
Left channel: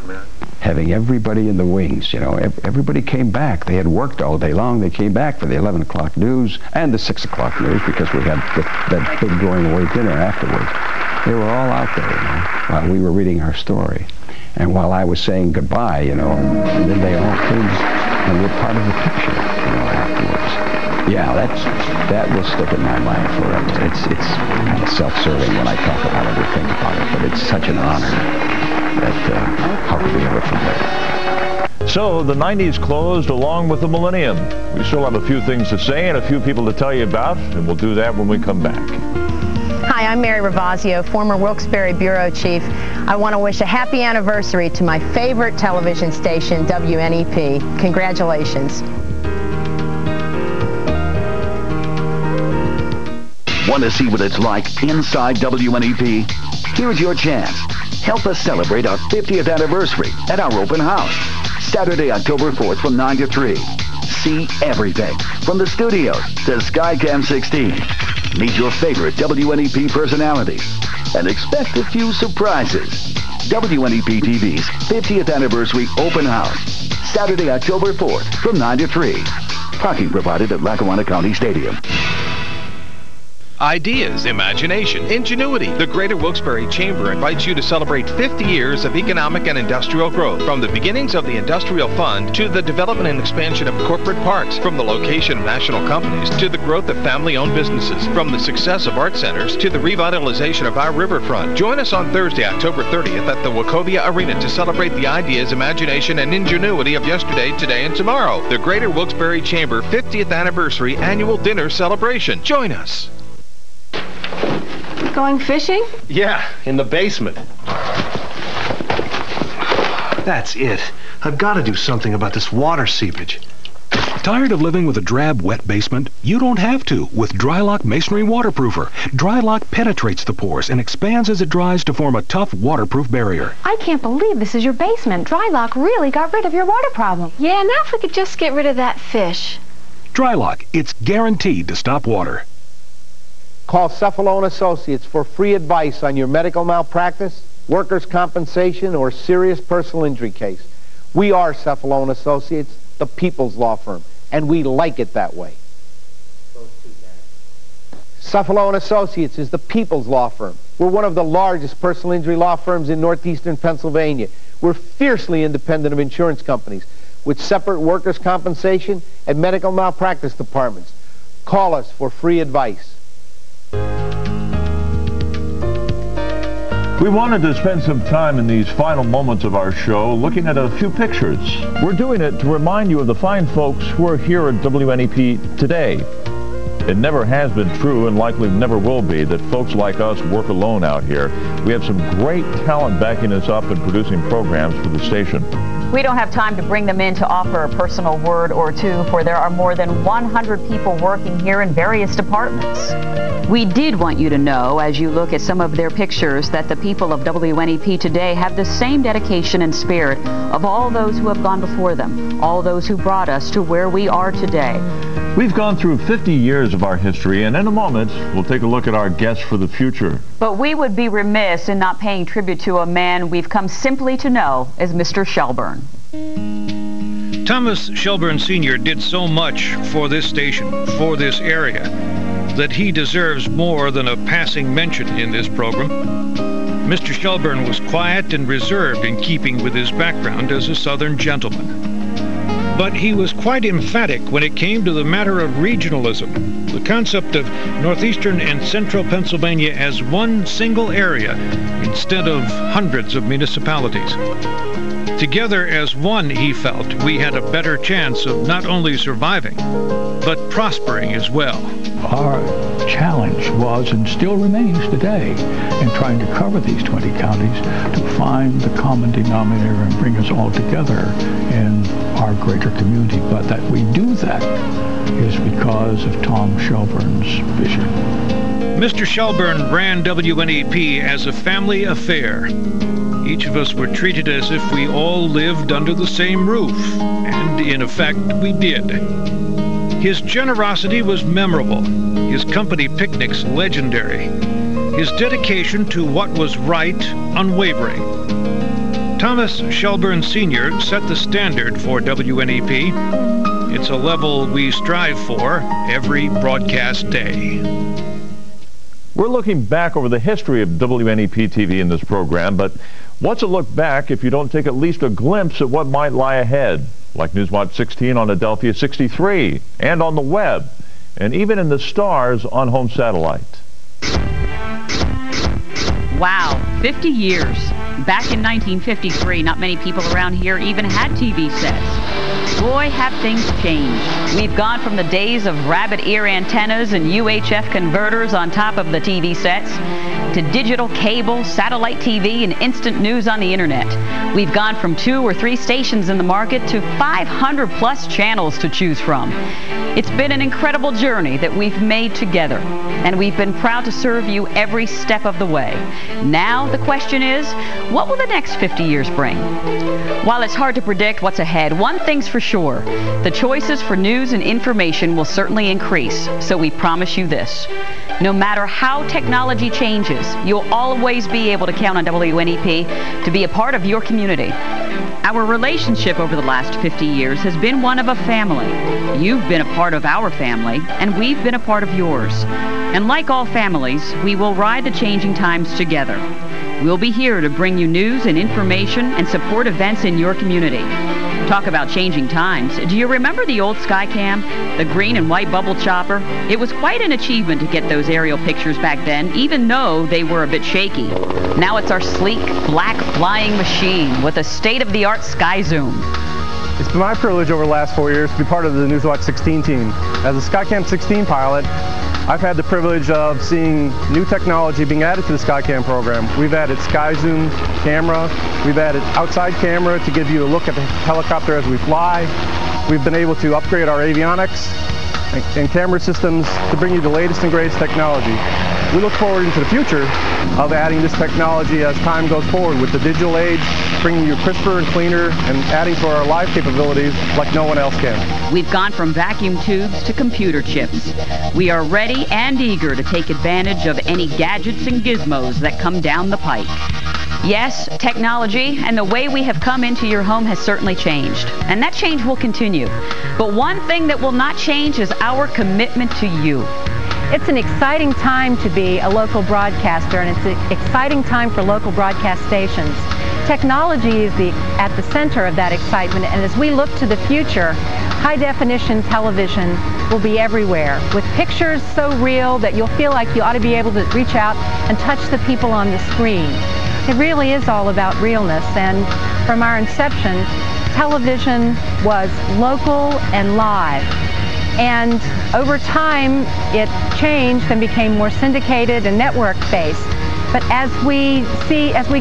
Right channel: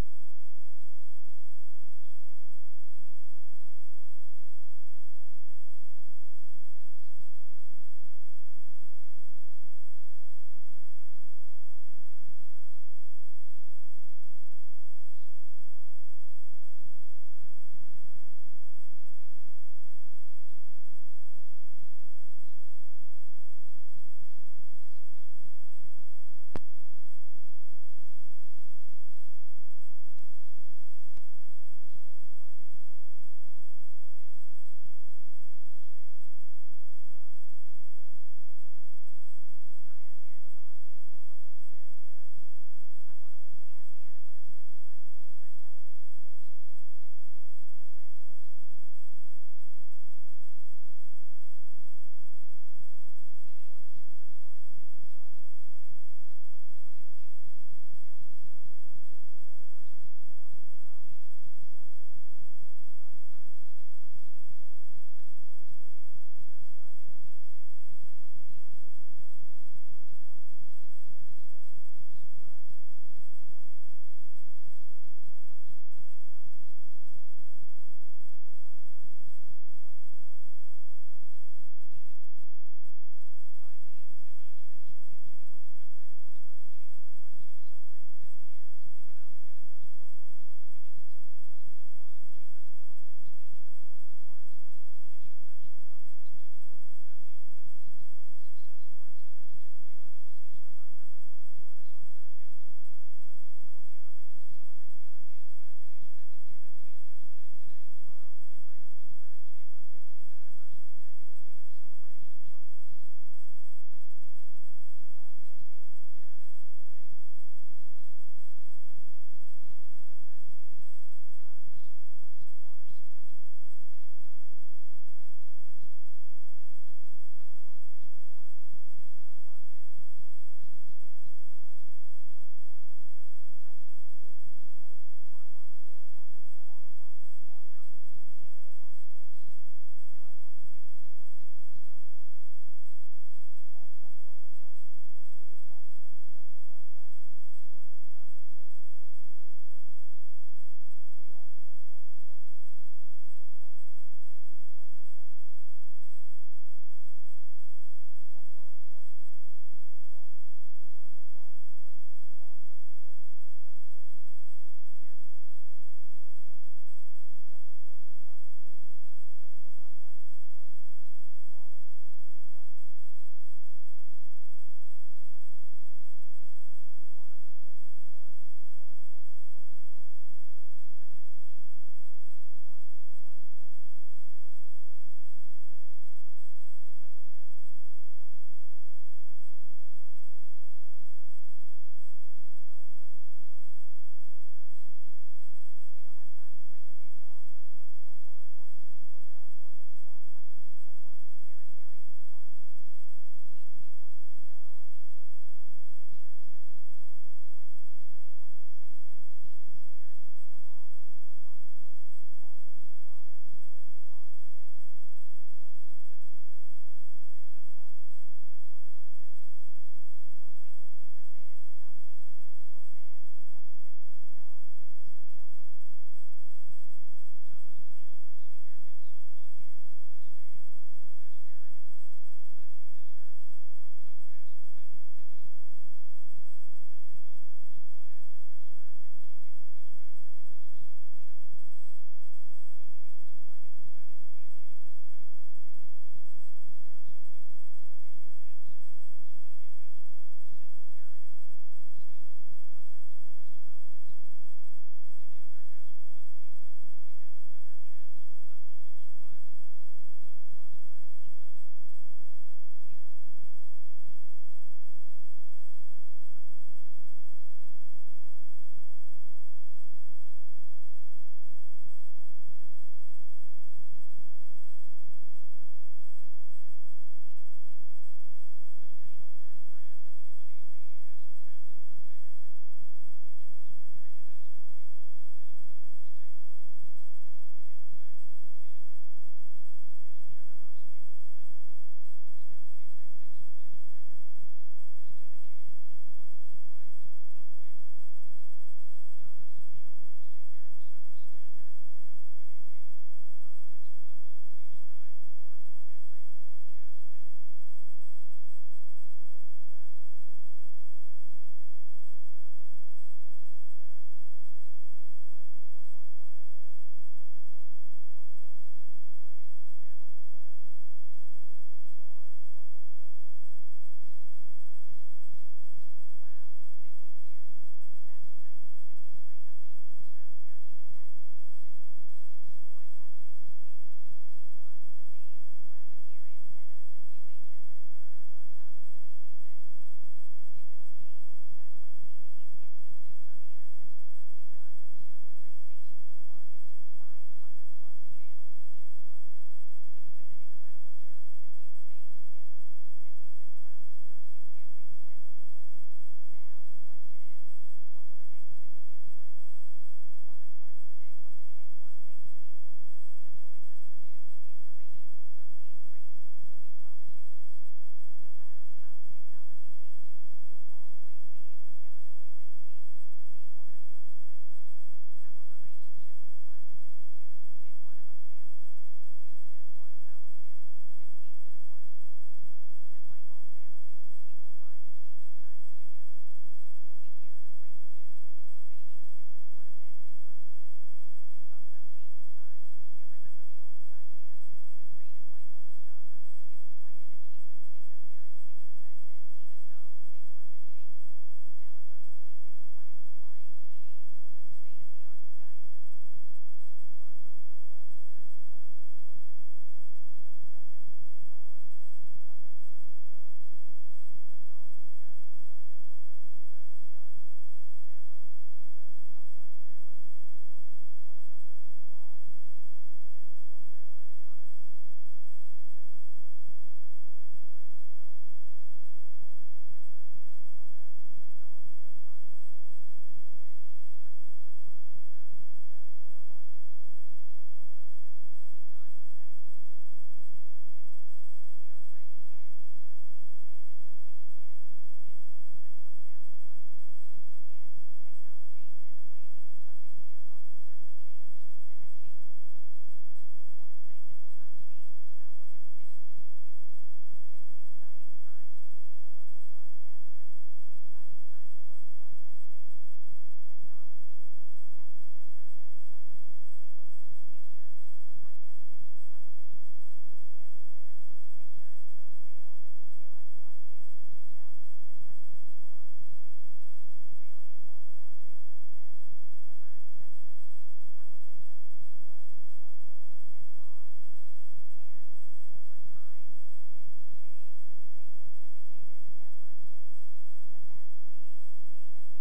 having everybody in the wings, you know, everybody came back. They had worked all day long. They came back for the 11 o'clock news and the 6 o'clock news because we had that big going away dinner afterwards. They were all out there, you know, while we were reading our story. And while I was saying goodbye, you know, and then they all came and were part of the picture, you know, afterwards. Yeah, that will stick in my mind forever. It's kind of self-serving when I talk about it or think about it, but it's such an honor that how could we ever forget it? So the 90s closed along with the millennium. We still have a few things to say and a few people to tell you about, and we'll do that when we come back. Hi, I'm Mary Ravazio, former Wilkes-Barre Bureau Chief. I want to wish a happy anniversary to my favorite television station, WNEP. Congratulations. Want to see what it's like inside WNEP? Here's your chance. Help us celebrate our 50th anniversary at our open house, Saturday, October 4th from 9 to 3. See everything from the studios to Skycam 16. Meet your favorite WNEP personalities and expect a few surprises. WNEP TV's 50th anniversary open house, Saturday, October 4th from 9 to 3. Parking provided at Lackawanna County Stadium. Ideas, imagination, ingenuity. The Greater Wilkes-Barre Chamber invites you to celebrate 50 years of economic and industrial growth. From the beginnings of the Industrial Fund to the development and expansion of corporate parks, from the location of national companies to the growth of family-owned businesses, from the success of art centers to the revitalization of our riverfront. Join us on Thursday, October 30th at the Wachovia Arena to celebrate the ideas, imagination, and ingenuity of yesterday, today, and tomorrow. The Greater Wilkes-Barre Chamber 50th Anniversary Annual Dinner Celebration. Join us. Going fishing? Yeah, in the basement. That's it. I've got to do something about this water seepage. Tired of living with a drab, wet basement? You don't have to with Drylock Masonry Waterproofer. Drylock penetrates the pores and expands as it dries to form a tough, waterproof barrier. I can't believe this is your basement. Drylock really got rid of your water problem. Yeah, now if we could just get rid of that fish. Drylock, it's guaranteed to stop water. Call Cephalone Associates for free advice on your medical malpractice, workers' compensation, or serious personal injury case. We are Cephalone Associates, the people's law firm, and we like it that way. Cephalone Associates is the people's law firm. We're one of the largest personal injury law firms in northeastern Pennsylvania. We're fiercely independent of insurance companies with separate workers' compensation and medical malpractice departments. Call us for free advice. We wanted to spend some time in these final moments of our show looking at a few pictures. We're doing it to remind you of the fine folks who are here at WNEP today. It never has been true, and likely never will be, that folks like us work alone out here. We have some great talent backing us up and producing programs for the station. We don't have time to bring them in to offer a personal word or two, for there are more than 100 people working here in various departments. We did want you to know, as you look at some of their pictures, that the people of WNEP today have the same dedication and spirit of all those who have gone before them, all those who brought us to where we are today. We've gone through 50 years of our history, and in a moment, we'll take a look at our guests for the future. But we would be remiss in not paying tribute to a man we've come simply to know as Mr. Shelburne. Thomas Shelburne Sr. did so much for this station, for this area, that he deserves more than a passing mention in this program. Mr. Shelburne was quiet and reserved in keeping with his background as a Southern gentleman. But he was quite emphatic when it came to the matter of regionalism, the concept of northeastern and central Pennsylvania as one single area instead of hundreds of municipalities. Together as one, he felt, we had a better chance of not only surviving, but prospering as well. Our challenge was and still remains today in trying to cover these 20 counties to find the common denominator and bring us all together in our greater community. But that we do that is because of Tom Shelburne's vision. Mr. Shelburne ran WNEP as a family affair. Each of us were treated as if we all lived under the same roof, and in effect we did. His generosity was memorable, his company picnics legendary, his dedication to what was right unwavering. Thomas Shelburne Sr. set the standard for WNEP. It's a level we strive for every broadcast day. We're looking back over the history of WNEP TV in this program, but what's a look back if you don't take at least a glimpse at what might lie ahead, like Newswatch 16 on Adelphia 63, and on the web, and even in the stars on home satellite. Wow, 50 years. Back in 1953, not many people around here even had TV sets. Boy, have things changed. We've gone from the days of rabbit ear antennas and UHF converters on top of the TV sets to digital cable, satellite TV, and instant news on the internet. We've gone from 2 or 3 stations in the market to 500 plus channels to choose from. It's been an incredible journey that we've made together, and we've been proud to serve you every step of the way. Now the question is, what will the next 50 years bring? While it's hard to predict what's ahead, one thing's for sure. The choices for news and information will certainly increase, so we promise you this. No matter how technology changes, you'll always be able to count on WNEP to be a part of your community. Our relationship over the last 50 years has been one of a family. You've been a part of our family, and we've been a part of yours. And like all families, we will ride the changing times together. We'll be here to bring you news and information and support events in your community. Talk about changing times. Do you remember the old Skycam, the green and white bubble chopper? It was quite an achievement to get those aerial pictures back then, even though they were a bit shaky. Now it's our sleek, black flying machine with a state-of-the-art sky zoom. It's been my privilege over the last 4 years to be part of the Newswatch 16 team. As a Skycam 16 pilot, I've had the privilege of seeing new technology being added to the Skycam program. We've added Sky Zoom camera. We've added outside camera to give you a look at the helicopter as we fly. We've been able to upgrade our avionics and camera systems to bring you the latest and greatest technology. We look forward into the future of adding this technology as time goes forward with the digital age, bringing you crisper and cleaner and adding to our live capabilities like no one else can. We've gone from vacuum tubes to computer chips. We are ready and eager to take advantage of any gadgets and gizmos that come down the pike. Yes, technology and the way we have come into your home has certainly changed, and that change will continue. But one thing that will not change is our commitment to you. It's an exciting time to be a local broadcaster, and it's an exciting time for local broadcast stations. Technology is at the center of that excitement, and as we look to the future, high-definition television will be everywhere, with pictures so real that you'll feel like you ought to be able to reach out and touch the people on the screen. It really is all about realness, and from our inception, television was local and live. And over time, it changed and became more syndicated and network-based. But as we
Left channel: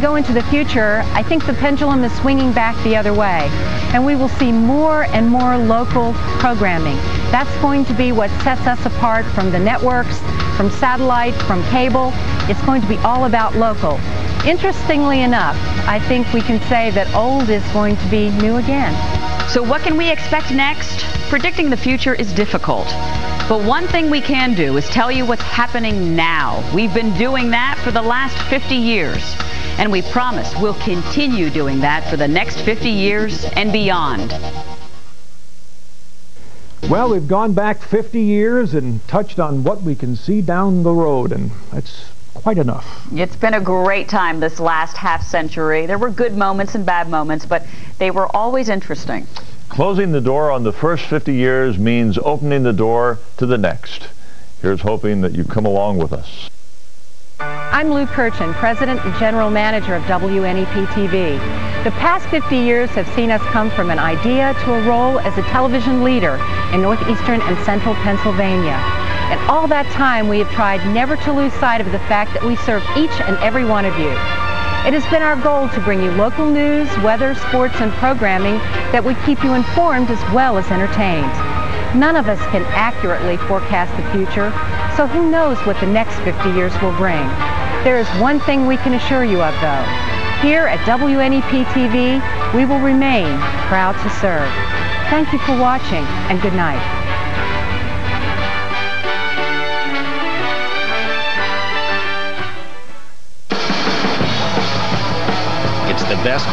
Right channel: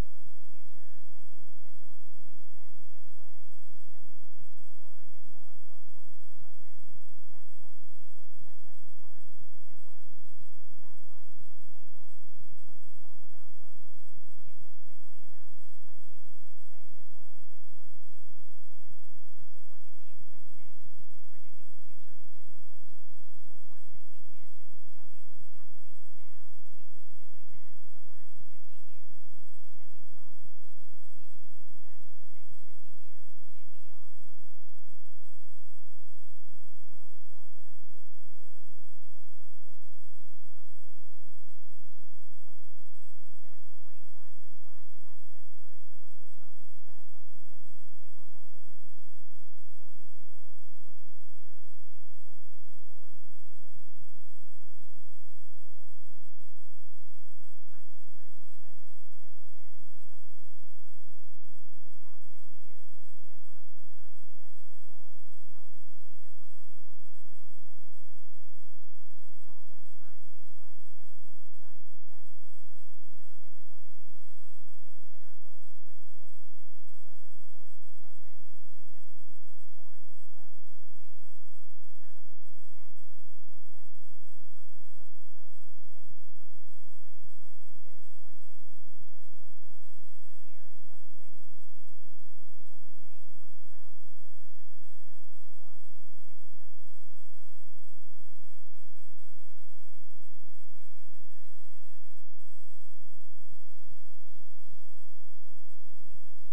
go into the future, I think the pendulum is swinging back the other way. And we will see more and more local programming. That's going to be what sets us apart from the networks, from satellite, from cable. It's going to be all about local. Interestingly enough, I think we can say that old is going to be new again. So what can we expect next? Predicting the future is difficult. But one thing we can do is tell you what's happening now. We've been doing that for the last 50 years. And we promise we'll continue doing that for the next 50 years and beyond. Well, we've gone back 50 years and touched on what we can see down the road, and that's quite enough. It's been a great time this last half century. There were good moments and bad moments, but they were always interesting. Closing the door on the first 50 years means opening the door to the next. Here's hoping that you come along with us. I'm Lou Kirchin, President and General Manager of WNEP TV. The past 50 years have seen us come from an idea to a role as a television leader in northeastern and central Pennsylvania. And all that time, we have tried never to lose sight of the fact that we serve each and every one of you. It has been our goal to bring you local news, weather, sports, and programming that would keep you informed as well as entertained. None of us can accurately forecast the future, so who knows what the next 50 years will bring. There is one thing we can assure you of, though. Here at WNEP TV, we will remain proud to serve. Thank you for watching, and good night. It's the best